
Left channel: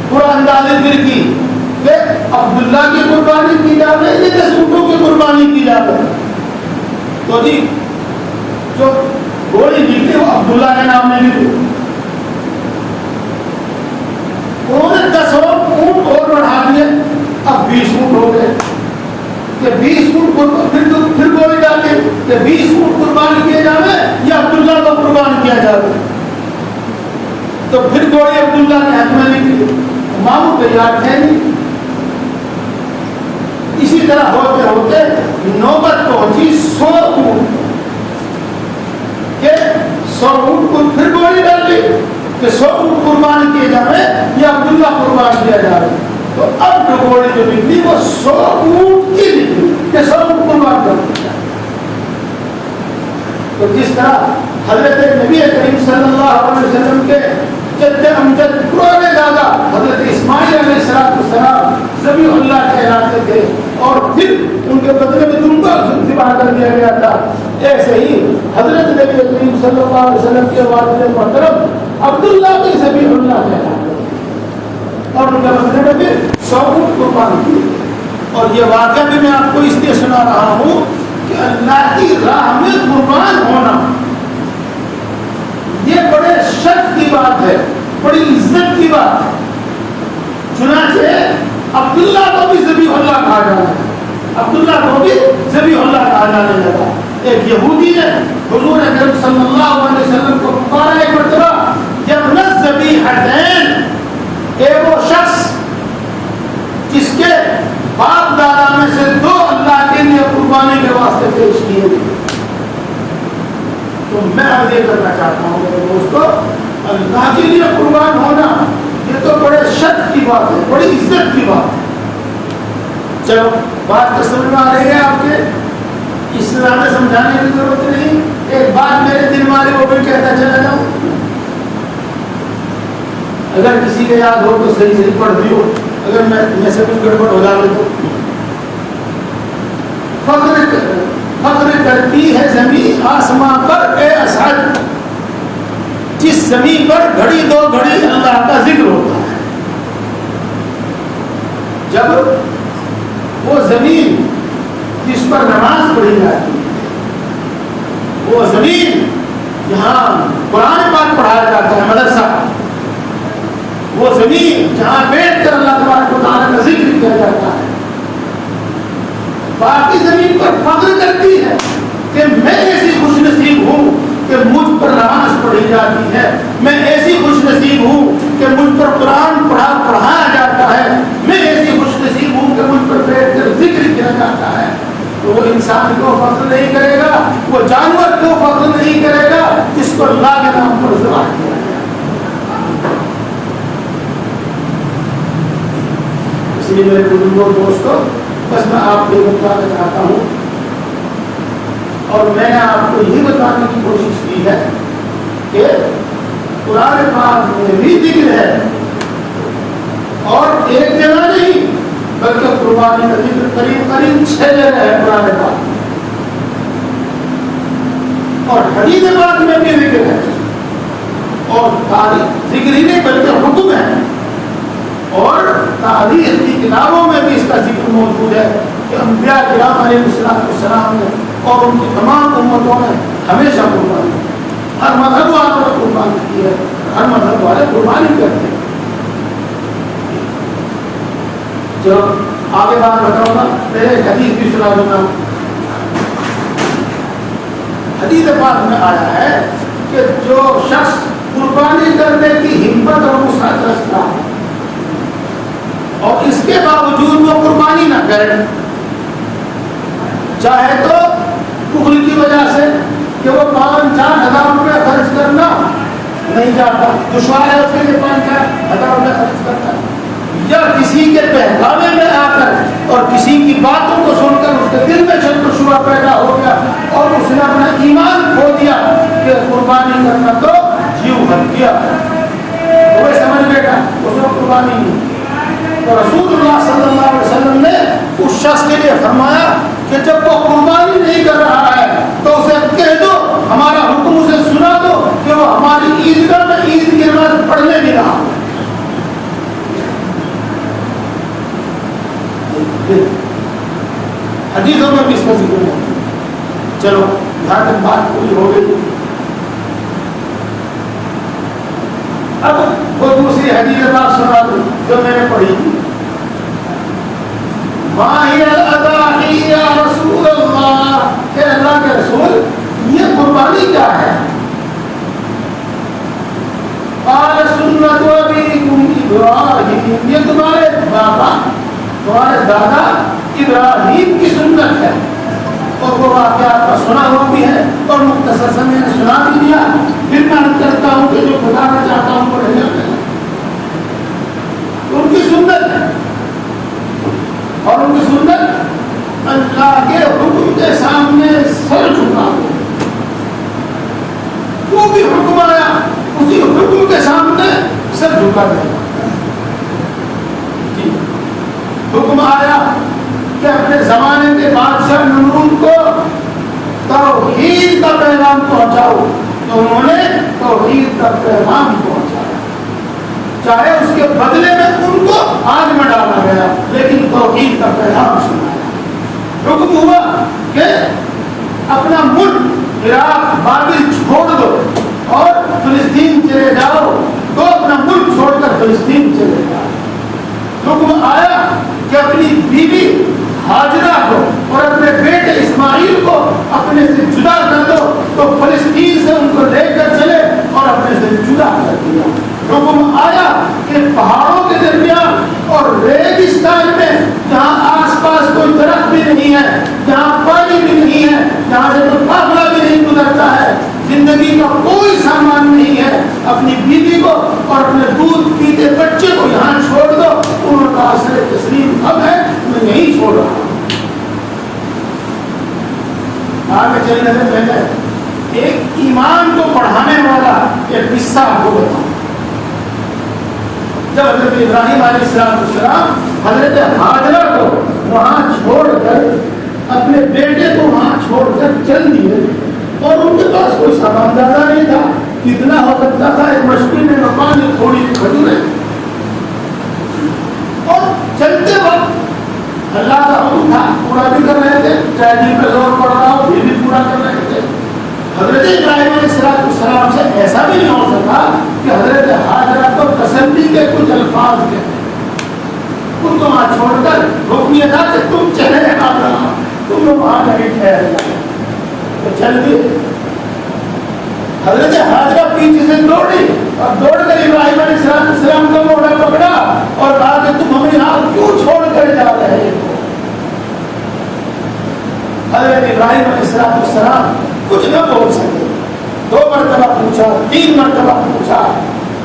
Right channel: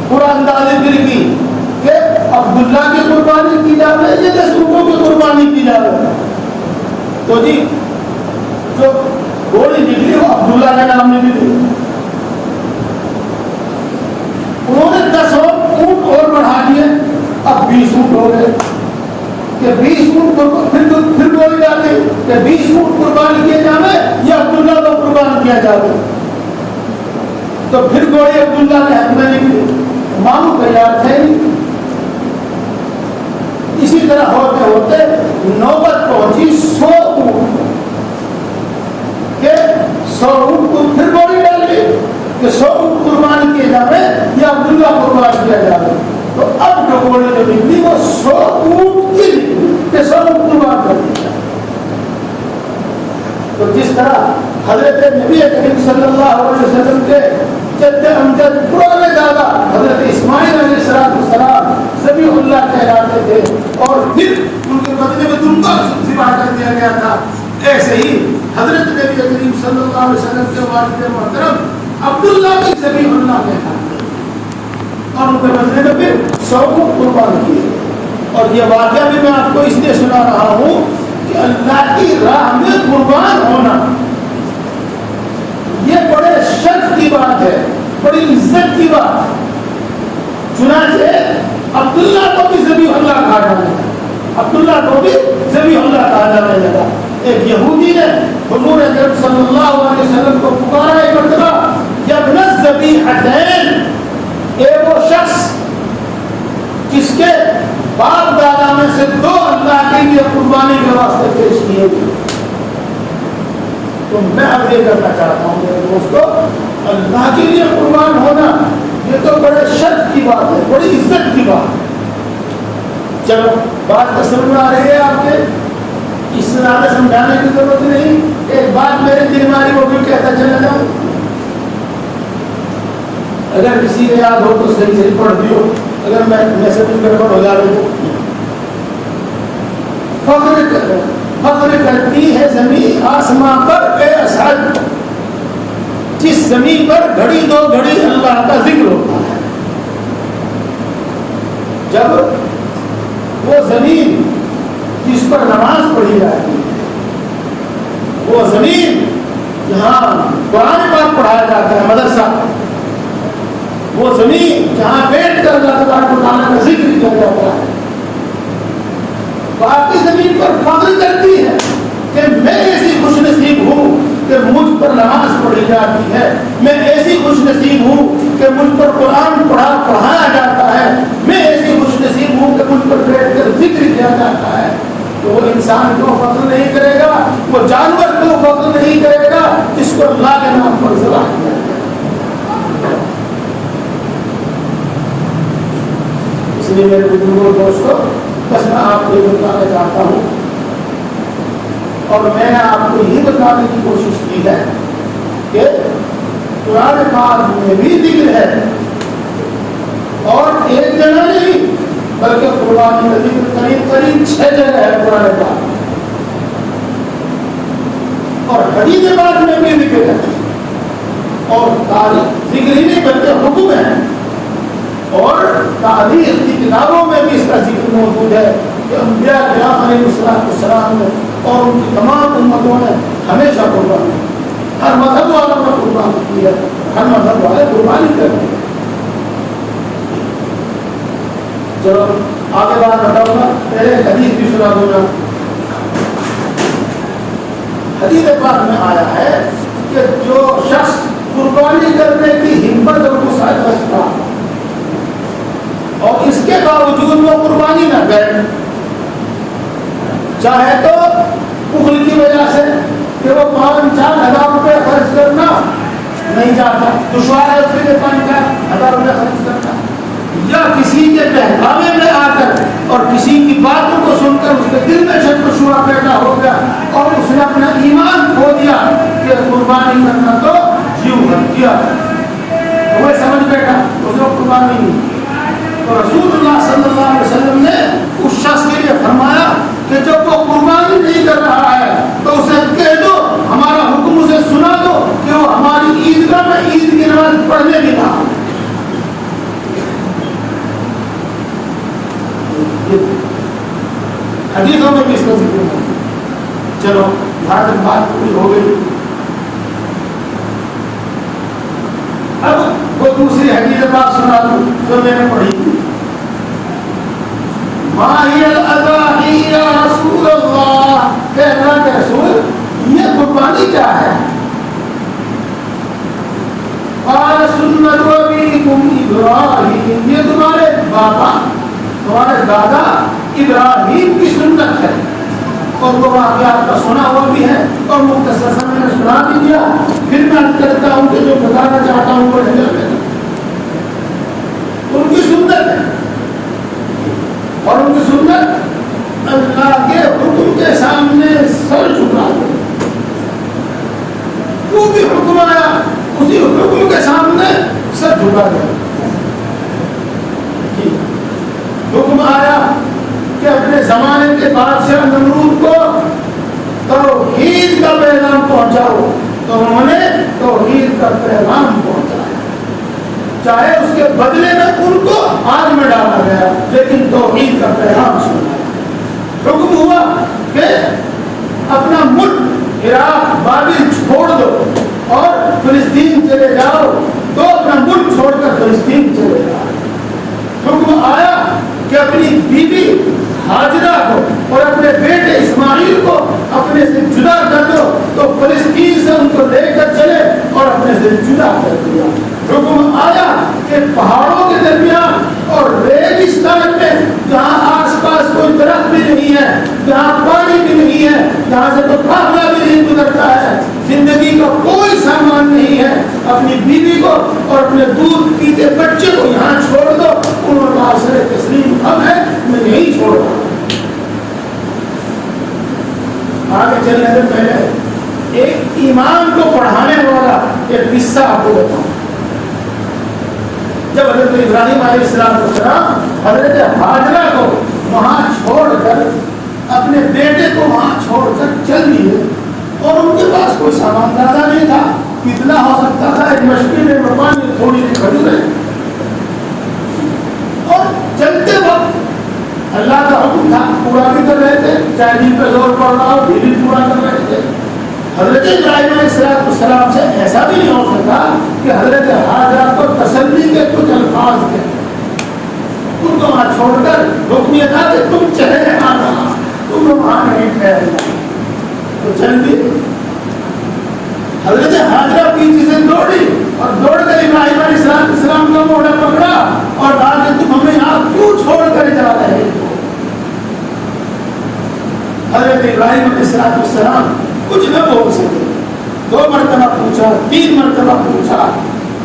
پورا اندازے پھر کی کہ عبداللہ کی قربانی کی جائے یا 10 اونٹوں کی قربانی کی جائے۔ تو جی جو گولی نکلی وہ عبداللہ کے نام میں نکلی۔ انہوں نے 10 اونٹ اور بڑھا دیے، اب 20 اونٹ ہو گئے کہ 20 اونٹ پھر گولی ڈال دی کہ 20 اونٹ قربان کیے جانے یا عبداللہ کو قربان کیا جائے۔ تو پھر گولی عبداللہ کے ہاتھ میں نکلی، ماموں کے یاد تھے نہیں۔ اسی طرح ہوتے ہوتے نوبت پہنچی 100 اونٹ کہ 100 اونٹ کو پھر گولی ڈال لی کہ 100 اونٹ قربان کیے جائے یا عبداللہ قربان کیا جائے۔ تو اب جو گولی جو نکلی وہ 100 اونٹ کی نکلی کہ 100 اونٹ قربان کر دیا۔ تو جس طرح حضرت نبی کریم صلی اللہ علیہ وسلم کے جد امجد پرانے دادا حضرت اسماعیل علیہ السلام ذبیح اللہ کہلاتے تھے اور پھر ان کے بدلے میں دمبا ذبح کر دیا گیا تھا، ایسے ہی حضرت نبی کریم صلی اللہ علیہ وسلم کے والد محترم عبداللہ بھی ذبیح اللہ کہلاتے اور ان کے بدلے میں پھر 100 اونٹ قربان کیے۔ اور یہ واقعہ بھی میں آپ کو اس لیے سنا رہا ہوں کہ اللہ کی راہ میں قربان ہونا یہ بڑے شرف کی بات ہے، بڑی عزت کی بات ہے۔ چنانچہ عبداللہ کو بھی ذبیح اللہ کہا جانا ہے، عبداللہ کو بھی ذبیح اللہ کہا جانے لگا۔ ایک یہودی نے حضور اکرم صلی اللہ علیہ وسلم کو پکارا ایک مرتبہ، یبن الذبیحتین، کہ وہ شخص جس کے باپ دادا میں سے 2 اللہ کے لیے قربانی کے واسطے پیش کیے گئے، تو میں عرض کرنا چاہتا ہوں میرے دوستو، اللہ کے لیے قربان ہونا یہ تو بڑے شرف کی بات ہے، بڑی عزت کی بات ہے۔ چلو بات تو سمجھ میں آ رہی ہے آپ کے، اس سے زیادہ سمجھانے کی ضرورت نہیں۔ ایک بات میرے دل میں آ رہی وہ بھی کہتا چلا جاؤں، اگر کسی کو یاد ہو تو صحیح صحیح پڑھ دیو، اگر میں سے کچھ گڑبڑ ہو جائے تو۔ فخر کرتی ہے زمین آسماں پر اے اسد، جس زمین پر گھڑی دو گھڑی اللہ کا ذکر ہوتا ہے۔ جب وہ زمین جس پر نماز پڑھی جاتی ہے، وہ زمین جہاں قرآن پاک پڑھایا جاتا ہے مدرسہ، وہ زمین جہاں بیٹھ کر اللہ تبارک و تعالیٰ کا ذکر کیا جاتا ہے، باقی زمین پر فخر کرتی ہے کہ میں ایسی خوش نصیب ہوں کہ مجھ پر نماز پڑھی جاتی ہے، میں ایسی خوش نصیب ہوں کہ مجھ پر قرآن پڑھایا جاتا ہے، میں ایسی خوش نصیب ہوں کہ مجھ پر بیٹھ کر ذکر کیا جاتا ہے۔ تو وہ انسان کو فخر نہیں کرے گا، وہ جانور کو فخر نہیں کرے گا جس کو اللہ کے نام پر ذبح کیا ہے۔ اس لیے میرے بزرگوں دوستوں، بس میں آپ کو بتانا چاہتا ہوں، اور میں نے آپ کو یہ بتانے کی کوشش کی ہے کہ قرآن پاک میں بھی ذکر ہے، اور ایک جگہ نہیں بلکہ قربانی کا ذکر قریب 6 جگہ ہے قرآن پاک، اور حدیث پاک میں بھی ذکر ہے، اور تاریخ ذکر ہی نہیں بلکہ حکم ہے، اور تاریخ کی کتابوں میں بھی اس کا ذکر موجود ہے کہ انبیاء کرام علیہ السلام نے اور ان کی تمام امتوں نے ہمیشہ قربانی، ہر مذہب والوں نے قربانی کی ہے، ہر مذہب والے قربانی کرتے ہیں۔ چلو آگے بات بتاؤں گا، پہلے حدیث بھی سنا دوں گا۔ حدیث پاک میں آیا ہے کہ جو شخص قربانی کرنے کی ہمت اور وسعت رکھتا اور اس کے باوجود وہ قربانی نہ کرے، چاہے تو بخل کی وجہ سے کہ وہ 5-4 ہزار روپے خرچ کرنا نہیں چاہتا، دشوار ہے اس کے لیے 5-4 ہزار روپے خرچ کرنا، یا کسی کے بہکاوے میں آ کر اور کسی کی باتوں کو سن کر اس کے دل میں شک و شبہ پیدا ہو گیا اور اس نے اپنا ایمان کھو دیا کہ قربانی کرنا تو جیو ہم کیا، وہ سمجھ بیٹھا اس نے قربانی نہیں۔ تو رسول اللہ صلی اللہ علیہ وسلم نے اس شخص کے لیے فرمایا کہ جب وہ قربانی نہیں کر رہا ہے تو اسے کہہ دو، ہمارا حکم اسے سنا دو کہ وہ ہماری عیدگاہ میں عید کی نماز پڑھنے بھی رہا۔ حدیثوں میں بھی اس کا ذکر ہے۔ چلو یہاں تک بات پوری ہو گئی، اب وہ دوسری حدیث بات سنا دوں جو میں نے پڑھی تھی۔ ماہی الاضاحی یا رسول اللہ، کہ اللہ کے رسول یہ قربانی کیا ہے؟ قال سنت ابیکم ابراہیم، یہ تمہارے باپا تمہارے دادا ابراہیم کی سنت ہے، اور وہ واقعات کا سنا ہوا بھی ہے اور مختصر سے میں نے سنا بھی دیا، پھر میں کرتا ہوں کہ جو بتانا چاہتا ہوں پڑھ جاتے ہیں۔ ان کی سنت ہے، اور ان کی سنت اللہ کے حکم کے سامنے سر جھکا دو، جو بھی حکم آیا اسی حکم کے سامنے سر جھکا دے۔ حکم آیا کہ اپنے زمانے کے بادشاہ نمرود کو توحید کا پیغام پہنچاؤ، تو انہوں نے توحید کا پیغام پہنچایا، چاہے اس کے بدلے میں ان کو آگ میں ڈالا گیا لیکن توحید کا پیغام سنا۔ حکم ہوا کہ اپنا ملک عراق بابل چھوڑ دو اور فلسطین چلے جاؤ، تو اپنا ملک چھوڑ کر فلسطین چلے جاؤ۔ حکم آیا کہ اپنی بیوی ہاجرہ کو اور اپنے بیٹے اسماعیل کو اپنے سے جدا کر دو، تو فلسطین سے ان کو لے کر چلے اور اپنے سے جدا کر دیا۔ حکم آیا کہ پہاڑوں کے درمیان اور ریگستان میں جہاں آس پاس کوئی درخت بھی نہیں ہے، جہاں پانی بھی نہیں ہے، جہاں سے کوئی قافلہ بھی نہیں گزرتا ہے، زندگی اپنی بیوی کو اور اپنے دودھ پیتے بچے کو یہاں چھوڑ دو. انہوں نے کہا سر تسلیم ہم ہے, میں یہی چھوڑ رہا ہوں. آگے چلنے سے پہلے ایک ایمان کو پڑھانے والا ایک قصہ آپ کو بتاؤں. جب حضرت ابراہیم علیہ السلام حضرت ہاجرہ کو وہاں چھوڑ کر اپنے بیٹے کو وہاں چھوڑ کر چل دیے, اور ان کے پاس کوئی سامان زیادہ نہیں تھا, کتنا ہو سکتا تھا ایک مشکل میں مکان میں تھوڑی سی کھجوریں, اور چلتے وقت اللہ کا حکم تھا پورا بھی کر رہے تھے, چاہے دل پہ زور پڑ رہا ہو بھی پورا کر رہے تھے. حضرت ابراہیم علیہ السلام سے ایسا بھی نہیں ہو سکا کہ حضرت ہاجرہ کو تسلی کے کچھ الفاظ کے ان کو وہاں چھوڑ کر حکم یہ تھا کہ تم چلے آنا, تم وہاں نہیں ٹھہرنا. تو چل گئے. حضرت ہاجرہ پیچھے سے دوڑی اور دوڑ کر ابراہیم علیہ السلام کا موڑا پکڑا اور کہا کہ تم ہمیں یہاں کیوں چھوڑ کر جا رہے ہو. حضرت ابراہیم علیہ السلام کچھ نہ بول سکے. 2 مرتبہ پوچھا, 3 مرتبہ پوچھا,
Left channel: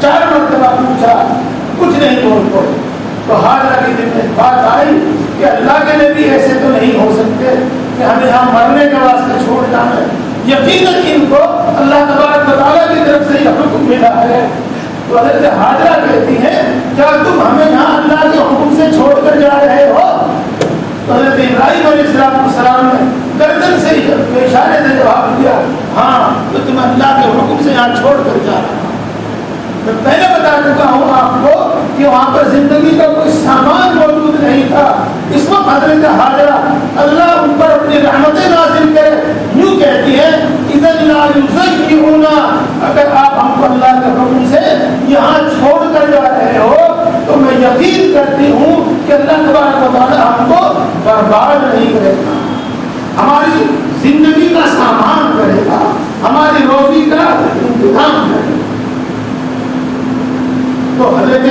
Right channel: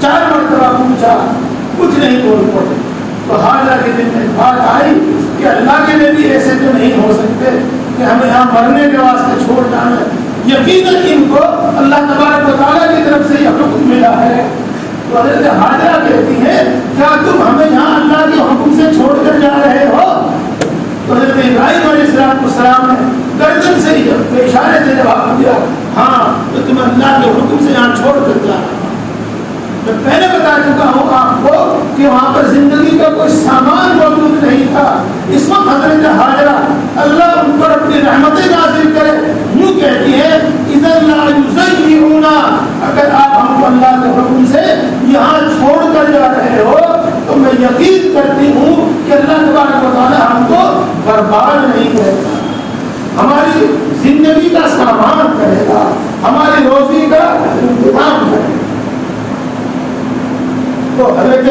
4 مرتبہ پوچھا, کچھ نہیں بول پڑے. تو ہاجرہ کے دل میں بات آئی کہ اللہ کے نبی ایسے تو نہیں ہو سکتے کہ ہمیں یہاں مرنے کے واسطے چھوڑ جانا. یقیناً ان کو اللہ تبارک و تعالیٰ کی طرف سے یہ حکم ملا ہے. تو حضرت ہاجرہ کہتی ہیں کیا تم ہمیں یہاں اللہ کے حکم سے چھوڑ کر جا رہے ہو؟ تو حضرت ابراہیم علیہ السلام نے گردن سے اشارے سے جواب دیا, ہاں تو تم اللہ کے حکم سے یہاں چھوڑ کر جا رہے ہو. میں پہلے بتا چکا ہوں آپ کو کہ وہاں پر زندگی کا کوئی سامان موجود نہیں تھا. اس وقت حضرت ہاجرہ اللہ ان پر اپنی رحمتیں نازل کرے یوں کہتی ہے اذن لا یزیعونا, اگر آپ ہم کو اللہ کے حکم سے یہاں چھوڑ کر جا رہے ہو تو میں یقین کرتی ہوں کہ اللہ تبارک و تعالی ہم کو برباد نہیں کرے گا, ہماری زندگی کا سامان کرے گا, ہماری روزی کا انتظام کرے گا. تو حضرت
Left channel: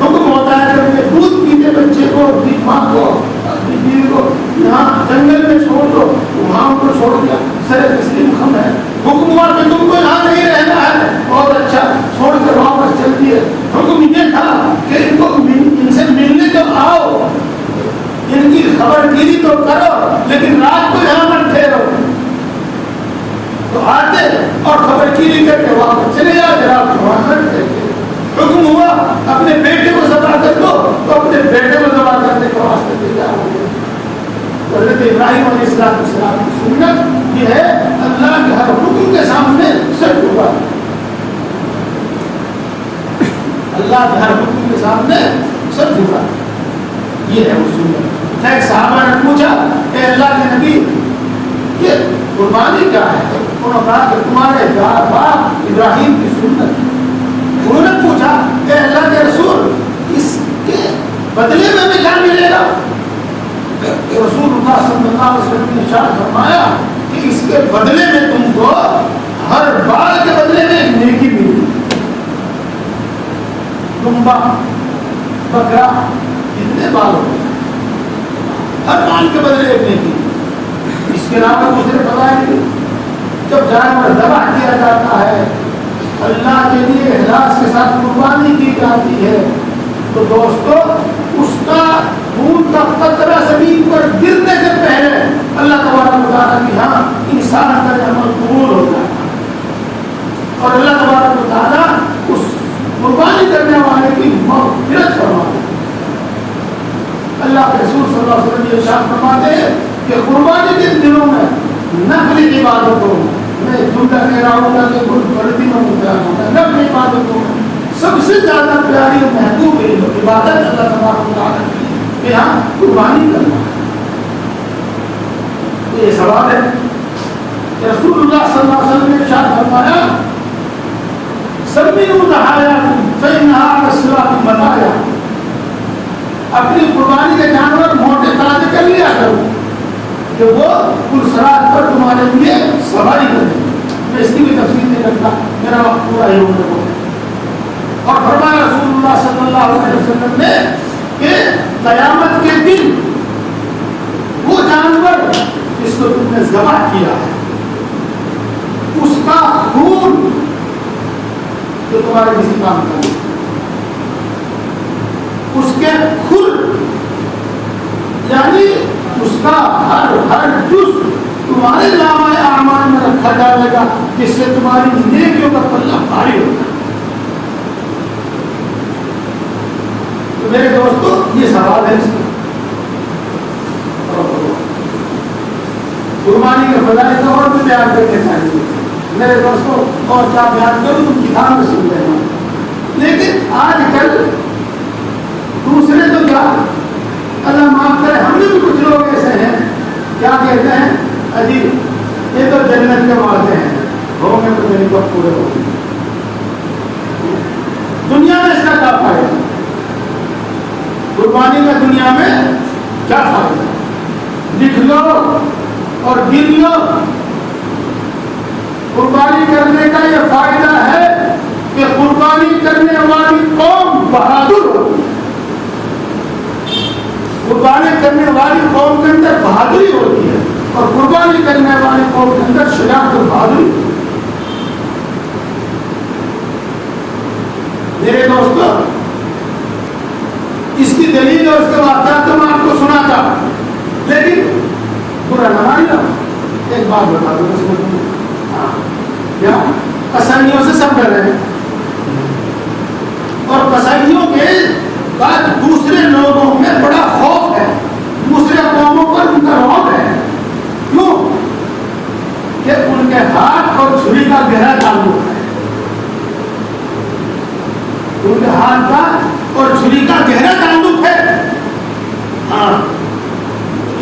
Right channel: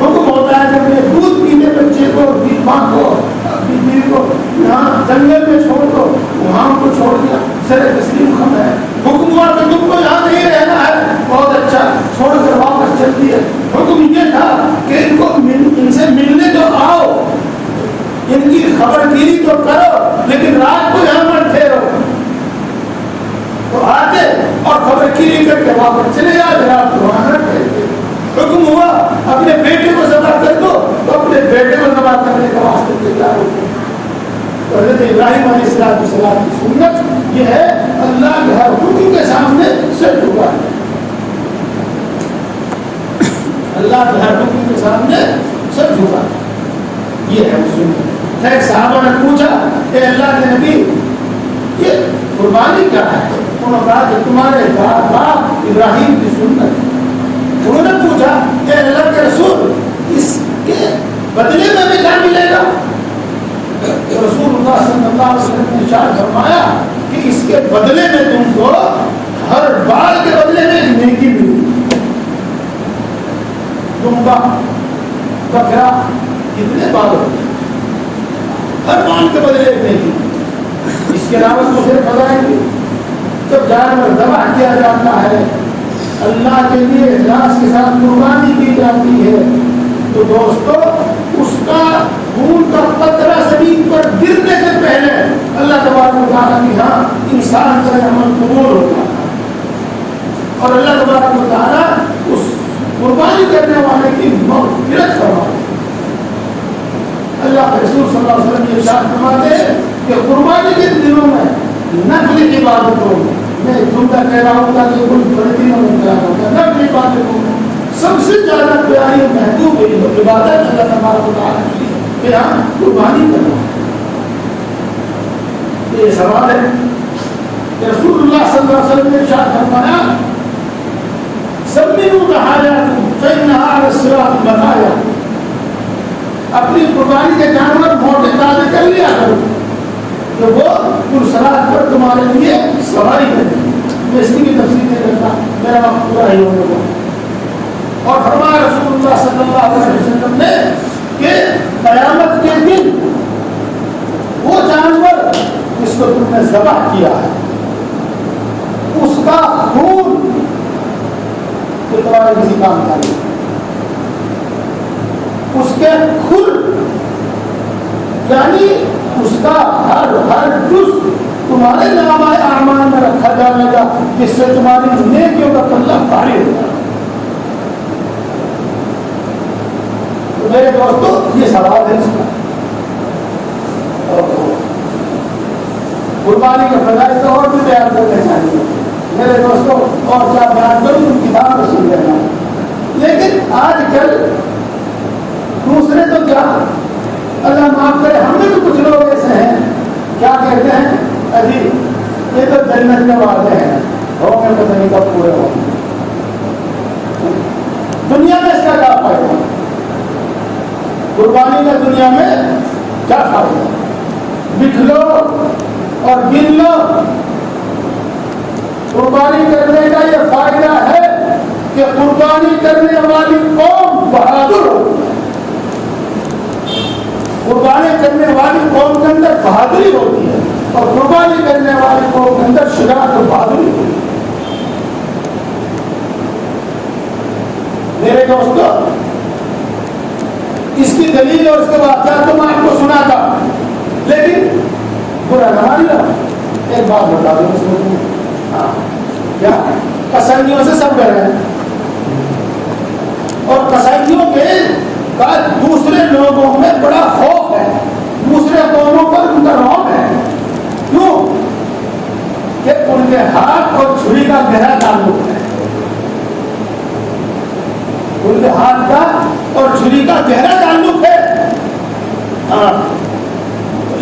حکم ہوتا ہے کہ اپنے دودھ پیتے بچے کو ماں کو اپنی بیوی کو یہاں جنگل میں چھوڑ دو, وہاں کو چھوڑ دیا. سر تسلیم ہم ہے, حکم ہوا کہ تم کو یہاں نہیں رہنا ہے, بہت اچھا, چھوڑ کر واپس چلتی ہے. حکم یہ تھا کہ ان کو ان سے ملنے تو آؤ, ان کی خبر گیری تو کرو, لیکن رات کو یہاں پر ٹھہرو. تو آتے اور خبر گیری کر کے واپس چلے جاتے, رات کو وہاں ٹھہرتے. حکم ہوا اپنے بیٹے کو ذبح کر دو, تو اپنے بیٹے کو ذبح کرنے کے واسطے تیار ہو گئے. حضرت ابراہیم علیہ السلام کی سنت یہ ہے اللہ کے ہر حکم کے سامنے سر جھکا, اللہ کے ہر حکم کے سامنے سر جھکا, یہ ہے سنت. ایک صحابہ نے پوچھا کہ اللہ کے نبی یہ قربانی کیا ہے؟ انہوں نے کہا کہ تمہارے باپ ابراہیم کی سنت. انہوں نے پوچھا کہ اللہ کے رسول اس کے بدلے میں بھی کیا ملے گا؟ رسول اللہ صلی اللہ علیہ وسلم نے ارشاد فرمایا کہ اس کے بدلے میں تم کو ہر بال کے بدلے میں ایک نیکی ملے. دمبا بکرا کتنے بال ہوتے ہیں, ہر بال کے بدلے ایک نیکی. اس کے علاوہ دوسرے بتائیں گے جب جانور ذبح کیا جاتا ہے اللہ کے لیے اخلاص کے ساتھ قربانی کی جاتی ہے تو دوستو اس کا خون کا قطرہ زمین پر گرنے سے پہلے اللہ تبارک و تعالیٰ کے ہاں انسان کا عمل قبول ہو جاتا ہے, اور اللہ تبارک و تعالیٰ اس قربانی کرنے والے کی مغفرت فرماتے ہیں. اللہ کے رسول صلی اللہ علیہ وسلم یہ ارشاد فرماتے ہیں کہ قربانی کے دنوں میں نفلی عبادتوں میں, میں جملہ کہہ رہا ہوں کہ کوئی غلطی میں مبتلا ہوتا ہے, نفلی عبادتوں میں سب سے زیادہ پیاری اور محبوب عبادت اللہ تبارک و تعالیٰ کی کہ ہاں قربانی کرنا. یہ سوال ہے کہ رسول اللہ صلی اللہ علیہ وسلم نے ارشاد فرمایا سمنوا ضحاياكم فإنها على الصراط بقايا, اپنی قربانی کے جانور موٹے تازے کر لیا کرو کہ وہ پرسرات پر تمہارے لیے سواری کرتے ہیں. میں اس کی بھی تفصیل نہیں کرتا, میرا وقت پورا ہی ہوتا ہے. اور فرمایا رسول اللہ صلی اللہ علیہ وسلم نے کہ قیامت کے دن وہ جانور جس کو تم نے ذبح کیا اس کا خون جو تمہارے کسی کام کا نہیں، اس کے کھر یعنی اس کا ہر جز تمہارے نامہ اعمال میں رکھا جائے گا، جس سے تمہاری نیکیوں کا پلہ بھاری ہوتا ہے۔ تو میرے دوستو یہ سوال ہے اس کا، قربانی کے فضائل تو اور بھی بیان کرنے چاہیے میرے دوستوں، اور کیا بیان کروں تم کتاب میں سن لینا، لیکن آج کل دوسرے تو کیا، اللہ معاف کرے، ہم میں بھی کچھ لوگ ایسے ہیں کیا کہتے ہیں، عجیب یہ تو جنت کے وعدے ہیں، ہوں گے پتہ نہیں کب پورے ہوں، دنیا میں اس کا کیا فائدہ، قربانی کا دنیا میں کیا فائدہ، لکھ لو اور گن لو، قربانی کرنے کا یہ فائدہ ہے کہ قربانی کرنے والی قوم بہادر ہو، قربانی کرنے والی قوم کے اندر بہادری ہوتی ہے، اور قربانی کرنے والی قوم کے اندر شجاعت اور بہادری ہوتی ہے۔ میرے دوستو اس کی دلیل اور اس کے واقعات تو میں آپ کو سنا تھا، لیکن برا نہ ماننا، ایک بات بتا دو اس میں، ہاں کیا قصائیوں سے سب ڈر ہیں، اور قصائیوں کے کا دوسرے لوگوں میں بڑا خوف ہے، دوسرے قوموں پر ان کا رعب ہے، کیوں کہ ان کے ہاتھ اور چھری کا گہرا تعلق ہے، ان کے ہاتھ کا اور چھری کا گہرا تعلق ہے، ہاں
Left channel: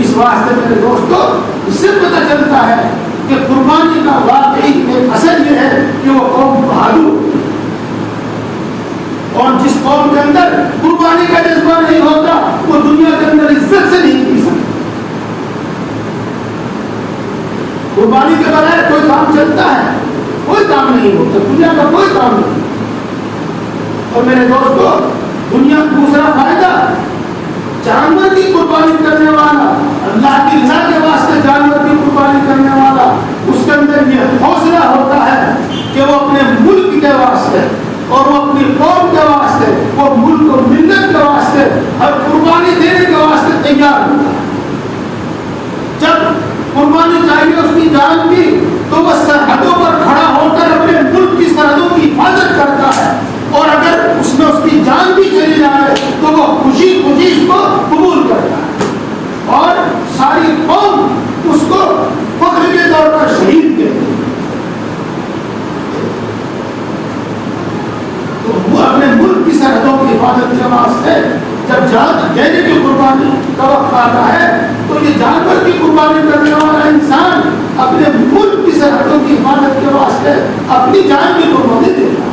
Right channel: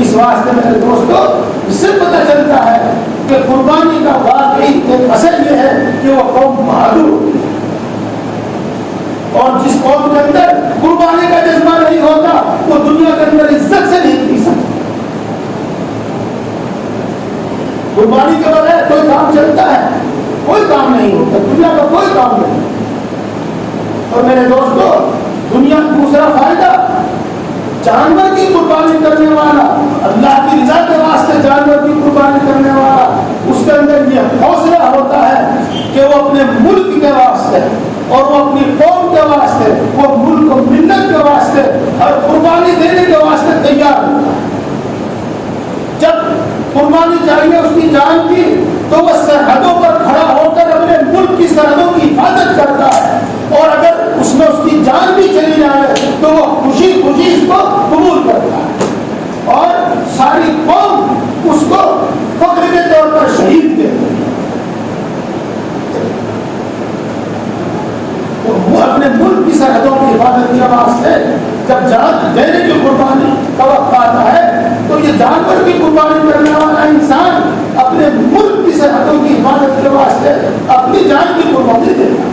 اس واسطے میرے دوستو اس سے پتہ چلتا ہے کہ قربانی کا واقعی ایک اثر یہ ہے کہ وہ قوم بہادر ہوتی ہے، اور جس قوم کے اندر قربانی کا جذبہ نہیں ہوتا وہ دنیا کے اندر عزت سے نہیں جی سکتی۔ قربانی کے بغیر کوئی کام چلتا ہے، کوئی کام نہیں ہوتا، دنیا کا کوئی کام نہیں۔ اور میرے دوستو دنیا دوسرا فائدہ، جانور کی قربانی کرنے والا، اللہ کی رضا کے واسطے جانور کی قربانی کرنے والا، اس کے اندر یہ حوصلہ ہوتا ہے کہ وہ اپنے ملک کے واسطے اور وہ اپنی قوم کے واسطے، وہ ملک و ملت کے واسطے ہر قربانی دینے کے واسطے تیار ہوتا ہے۔ جب قربانی چاہیے اس کی جان کی، تو وہ سرحدوں پر کھڑا ہو کر اپنے ملک کی سرحدوں کی حفاظت کرتا ہے، اور اگر اس میں اس کی جان بھی چلی جائے تو وہ خوشی خوشی اس کو قبول کرتا ہے، اور ساری قوم اس کو فخر کے طور پر شہید کہتی ہے۔ تو وہ اپنے ملک کی سرحدوں کی حفاظت کے واسطے جب جان دینے کی قربانی کا وقت آتا ہے تو یہ جانور کی قربانی کرنے والا انسان اپنے ملک کی سرحدوں کی حفاظت کے واسطے اپنی جان کی قربانی دیتا ہے۔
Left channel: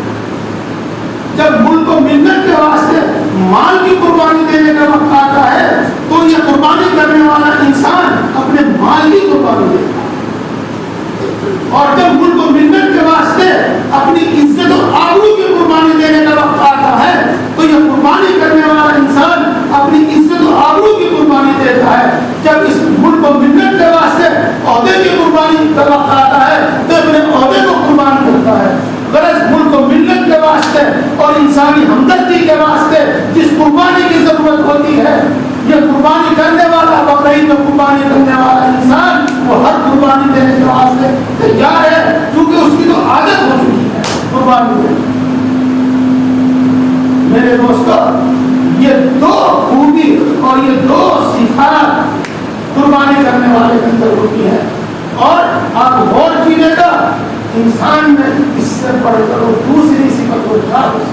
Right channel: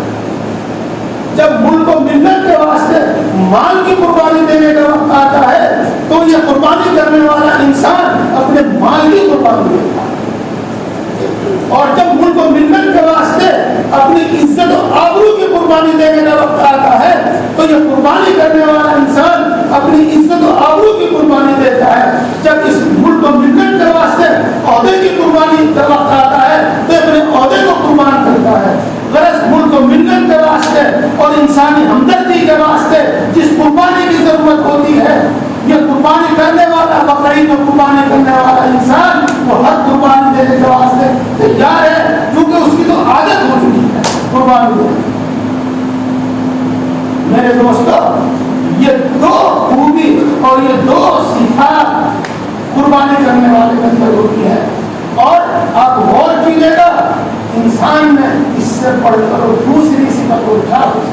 جب ملک و ملت کے واسطے مال کی قربانی دینے کا وقت آتا ہے تو یہ قربانی کرنے والا انسان اپنے مال کی قربانی دیتا ہے، اور جب ملک و ملت کے واسطے اپنی عزت و آبرو کی قربانی دینے کا وقت آتا ہے تو یہ قربانی کرنے والا انسان اپنی عزت و آبرو کی قربانی دیتا ہے۔ جب اس ملک و ملت کے واسطے عہدے کی قربانی کا وقت آتا ہے تو اپنے عہدے کو قربان کرتا ہے۔ غرض ملک و ملت کے واسطے اور انسانی ہمدردی کے واسطے جس قربانی کی ضرورت ہوتی ہے، یہ قربانی کرنے والا، بقرعید میں قربانی کرنے والا انسان وہ ہر قربانی دینے کے واسطے تیار ہے، کیونکہ اس کی تو عادت ہو چکی ہے قربانی دینے۔ میرے دوستو یہ دو خوبی اور یہ دو صفات قربانی کرنے والے کے اندر ہوتی ہے، اور آپ غور کیجیے گا انسان میں اس سے بڑھ کر دوسری صفت کو اٹھا دو۔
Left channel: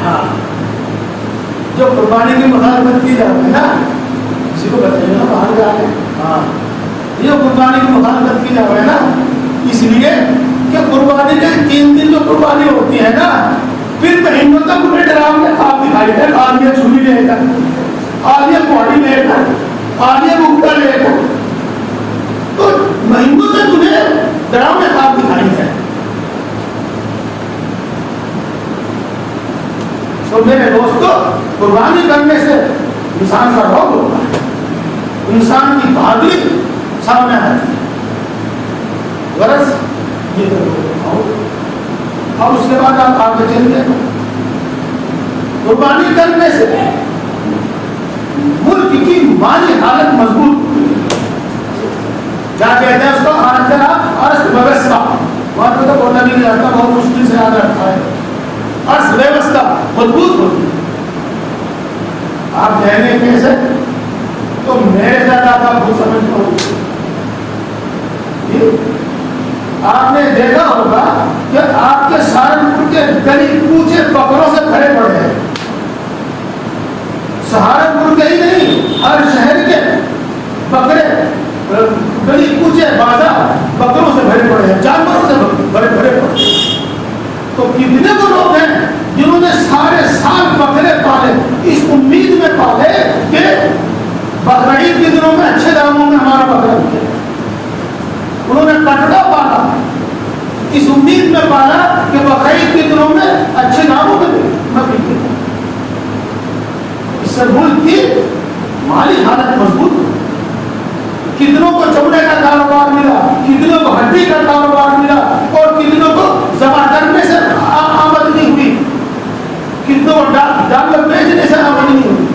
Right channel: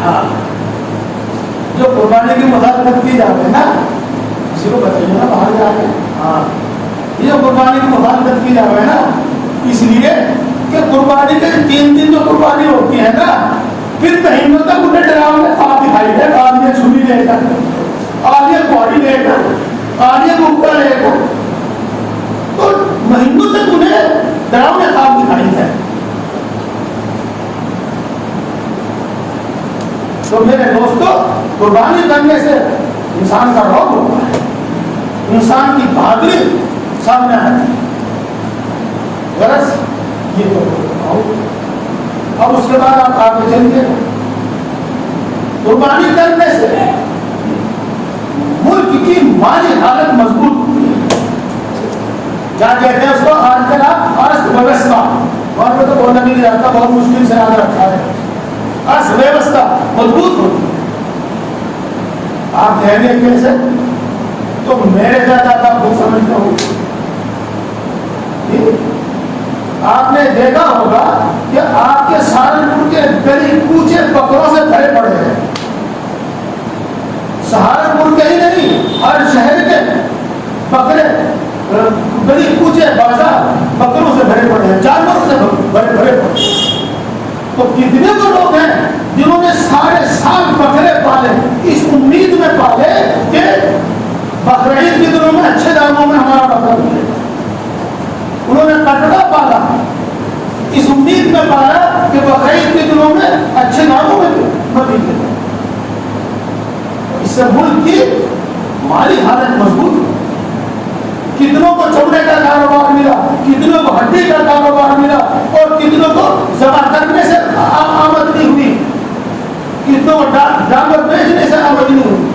ہاں جو قربانی کی مخالفت کی جاتی ہے نا، کسی کو بتائیے نا باہر جا کے، ہاں یہ قربانی کی مخالفت کی جاتی ہے نا، اس لیے کہ قربانی کے 3 دن جو قربانی ہوتی ہے نا، پھر مہینوں تک انہیں ڈراؤنے خواب دکھائی دے، آدمی چھری لے کر، آدمی پہاڑی لے کر، آدمی گپتا لے کر، تو مہینوں تک انہیں ڈراؤنے خواب دکھائی دے۔ تو میرے دوستو قربانی کرنے سے انسان کا روگ ہوتا ہے، انسان کی بہادری سامنے آتی ہے۔ غرض یہ اور اس کے بعد آپ آگے چلیے. قربانی کرنے سے ملک کی مالی حالت مضبوط ہوتی ہے. کیا کہتے ہیں اس کو؟ ارتھ ویوستھا. بہت تو بولنا بھی نہیں آتا, بہت مشکل سے یاد رکھا ہے. ارتھ ویوستھا مضبوط ہوتی ہے. آپ کہیں گے کیسے؟ تو میرے زیادہ کا خود سمجھتا ہوں. آپ نے دیکھا ہوگا کہ آپ کے سہارنپور کے گلی کوچے بکروں سے بھرے پڑے ہیں. سہارنپور کے ہی نہیں, ہر شہر کے بکرے گلی کوچے بازار بکروں سے بھرے پڑے ہیں, جانوروں سے بھرے پڑے ہیں. تو کتنے کو لوگ ہیں جنہوں نے سارے سال بکرے پالے اس امید میں پالے کہ بقرعید کے دنوں میں اچھے داموں میں ہمارا بکرا ملے. انہوں نے کٹڑا پالا اس امید میں پالا کہ بقرعید کے دنوں میں اچھے داموں میں ملے. اس سے ملک کی مالی حالت مضبوط ہوئی. کتنوں کو چمڑے کا کاروبار ملا, کتنوں کو ہڈی کا کاروبار ملا, اور کتنوں کو ذبح کرنے سے آمدنی ہوئی, کتنوں کو جانور بیچنے سے آمدنی ہوئی.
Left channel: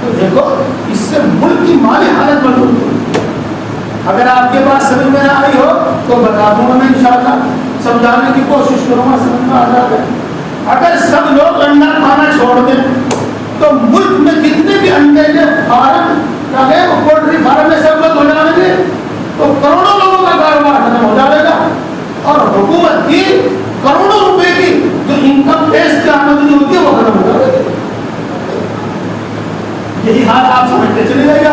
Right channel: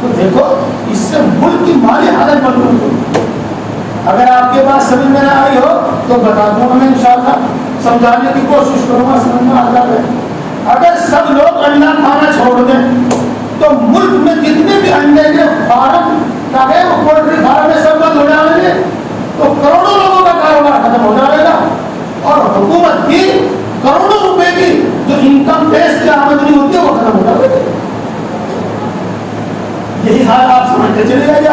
تو دیکھو اس سے ملک کی مالی حالت مضبوط ہوئی. اگر آپ کے پاس سمجھ میں نہ آئی ہو تو بتا دوں میں انشاءاللہ, سمجھانے کی کوشش کروں گا, سمجھ میں آ جائے. اگر سب لوگ انڈا کھانا چھوڑ دیں تو ملک میں جتنے بھی انڈے کے فارم چاہے وہ پولٹری فارم میں سب بند ہو جائیں گے تو کروڑوں لوگوں کا کاروبار ختم ہو جائے گا, اور حکومت کی کروڑوں روپے کی جو انکم ٹیکس کی آمدنی ہوتی ہے وہ ختم ہو جائے گی. یہی حال آپ سمجھتے چلے جائے گا.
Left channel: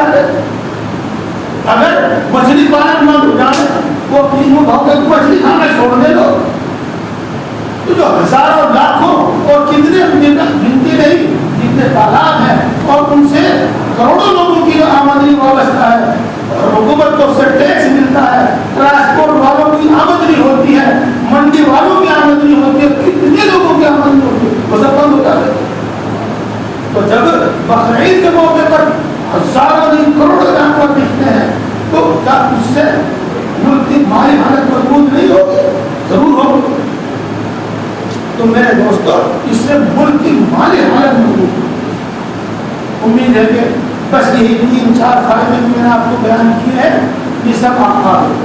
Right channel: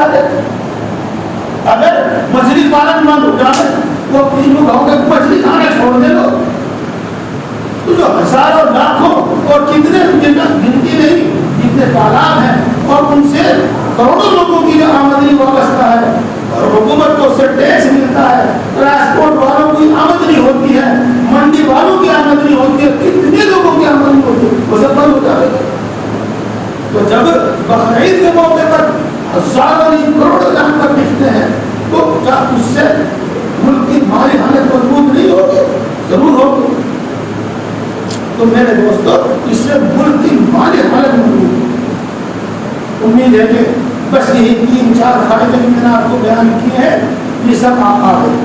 اگر مچھلی پالن بند ہو جائے وہ تینوں گاؤں کے مچھلی کھانا چھوڑ دے دو تو جو ہزاروں لاکھوں اور کتنے گنتی نہیں جتنے تالاب ہیں اور ان سے کروڑوں لوگوں کی جو آمدنی وابستہ ہے, اور حکومت کو اس سے ٹیکس ملتا ہے, ٹرانسپورٹ والوں کی آمدنی ہوتی ہے, منڈی والوں کی آمدنی ہوتی ہے, کتنے لوگوں کی آمدنی ہوتی ہے, وہ سب بند ہو جاتے ہیں. تو جب بقرعید کے موقع پر ہزاروں نہیں کروڑوں جانور بکتے ہیں تو کیا اس سے ملک کی مالی حالت مضبوط نہیں ہوگی؟ ضرور ہوگی. تو میرے دوستو اس سے ملک کی مالی حالت مضبوط ہوگی. امید ہے کہ بس یہی 3-4 فائدے میں نے آپ کو بیان کیے ہیں, یہ سب آپ آ گئے.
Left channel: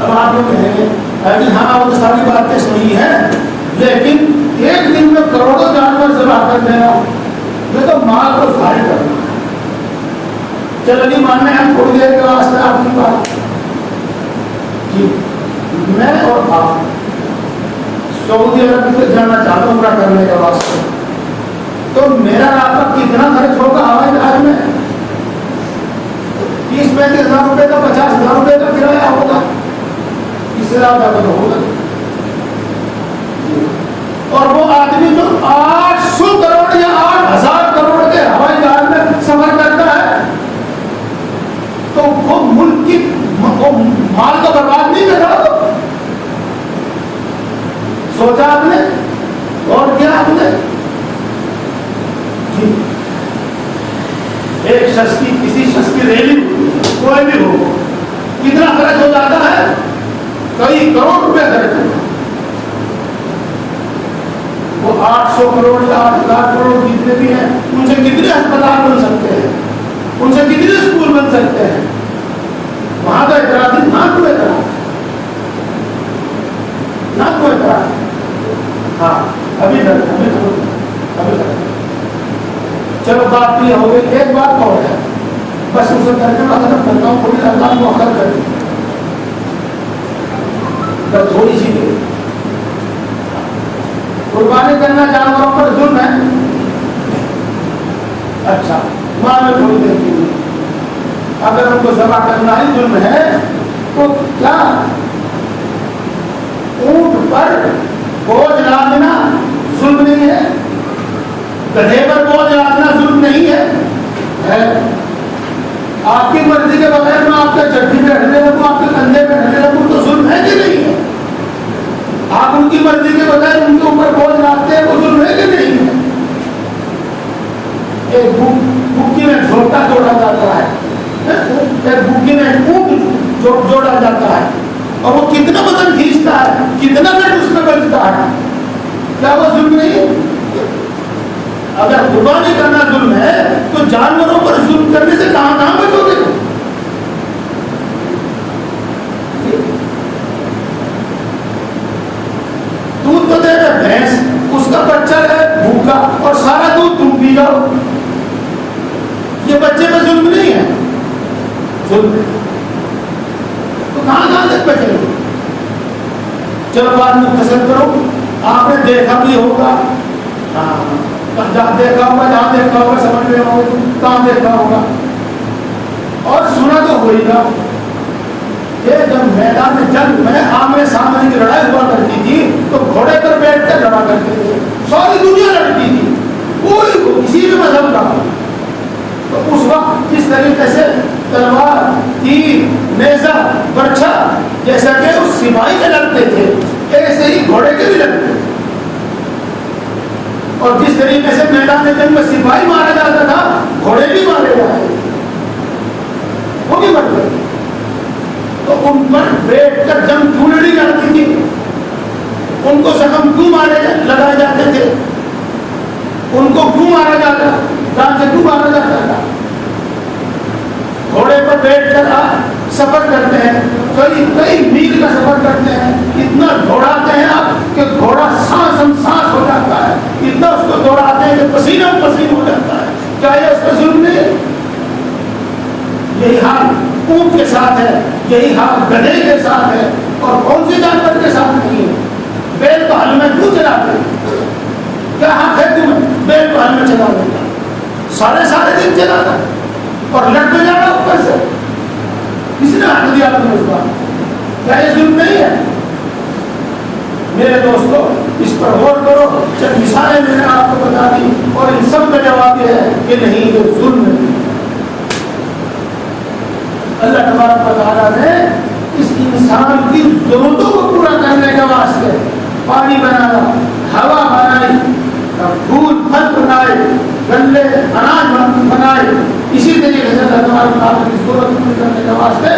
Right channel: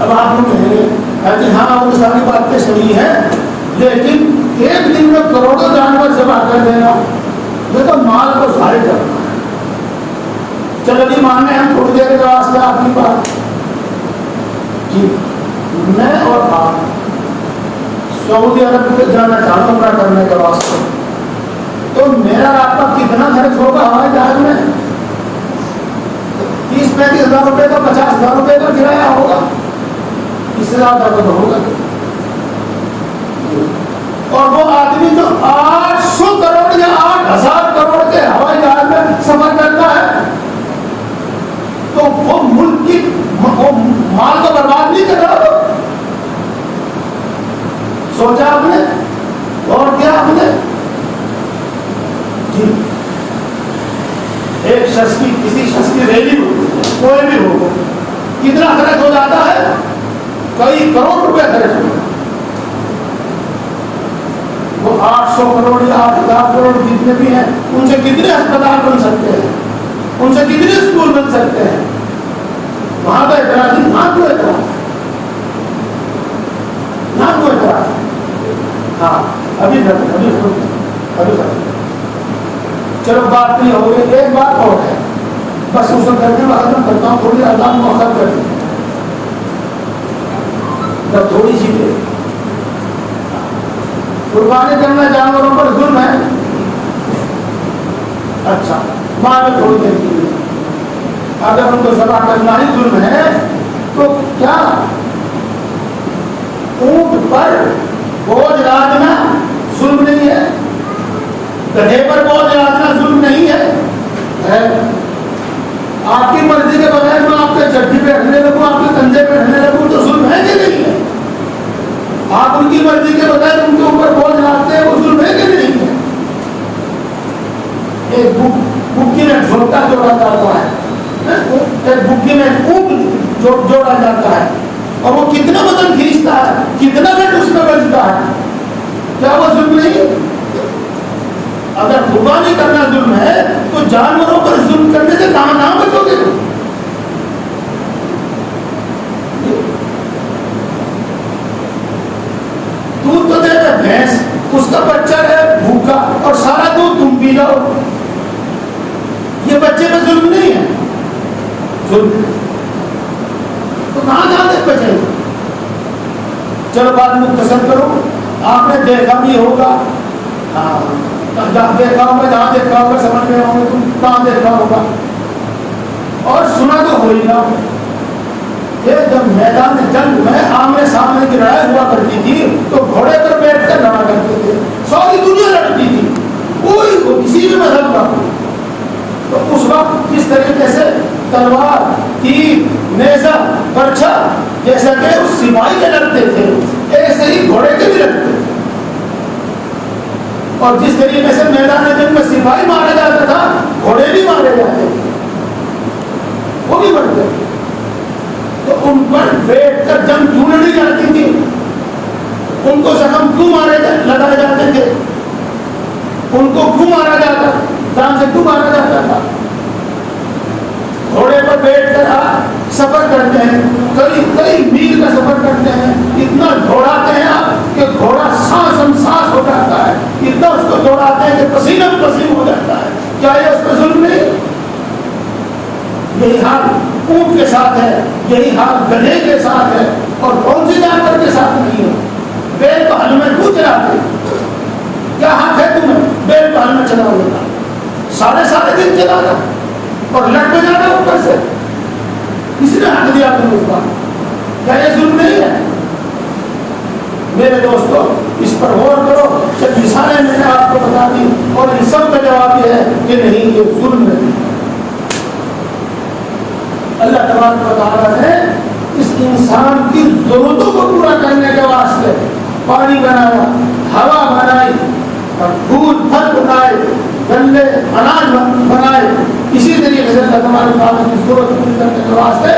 اب آپ کو کہیں گے کہ ہاں وہ ساری باتیں صحیح ہیں, لیکن ایک دن میں کروڑوں جانور ذبح کر دینا یہ تو مال کو ضائع کرنا ہے. چلو نہیں ماننے ہم تھوڑی دیر کے واسطے آپ کی بات جی میں اور آپ سعودی عرب سے جانا چاہتا ہوں عمرہ کرنے کے واسطے, تو میرا رابطہ کتنا خرچ ہوگا ہوائی جہاز میں؟ 30-35 ہزار روپے کا 50 ہزار روپے کا کرایہ ہوگا, اس سے زیادہ اگر ہوگا. اور وہ آدمی جو 800 کروڑ یا 8000 کروڑ کے ہوائی جہاز میں سفر کرتا ہے تو وہ ملک کی مال کو برباد نہیں کر رہا. سوچا آپ نے, اور کیا آپ نے ایک شخص کی کسی شخص کی ریلی کوئی بھی ہو کتنا خرچ ہو جاتا ہے؟ کئی کروڑ روپے خرچ ہو جاتا ہے. وہ 800 کروڑ یا 8,000 کروڑ جتنے بھی ہیں ان سے کتنے ہسپتال بن سکتے ہیں, ان سے کتنے اسکول بن سکتے ہیں. وہاں پہ اعتراض نہ کوئی اعتراض نہ کوئی اعتراض. ہاں ابھی چلو بات نہیں ہو گئی. ایک بات اور ہے بس اسے کرنے والا میں کرتا ہوں, تھوڑی اذان مؤخر کر دی بس تھوڑی سی دیر. قربانی کرنا جانوروں پر ظلم ہے. اچھا مان لو تھوڑی دیر کی اگر ان کو ذبح کرنا ہی ظلم ہے تو کیا اونٹ پر بوجھ لادنا ظلم نہیں ہے؟ گدھے پر بوجھ لادنا ظلم نہیں ہے؟ آپ کی مرضی کے بغیر میں آپ کے چٹھی پہ رکھنے لگوں, آپ کے کندھے پہ رکھنے لگوں تو ظلم ہے کہ نہیں ہے؟ آپ ان کی مرضی کے بغیر ان کے اوپر بوجھ لاتے ہیں وہ ظلم ہے کہ نہیں ہے؟ ایک بکی میں جھوٹا جوڑا جاتا ہے, ایک بکی میں اونٹ جوڑا جاتا ہے کتنا بدن کھینچتا ہے, کتنا لٹ اس میں بجتا ہے, کیا وہ ظلم نہیں ہے؟ اگر قربانی کرنا ظلم ہے تو جانوروں پر ظلم کرنے سے کہاں کہاں بچو گے؟ دودھ تو دے رہے بھینس, اس کا بچہ ہے بھوکا اور سارا دودھ تم پی جاؤ, یہ بچے پہ ظلم نہیں ہے؟ ظلم ہے. تو کہاں کہاں تک بچے گے؟ چلو بات مختصر کرو. آپ نے دیکھا بھی ہوگا, جہاں دیکھا ہوگا سمجھ میں ہوگا, تم کہاں دیکھا ہوگا, اور سنا تو ہو ہی گا کہ جب میدان جنگ میں آمنے سامنے کی لڑائی ہوا کرتی تھی تو گھوڑے پر بیٹھ کر لڑا کرتے تھے, ساری دنیا لڑتی تھی, کوئی کو کسی بھی مذہب کا ہو. تو اس وقت جس طریقے سے تلوار, تیر, نیزہ, برچھا جیسا کہ اس سپاہی کے لگتے تھے, ایسے ہی گھوڑے کے بھی لگتے تھے. اور جس طریقے سے میدان جنگ میں سپاہی مارا جاتا تھا, گھوڑے بھی مارے جاتے تھے, وہ بھی مر گئے. تو ان پر بیٹھ کر جنگ کیوں لڑی جاتی تھی, ان کو زخم کیوں لگائے جاتے تھے, ان کو کیوں مارا جاتا, جان سے کیوں مارا جاتا تھا؟ گھوڑے پر بیٹھ کر آپ سفر کرتے ہیں, کئی میل کا سفر کرتے ہیں, اتنا دوڑاتے ہیں آپ کہ گھوڑا سانس ہو جاتا ہے, اتنا اس کو دوڑاتے ہیں کہ پسینہ پسینہ ہو جاتا ہے. کیا یہ اس کا ظلم نہیں؟ یہی حال اونٹ کے ساتھ ہے, یہی حال گدھے کے ساتھ ہے, اور کون سی جانور کے ساتھ نہیں ہے. بیل کو ہل میں کیوں چلاتے؟ کیا حق ہے تمہیں بیل کو ہل میں چلا دیتا؟ سارے دن چلاتا اور لٹ میں جانا اوپر سے, کس نے حق دیا تمہیں اس بات؟ کیا یہ ظلم نہیں ہے؟ میرے دوستو اس پر غور کرو. صرف مثالیں میں نے آپ کو بتا دی اور ان سب کا جواب یہ ہے کہ نہیں, یہ ظلم نہیں. اللہ تبارک و تعالیٰ نے اس انسان کی ضرورتوں کو پورا کرنے کے واسطے پانی بنایا, ہوا بنائی, دودھ پھل بنائے, گلے اناج بنائے. اسی طریقے سے اللہ تبارک و تعالیٰ کی ضرورت پوری کرنے کے واسطے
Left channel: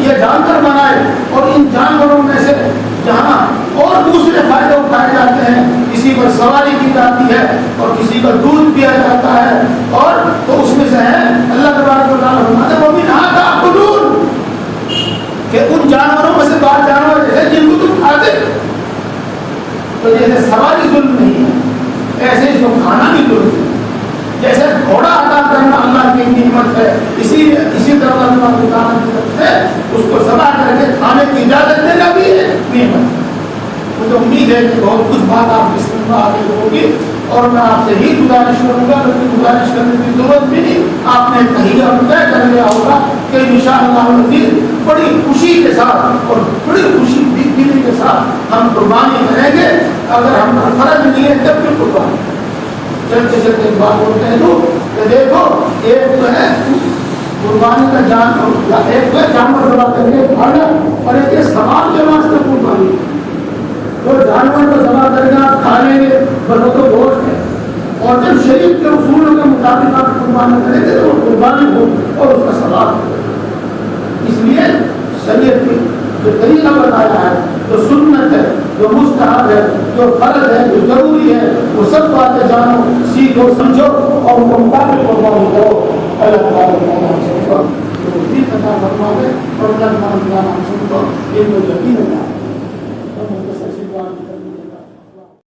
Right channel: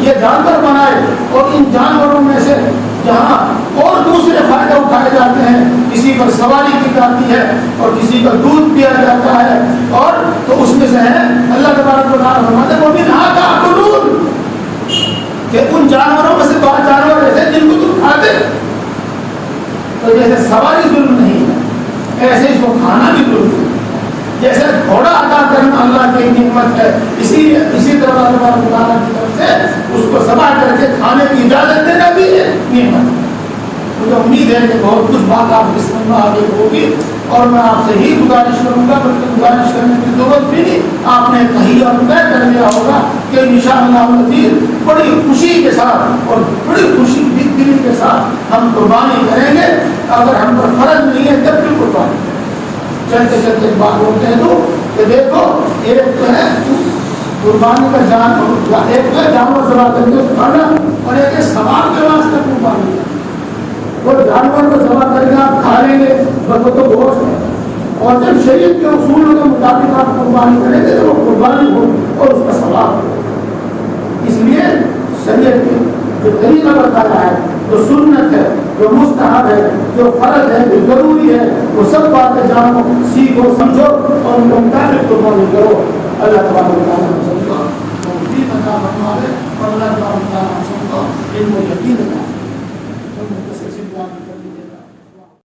یہ جانور بنائے, اور ان جانوروں میں سے جہاں اور دوسرے فائدے اٹھائے جاتے ہیں, کسی پر سواری کی جاتی ہے اور کسی پر دودھ پیا جاتا ہے, اور تو اس میں سے ہے اللہ تبارک و تعالیٰ فرماتے ہیں وَمِنْهَا تَأْكُلُونَ, کہ ان جانوروں میں سے بعض جانور ایسے جن کو تم کھاتے. تو جیسے سواری ظلم نہیں ہے, ایسے اس کو کھانا بھی ظلم ہے. جیسے گھوڑا عطا کرنا اللہ کی نعمت ہے, اسی طرح اللہ تبارک و تعالیٰ کی طرف سے اس کو ذبح کر کے کھانے کی اجازت دینا بھی ہے نعمت. مجھے امید ہے کہ بہت کچھ بات آپ کی سمجھ میں آگے ہوگی, اور میں آپ سے ہی گزارش کروں گا, بلکہ گزارش کرنے کی ضرورت بھی نہیں, آپ نے کہیں اور طے کر لیا ہوگا کہ انشاءاللہ العزیز بڑی خوشی کے ساتھ اور بڑی خوشی دلی کے ساتھ ہم قربانی کریں گے. اگر ہم پر فرض نہیں ہے تب بھی قربانی. چلتے چلتے بات ہوتے ہیں تو کہ دیکھو ایک تو ہے قربانی کا جان, ایک تو ہے جانور ذبح کرنے کھانا, اور ایک ہے ثواب کے واسطے قربانی. اور جانور کو ذبح کر کے آپ کھا لیں گے بس وہ تو گوشت ہے, اور جب شریعت کے اصولوں کے مطابق آپ قربانی کریں گے تو قربانی ہو اور اس کا ثواب ہو. اس لیے شریعت نے جو طریقہ بتایا ہے, جو سنت ہے, جو مستحب ہے, جو فرض ہے, جو ضروری ہے, وہ سب باتیں جانو, سیکھو, سمجھو اور ان کو مطابق قربانی کرو. اللہ تبارک و تعالیٰ ہم سب کو توفیق عطا فرمائے اور اللہ تبارک و تعالیٰ ہم سب کو علم و یقین عطا فرمائے.